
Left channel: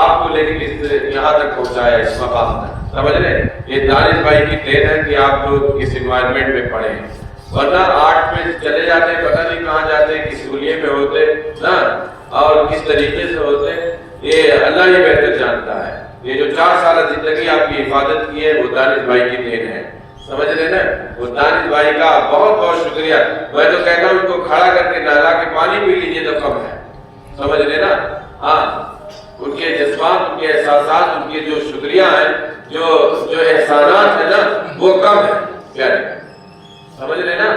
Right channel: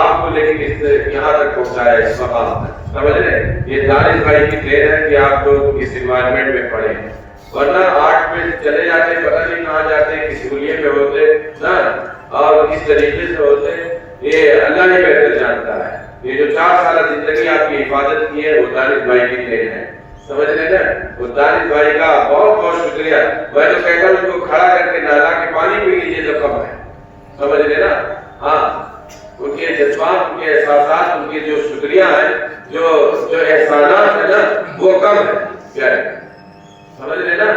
आपको, लेकिन इस यहाँ तक पहुँचाया इस मकाम तक, समझ रहे। ये दानिश भाई की देन है कि आप लोग इस इन्वायरमेंट में पढ़े, वरना आर्ट में चले जाते पता नहीं कहाँ जाते, किस हुलिये में होते ना और किस तरीके से होते, ये अल्लाह ही बेहतर जानता है। ये जो 4 साल जिंदगी आपकी हिफाजत की है वो दानिश भाई की देन है, समझ रहे ना। तो दानिश भाई का बहुत बहुत शुक्रिया। मैं तो कहता हूँ उनको खड़ा करके नहला के पानी पी लीजिए तो कम है, समझ रहे ना। हाँ, उनके जज्बात, उनके एहसास, उनके जो शुक्रिया है, जो एहसानात है ना वो कम है प्यारे, समझ रहे ना।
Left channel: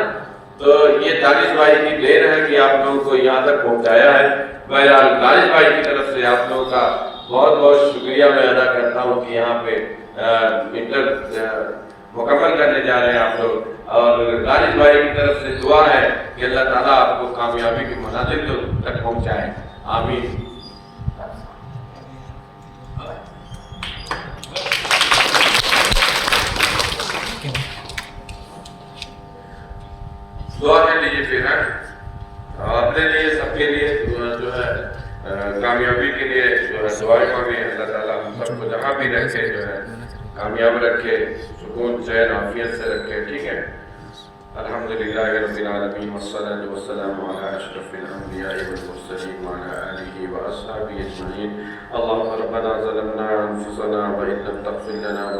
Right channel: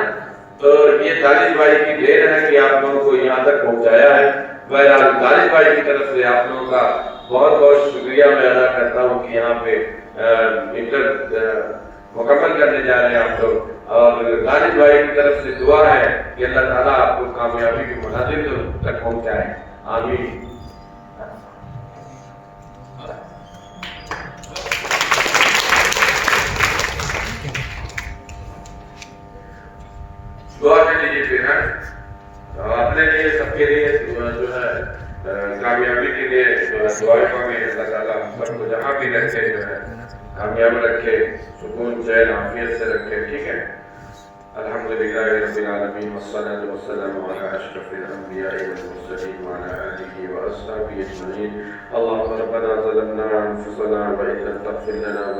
तो ये दानिश भाई की देन है कि आप लोगों को यहाँ तक पहुँचाया है। बहरहाल दानिश भाई की तरफ से आप लोगों का बहुत बहुत शुक्रिया मैं अदा करता हूँ कि यहाँ पे इंटर मुकम्मल करने जा रहे हैं आप लोग। और दानिश भाई की तरफ से दुआ है कि अल्लाह ताला आपको कामयाबी की मंजिल तक पहुँचाए, आमीन। दुआ कर लीजिए फिर है अपने लिए, सबके लिए जो है कामयाबी के लिए जो है दुआ करें। अल्लाह ताला हम सबको जहाँ भी रखे जो है कामयाब रखे, सुकून चैन आफियत से रखे, ठीक है। अल्हम्दुलिल्लाह रब्बिल आलमीन वस्सलातु वस्सलामु अला अशरफिल अंबिया'i वल मुरसलीन व अला आलिहि व अस्हाबिहि अजमईन। अल्लाहुम्मा रब्बना ज़लमना अनफुसना व इन लम तग़फिर लना व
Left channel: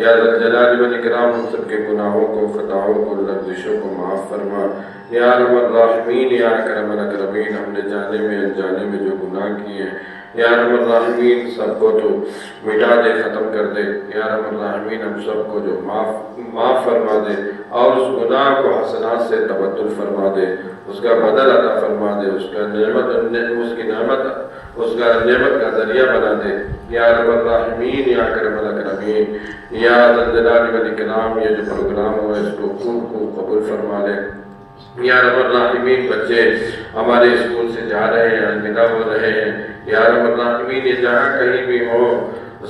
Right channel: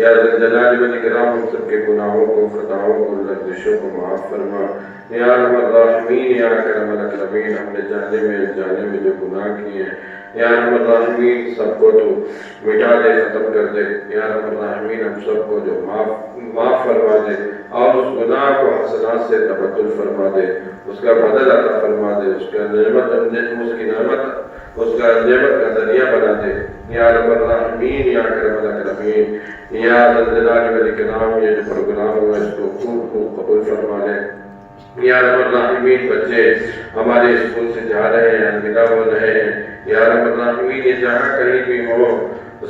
या जलाल व इकराम हम सबके गुनाहों को खताओं को लफ्ज़ों को माफ़ फरमा। या रहमत राहिमीन या करम अकरमीन हमने जाने में अनजाने में जो गुनाह किए हैं या रहमत राहिमीन सबको तो मिटा दे, ख़त्म कर दे। या रहमत राहिमीन हम सबको जो माफ़ फरमा दे और उस गुनाह को हसनात से तबद्दुल फरमा दे, उसका बदल अता फरमा दे, उसका नेमत का ज़रिया बना दे। या रहमत राहिमीन या करम अकरमीन या जलाल व इकराम ये जो प्रोग्राम हुआ इसको खूब कबूल फरमा ले। या रहमत राहिमीन बच्चे हमारे स्कूल से जा रहे हैं, अलविदा हो रहे हैं। या रहमत राहिमीन ये जहाँ कहीं भी हो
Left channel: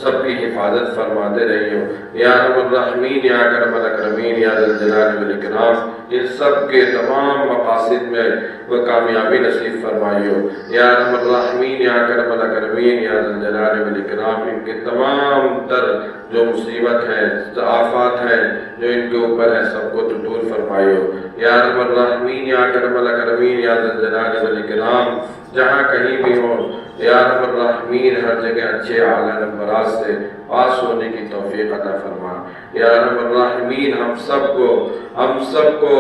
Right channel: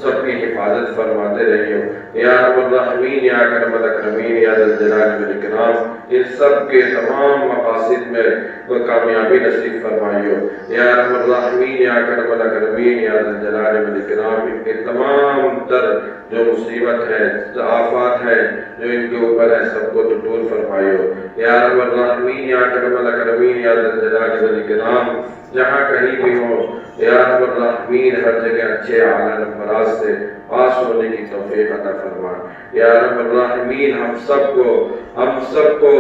सबकी हिफाजत फरमाते रहियो। या रहमत राहिमीन या करम अकरमीन या जलाल व इकराम इन सब के तमाम मकासिद में वो कामयाबी नसीब फरमाइयो। या रहमत राहिमीन या करम अकरमीन या जलाल व इकराम इनके तमाम तर जो मुसीबत है, आफात है जो इनके ऊपर है सबको तो दूर फरमाइयो। या रहमत राहिमीन या करम अकरमीन या जलाल व इकराम जहाँ कहीं भी हो या रहमत राहिमीन हर जगह अच्छे आला नंबरात से पास होने की तौफीक अता फरमा। या रहमत राहिमीन हम सबको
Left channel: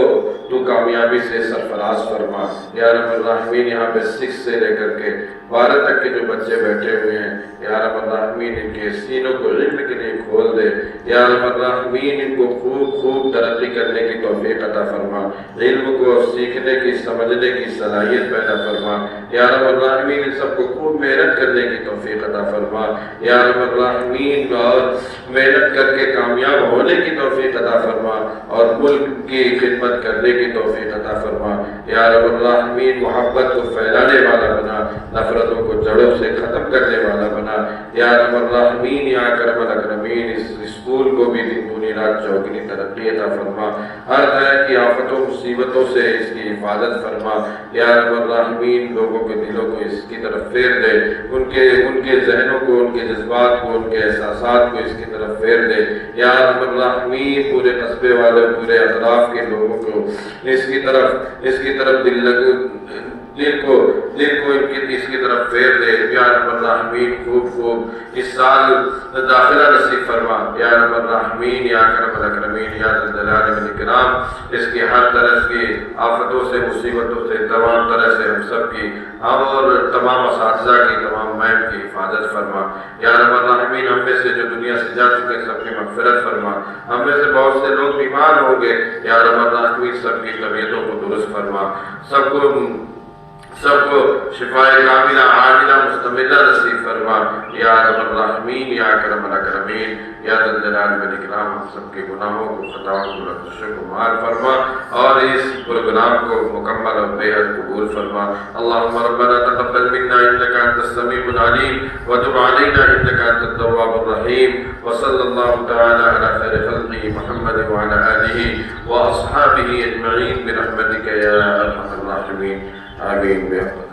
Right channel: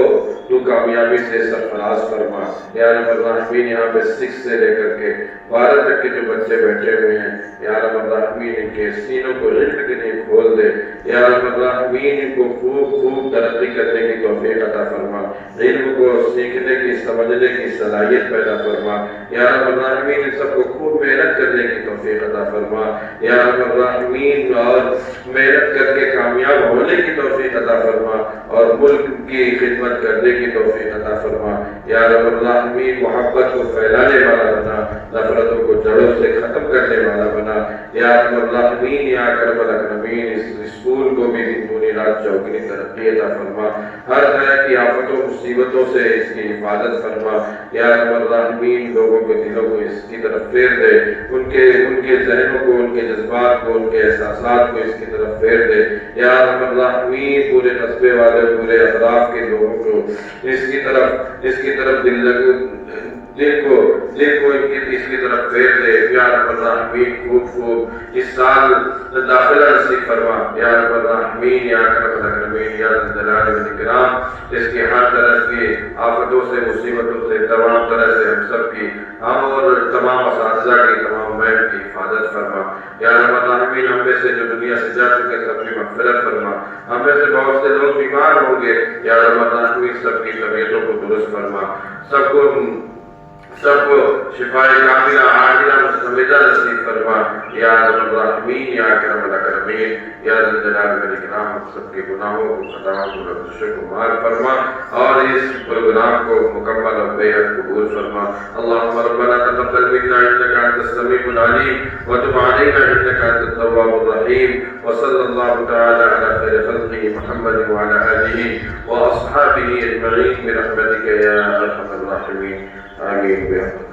तू कामयाबी से सरफराज फरमा। या रहमत राहिमीन यहाँ पे 6 से लेकर के 12 तक के जो बच्चे बैठे हुए हैं या रहमत राहिमीन इनके सीनों को इल्म के लिए खोल दे। या रहमत राहिमीन इनको खूब तरक्की करने की तौफीक अता फरमा, इल्म को सीखने की समझने की सलाहियत पैदा फरमा। या रहमत राहिमीन इन सबको खूब मेहनत करने की तौफीक अता फरमा। या रहमत राहिमीन और मेहनत करके कामयाब होने की तौफीक अता फरमा और मुल्क की खिदमत करने की तौफीक अता फरमा। या रहमत राहिमीन मोहब्बत को फैलाने वाला बना, नफरतों को जड़ों से खत्म करने वाला बना। या रहमत राहिमीन या करम अकरमीन इस स्कूल को भी दूनी रात चौगनी तरक्की अता फरमा, हर तरह की आफतों मुसीबतों से इसकी हिफाजत फरमा। या रहमत राहिमीन लोगों के दिलों को इसकी तरफ फेर दे, उनके जहनों को, उनके जज्बात को, उनके एहसासात को इसकी तरफ फेर दे। या रहमत राहिमीन पूरे कस्बे वाले पूरे अतराफ के लोगों को इसकी तरफ दिल को इसकी तरफ फेर दे। या रहमत राहिमीन खूब इस साल दाखिला नसीब फरमा। या रहमत राहिमीन या करम अकरमीन या जलाल व इकराम इसके हर तरह की आफतों से मुसीबतों से तमाम तरह से हम सब की और तमाम असातिज़ा की तमाम मैम की हिफाजत फरमा। या रहमत राहिमीन हम में से जो दुनिया से जा चुके सबकी मग़फ़िरत फरमा, हम में से बहुत से लोग बीमार होंगे। या रहमत राहिमीन सबकी तबीयतों को दुरुस्त फरमा, सबको शिफाए कामिला आजिला मुस्तमिला नसीब फरमा। या रहमत राहिमीन या करम अकरमीन या जलाल व इकराम हम सबके गुनाहों को, खताओं को, लफ्ज़ों को माफ़ फरमा और इस प्रोग्राम को मुकम्मल और बेहद कबूल फरमा। अल्लाहुम्मा रब्बना तक़ब्बल मिन्ना इन्नका अंतस समीउल अलीम व तुब अलैना इन्नका अंतत तव्वाबुर रहीम व सल्लल्लाहु तआला अला खैरि खल्क़िही मुहम्मद व अला आलिहि व अस्हाबिही अजमईन बिरहमतिका या अरहमर राहिमीन। आमीन।